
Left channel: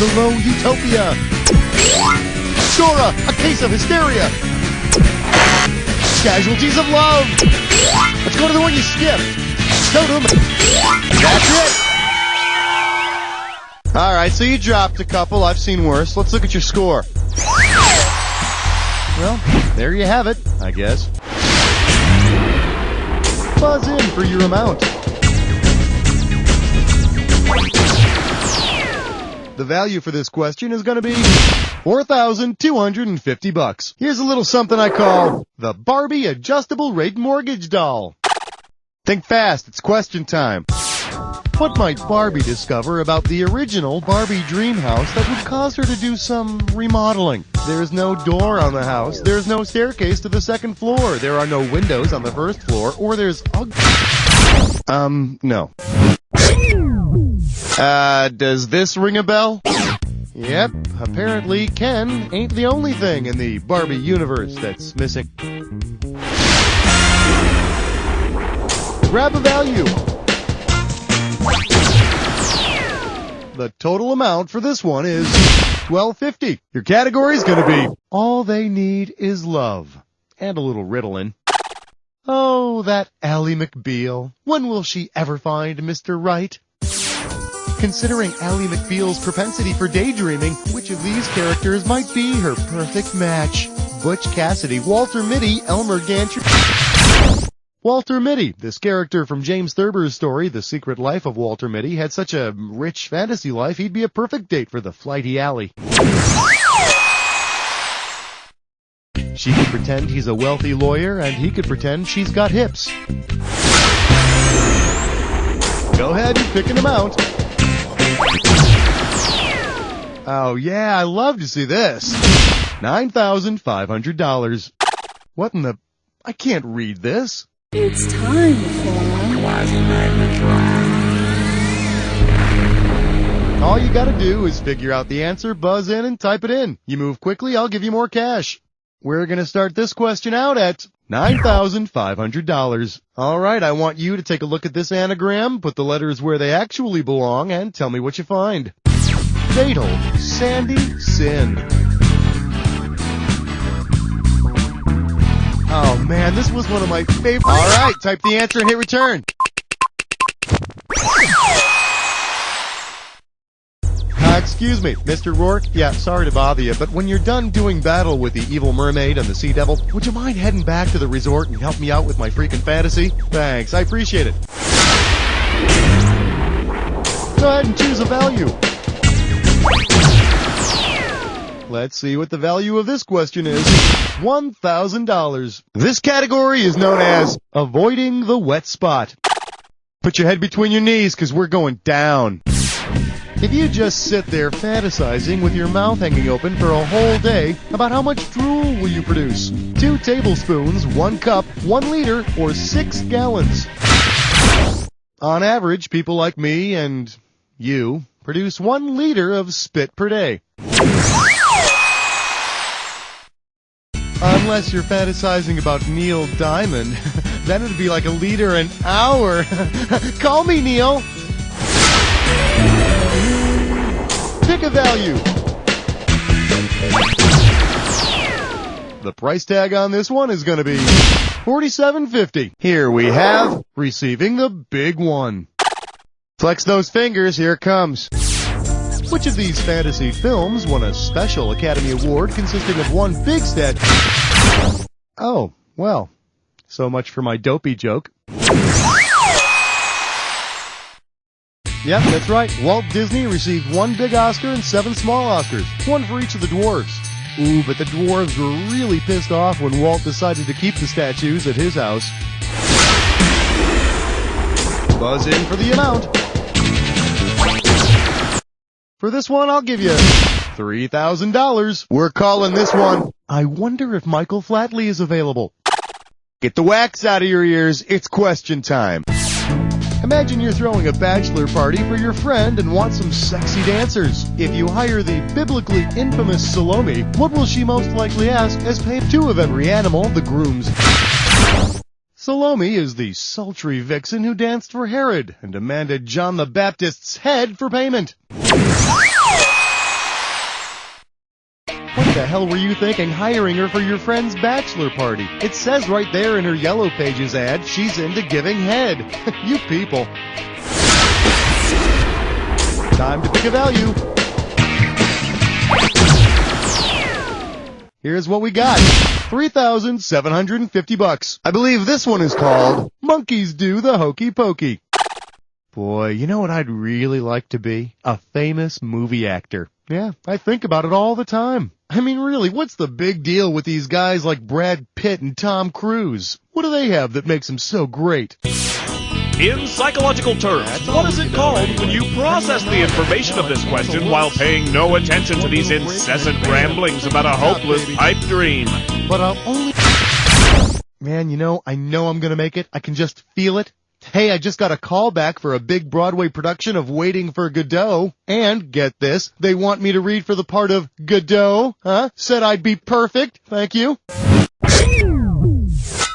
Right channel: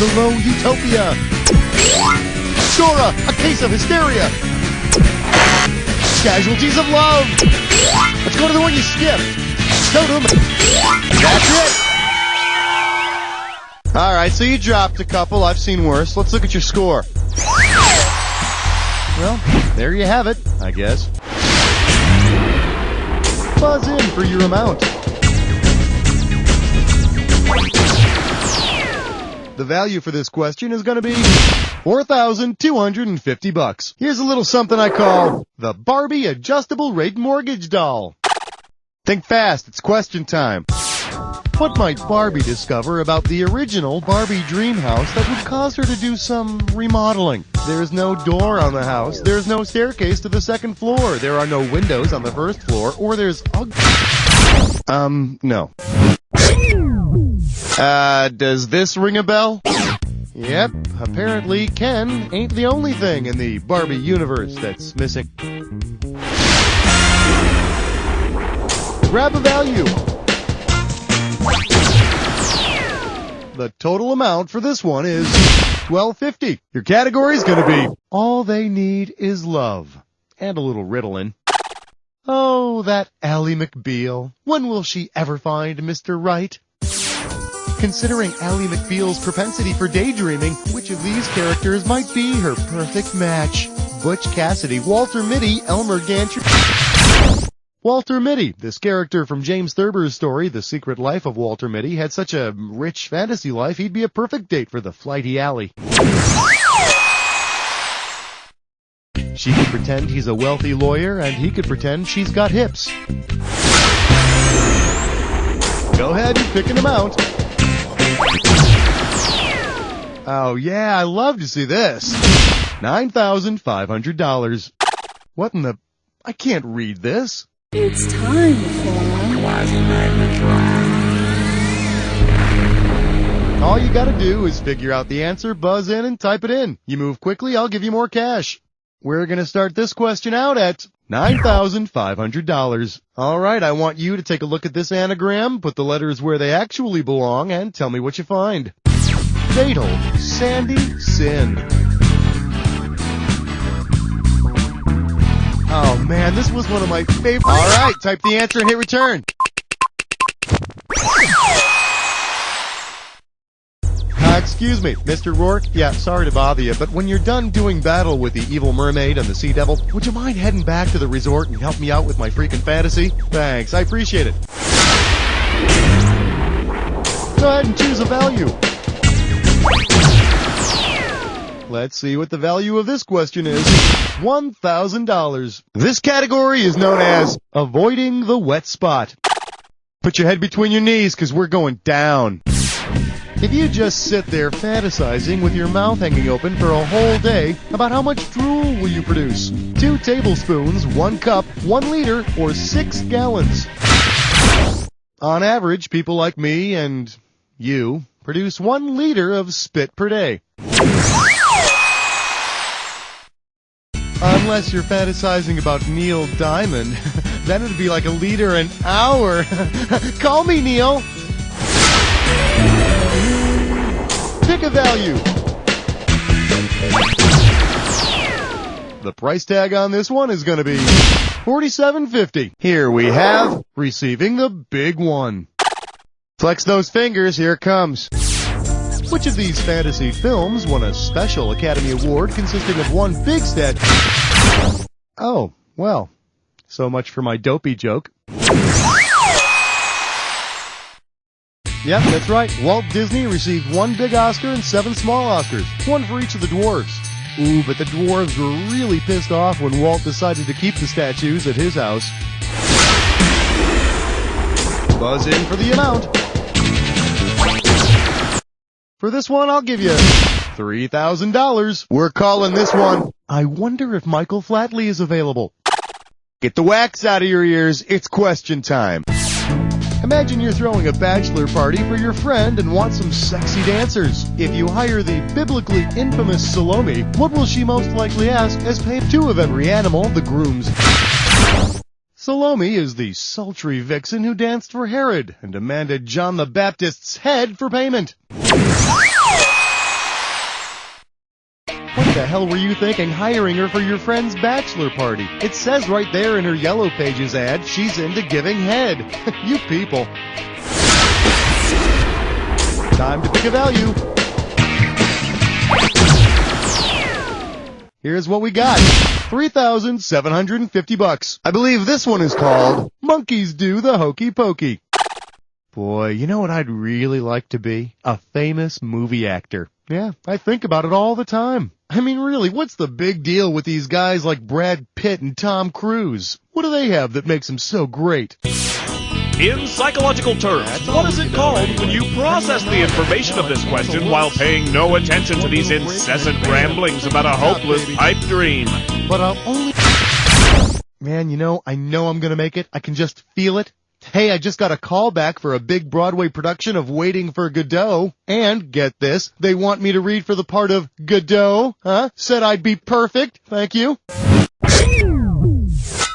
The Low Utopia. Dora, A Case of Hysteria. Casualties of Love. Let's go to the one you skipped. Totem. That's it. Alright, so you dropped a couple. I've seen worse. Let's look at your score. Well, there you have it, I guess. Buzz in for your amount. The value for this question is going to be $4,250. Here's a little something I call the Barbie Adjustable Rate Mortgage Doll. Think fast, it's question time. What might Barbie discover about the original Barbie dream house that would cause her to do some remodeling? There's no door on the house, there's no staircase to the second floor, there are no windows on the first floor, or there's no. Does this ring a bell? Yep, apparently Ken ain't the only thing in the Barbie universe that's missing. Grab a value. The total amount for this one is $12.50. Your category is going to be All They Need Is Love. And a little riddling. Oh, that Ally McBeal. When will she ever find Mr. Right? Considering Ally McBeal's propensity for daydreaming, which of these characters might be her perfect match? Butch Cassidy, Walter Mitty, Elmer Gantry... Walter Mitty, this character from James Thurber's story, The Secret Life of Walter Mitty, had such a rich fantasy life, he'd be a perfect date for the flighty Ally. She could pretend he's a wealthy lawyer, and he could pretend she's got hips. Go ahead and pick an amount. Oh yeah, I love to see this. $9,500. What in the... I can't read this. It's time for... All you gotta do is figure out the answer, buzz in, and type it in. You move quickly, I'll give you more cash. We're gonna start this question out at $9,500. Alright, I want you to take a look at this anagram, put the letters where they actually belong, and tell me what you find. Fatal, Sandy, Sin. Oh man, this was one of my favorites. Alright, type the answer and hit return. Excuse me, Mr. Rourke? Yeah, sorry to bother you, but when you're done doing battle with the evil mermaid and the sea devil, would you mind heading back to the resort and help me out with my freaking fantasy? Thanks, I appreciate it. Go ahead and choose a value. Let's see what the value of this question is. $1,000. This category is known as Avoiding the Wet Spot. Put your head between your knees, because we're going down. If you just sit there fantasizing with your mouth hanging open for a whole day, about how much drool will you produce? 2 tablespoons, 1 cup, 1 liter, or 6 gallons? On average, people like me and you produce 1 liter of spit per day. Unless you're fantasizing about Neil Diamond, then it'd be like 1 liter an hour. Call me, Neil. Pick a value. The price tag on this one is going to be $47.50. Here we have receiving the big one. Flex those fingers, here it comes. Which of these fantasy films won a special Academy Award consisting of one big statue? Oh, well, so much for my dopey joke. Yep, that's right. Walt Disney received one big Oscar and 7 small Oscars, one for each of the dwarves. Ooh, but the dwarves were really pissed off when Walt decided to keep the statues at his house. Buzz in for the amount. For this one, I'll give you $3,000. We're calling this one, I wonder if Michael Flatley is available. Get the wax out of your ears, it's question time. Imagine you're throwing a bachelor party for your friend and want some sexy dancers. If you hire the biblically infamous Salome, what will she most likely ask as pay 2 of every animal the grooms? Salome is the sultry vixen who danced for Herod and demanded John the Baptist's head for payment. What the hell were you thinking hiring her for your friend's bachelor party? It says right there in her Yellow Pages ad, she's into giving head. You people. Time to pick a value. Here's what we got. $3,750. I believe this one is called Monkeys Do the Hokey Pokey. Boy, you know what I'd really like to be? A famous movie actor. Yeah, I think about it all the time. I mean, really, what's the big deal with these guys like Brad Pitt and Tom Cruise? What do they have that makes them so great? In psychological terms, what is it called when you process the information of this question while paying no attention to these incessant ramblings about a hopeless pipe dream? But I'll only... Man, I know I'm gonna make it. I can just feel it. Hey, I just got a call back for a big Broadway production of Waiting for Godot. And, get this, they want me to read for the part of Godot. Said I'd be perfect. Thank you.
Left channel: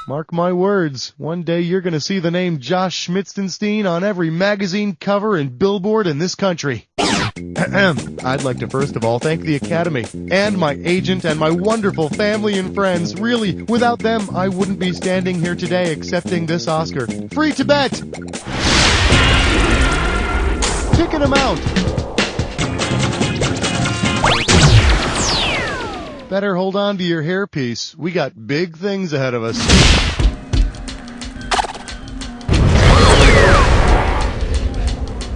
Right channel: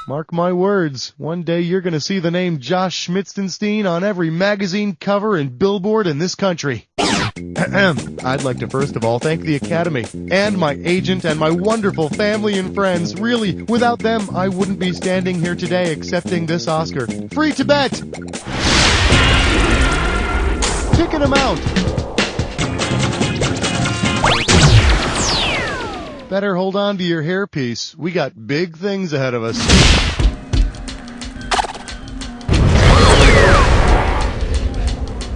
Mark my words, one day you're gonna see the name Josh Schmitzenstein on every magazine cover and billboard in this country. I'd like to first of all thank the Academy, and my agent and my wonderful family and friends. Really, without them, I wouldn't be standing here today accepting this Oscar. Free to bet! Ticket amount! Better hold on to your hairpiece. We got big things ahead of us.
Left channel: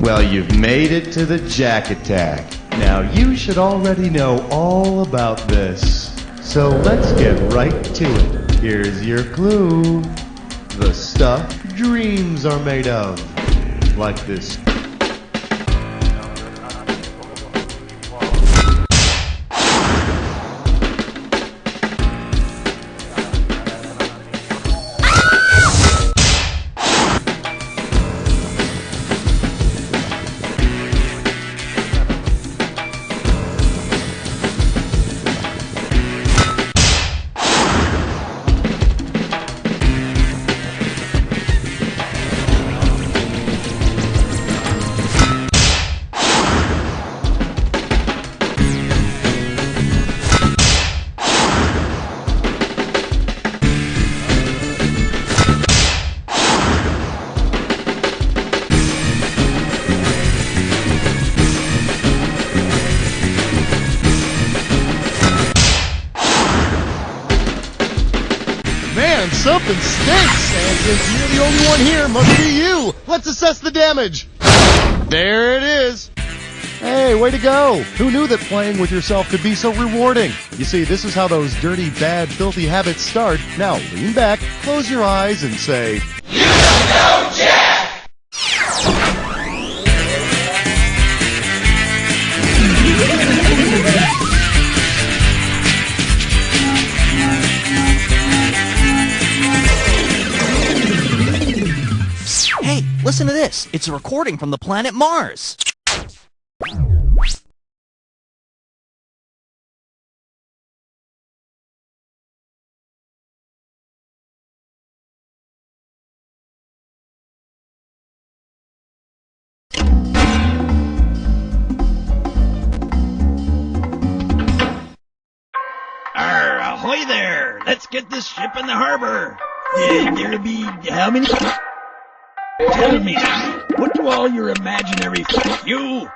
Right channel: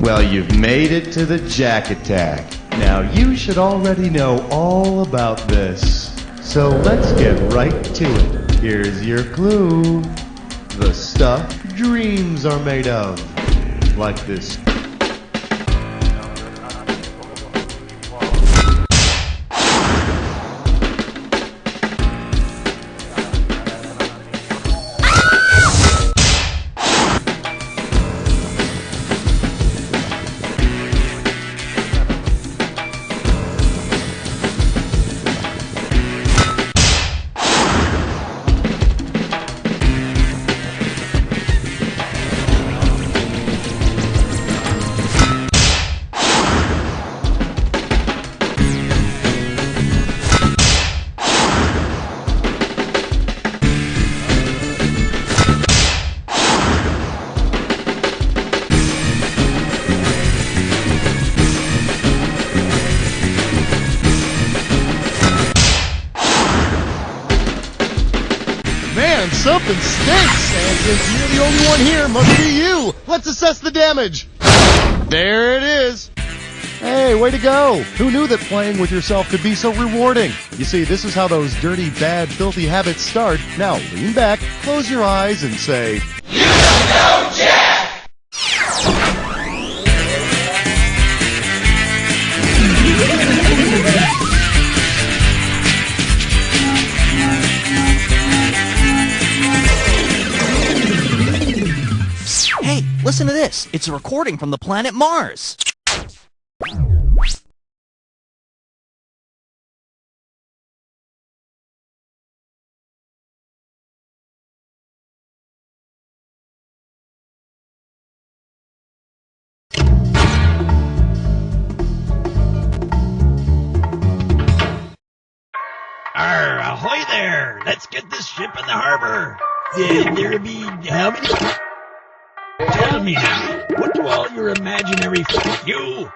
Well, you've made it to the Jack Attack. Now, you should already know all about this. So let's get right to it. Here's your clue. The stuff dreams are made of. Like this. Something stinks, and since you're the only one here, must be you. Let's assess the damage. There it is. Hey, way to go. Who knew that playing with yourself could be so rewarding? You see, this is how those dirty, bad, filthy habits start. Now, lean back, close your eyes, and say, "You don't know Jack!" Hey, listen to this. It's a recording from the planet Mars. Ahoy there! Let's get this ship in the harbor. There'll be how many? 2 Tell me now, what do all your imaginary you?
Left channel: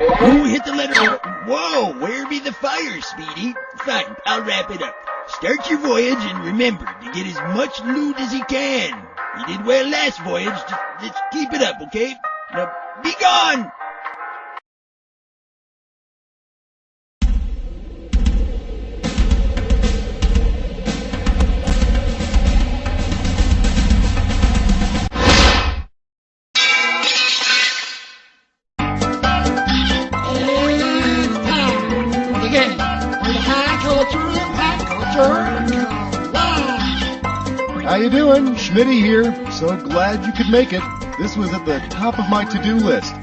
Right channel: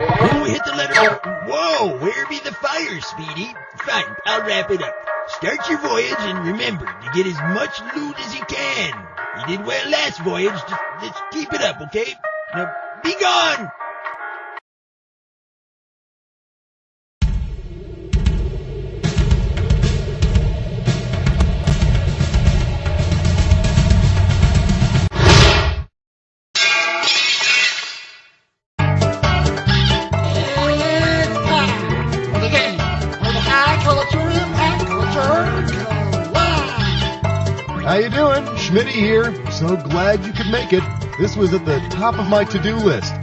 Oh, hit the letter. Whoa, where be the fire, Speedy? Fine, I'll wrap it up. Start your voyage and remember to get as much loot as you can. You did well last voyage. Just keep it up, okay? Now, be gone! How you doing? Schmitty here. So glad you could make it. This was at the top of my to-do list.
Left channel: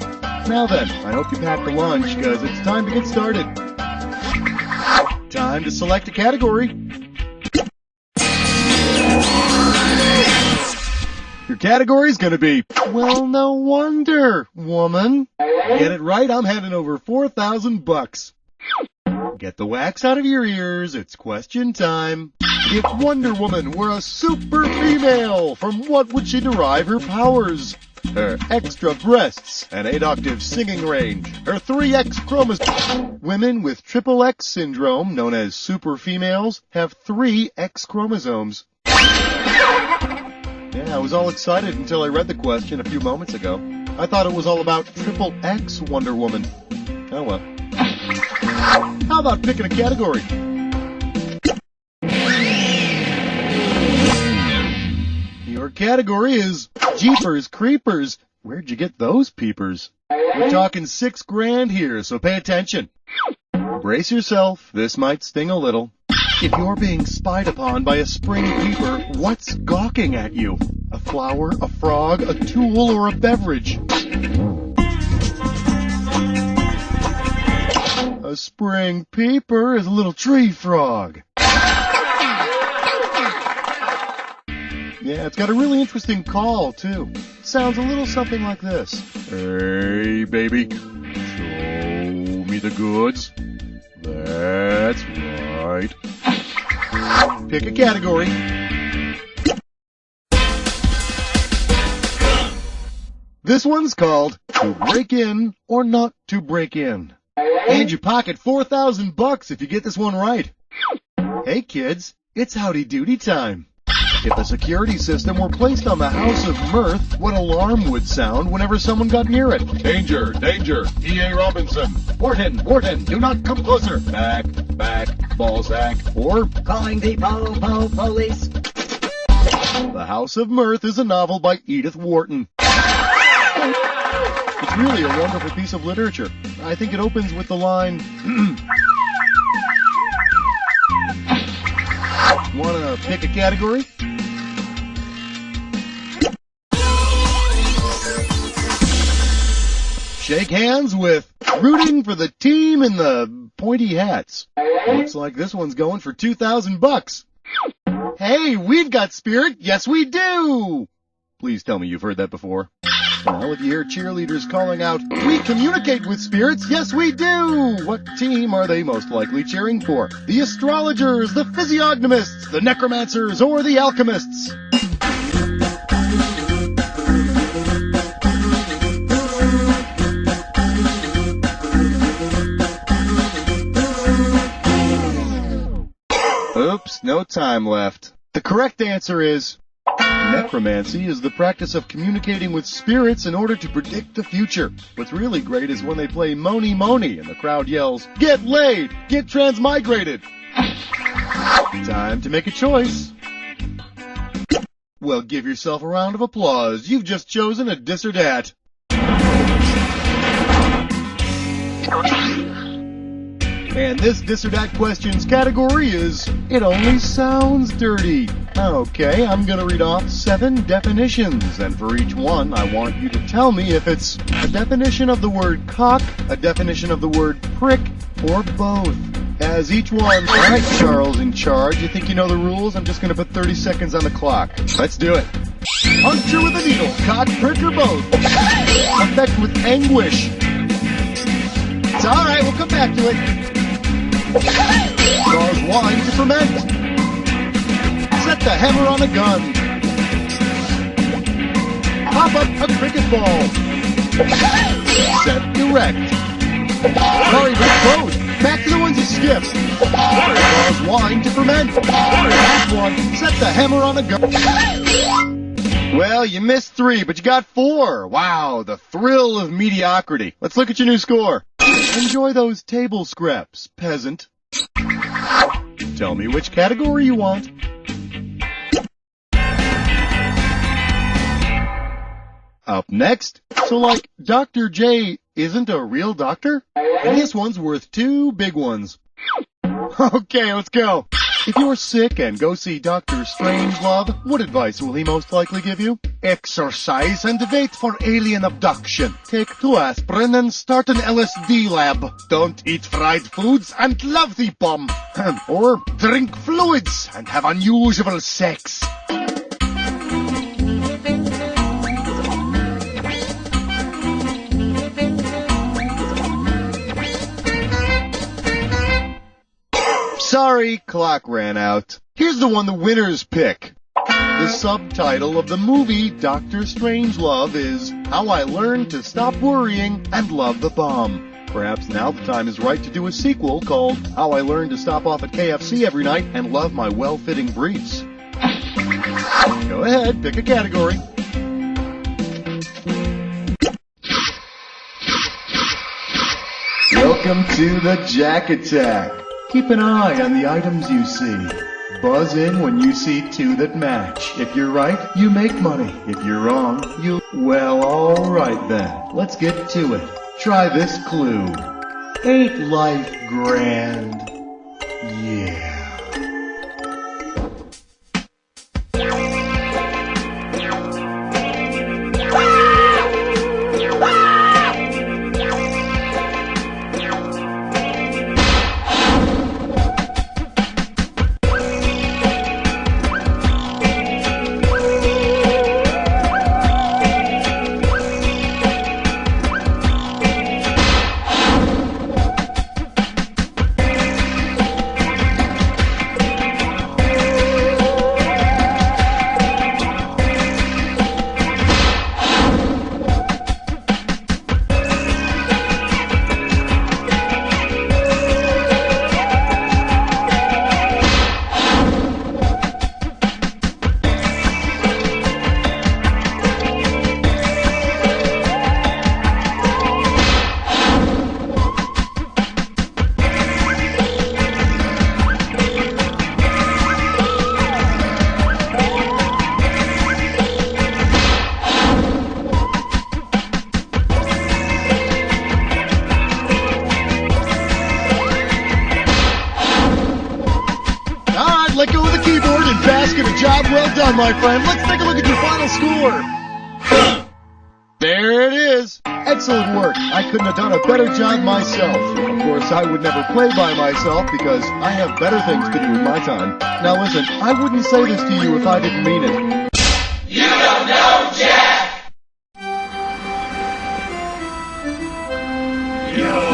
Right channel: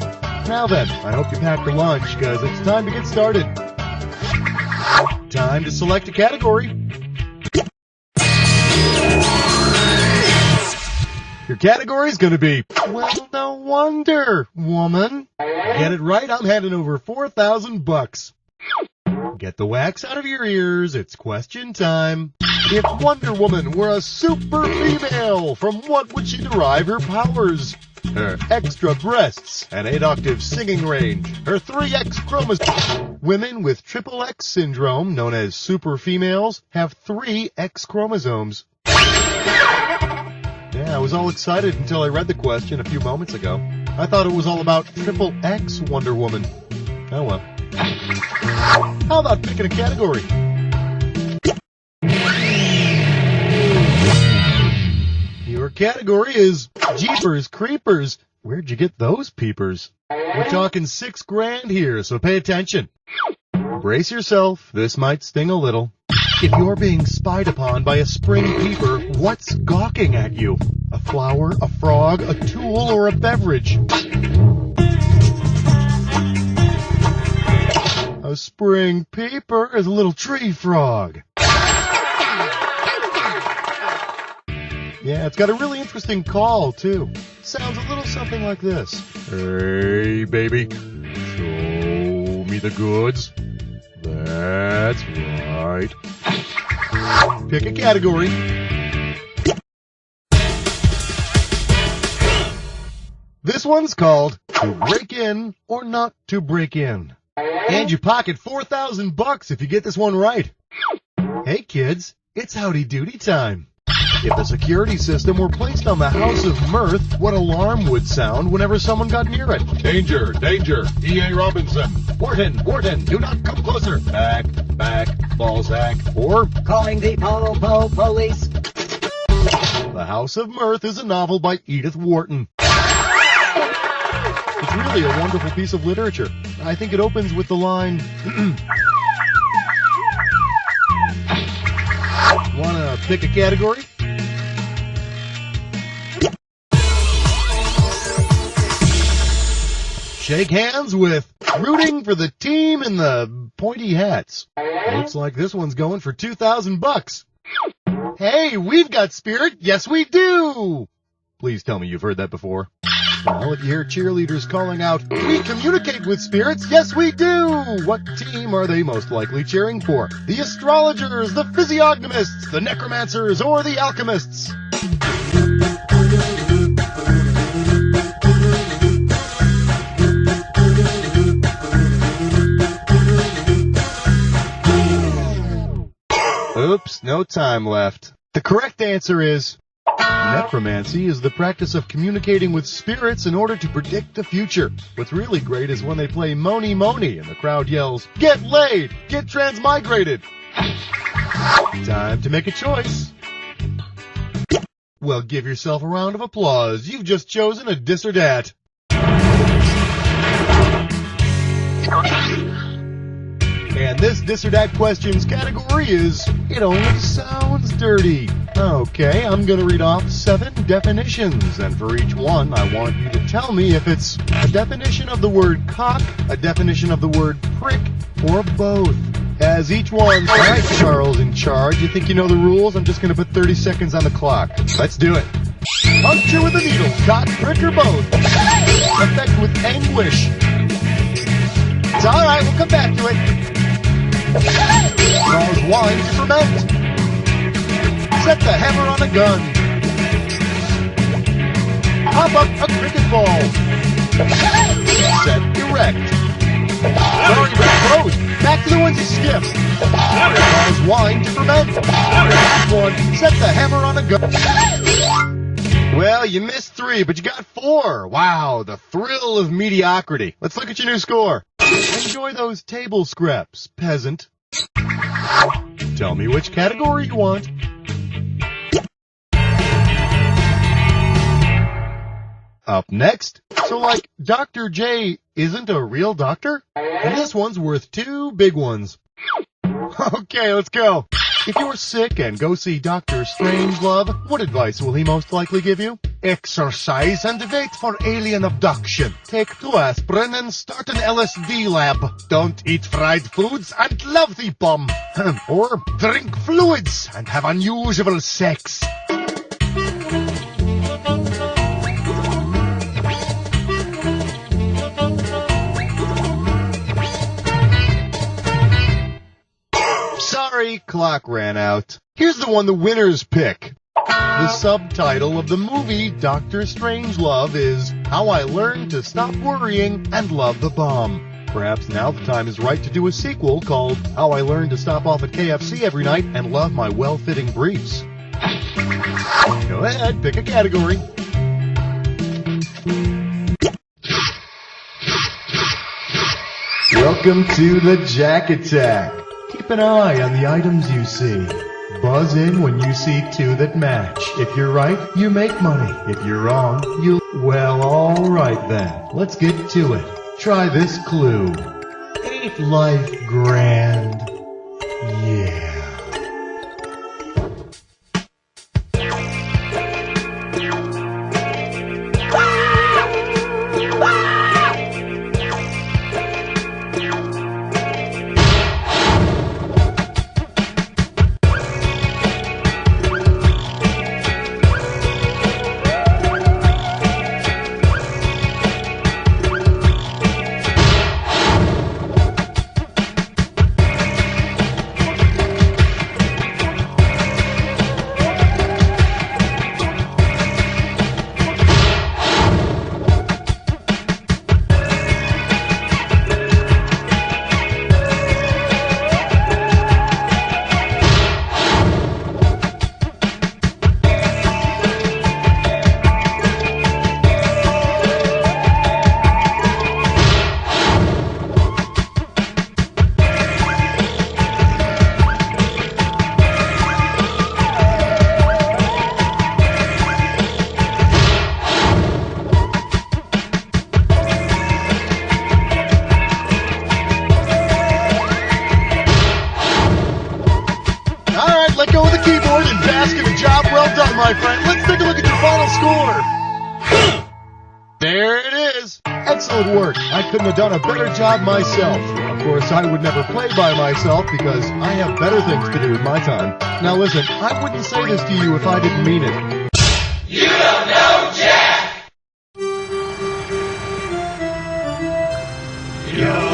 Now then, I hope you packed a lunch, because it's time to get started. Time to select a category. Your category's gonna be, well, no wonder, woman. Get it right, I'm handing over $4,000. Get the wax out of your ears, it's question time. If Wonder Woman were a super female, from what would she derive her powers? Her extra breasts, an 8-octave singing range, her 3X chromosomes. Women with triple X syndrome, known as super females, have 3 X chromosomes. Yeah, I was all excited until I read the question a few moments ago. I thought it was all about triple X Wonder Woman. Oh well. How about picking a category? Your category is Jeepers Creepers. Where'd you get those peepers? We're talking $6,000 here, so pay attention. Brace yourself, this might sting a little. If you're being spied upon by a spring peeper, what's gawking at you? A flower, a frog, a tool, or a beverage? A spring peeper is a little tree frog. Yeah, it's got a really interesting call, too. Sounds a little something like this. Hey, baby, show me the goods. That's right. Pick a category. This one's called To Break In or Not to Break In. And you pocket $4,000 if you get this one right. Hey, kids, it's howdy doody time. If a security system were placed on the House of Mirth, what alarm would sound whenever someone got near it? Danger, danger, E.A. Robinson. Wharton, Wharton, do not come closer. Back, Balzac. Or Calling the police. The House of Mirth is a novel by Edith Wharton. It's really a wonderful piece of literature. I think it opens with the line, wanna pick a category? Shake hands with rooting for the team in the pointy hats. Looks like this one's going for $2,000. Hey, we've got spirit. Yes, we do. Please tell me you've heard that before. Well, if you hear cheerleaders calling out, we communicate with spirits. Yes, we do. What team are they most likely cheering for? The astrologers, the physiognomists, the necromancers, or the alchemists? Oops, no time left. The correct answer is necromancy is the practice of communicating with spirits in order to predict the future. What's really great is when they play Moni Moni and the crowd yells, "Get laid! Get transmigrated!" Time to make a choice. Well, give yourself a round of applause. You've just chosen a dis or dat. And this dis or dat questions category is, it only sounds dirty. Okay, I'm going to read off 7 definitions, and for each one, I want you to tell me if it's a definition of the word cock, a definition of the word prick, or both. As each one... All right, Charles in charge, you think you know the rules? I'm just going to put 30 seconds on the clock. Let's do it. Puncture with a needle, cock, prick, or both. Affect with anguish. It's all right, we'll come back to it. Cause wine to ferment. Set the hammer on a gun. Pop up a cricket ball. Set erect. Sorry, but it's closed. Back to the ones you skipped. Cause wine to ferment. Last one. Set the hammer on a gun. Well, you missed 3, but you got 4. Wow, the thrill of mediocrity. Let's look at your new score. Enjoy those table scraps, peasant. Tell me which category you want. Up next, so like Dr. J isn't a real doctor? And this one's worth 2 big ones. Okay, let's go. If you're sick and go see Dr. Strangelove, what advice will he most likely give you? Exercise and wait for alien abduction. Take 2 aspirin and start an LSD lab. Don't eat fried foods and love the bomb. Or drink fluids and have unusual sex. Sorry, clock ran out. Here's the one the winners pick. The subtitle of the movie Dr. Strangelove is How I Learned to Stop Worrying and Love the Bomb. Perhaps now the time is right to do a sequel called How I Learned to Stop Off at KFC Every Night and Love My Well-Fitting Briefs. Go ahead, pick a category. Welcome to the Jack Attack. Keep an eye on the items you see. Buzz in when you see 2 that match. If you're right, you make money. If you're wrong, you... Well, alright then. Let's get to it. Try this clue. Ain't life grand? Yeah. Let go of the keyboard and bask in a job well done, my friend. Let's take a look at your final score. There it is. Excellent work. I couldn't have done a better job myself. Of course, I would never play by myself because I have better things to do with my time. Now listen, I wouldn't say this to you if I didn't mean it. You don't know Jack! Yo!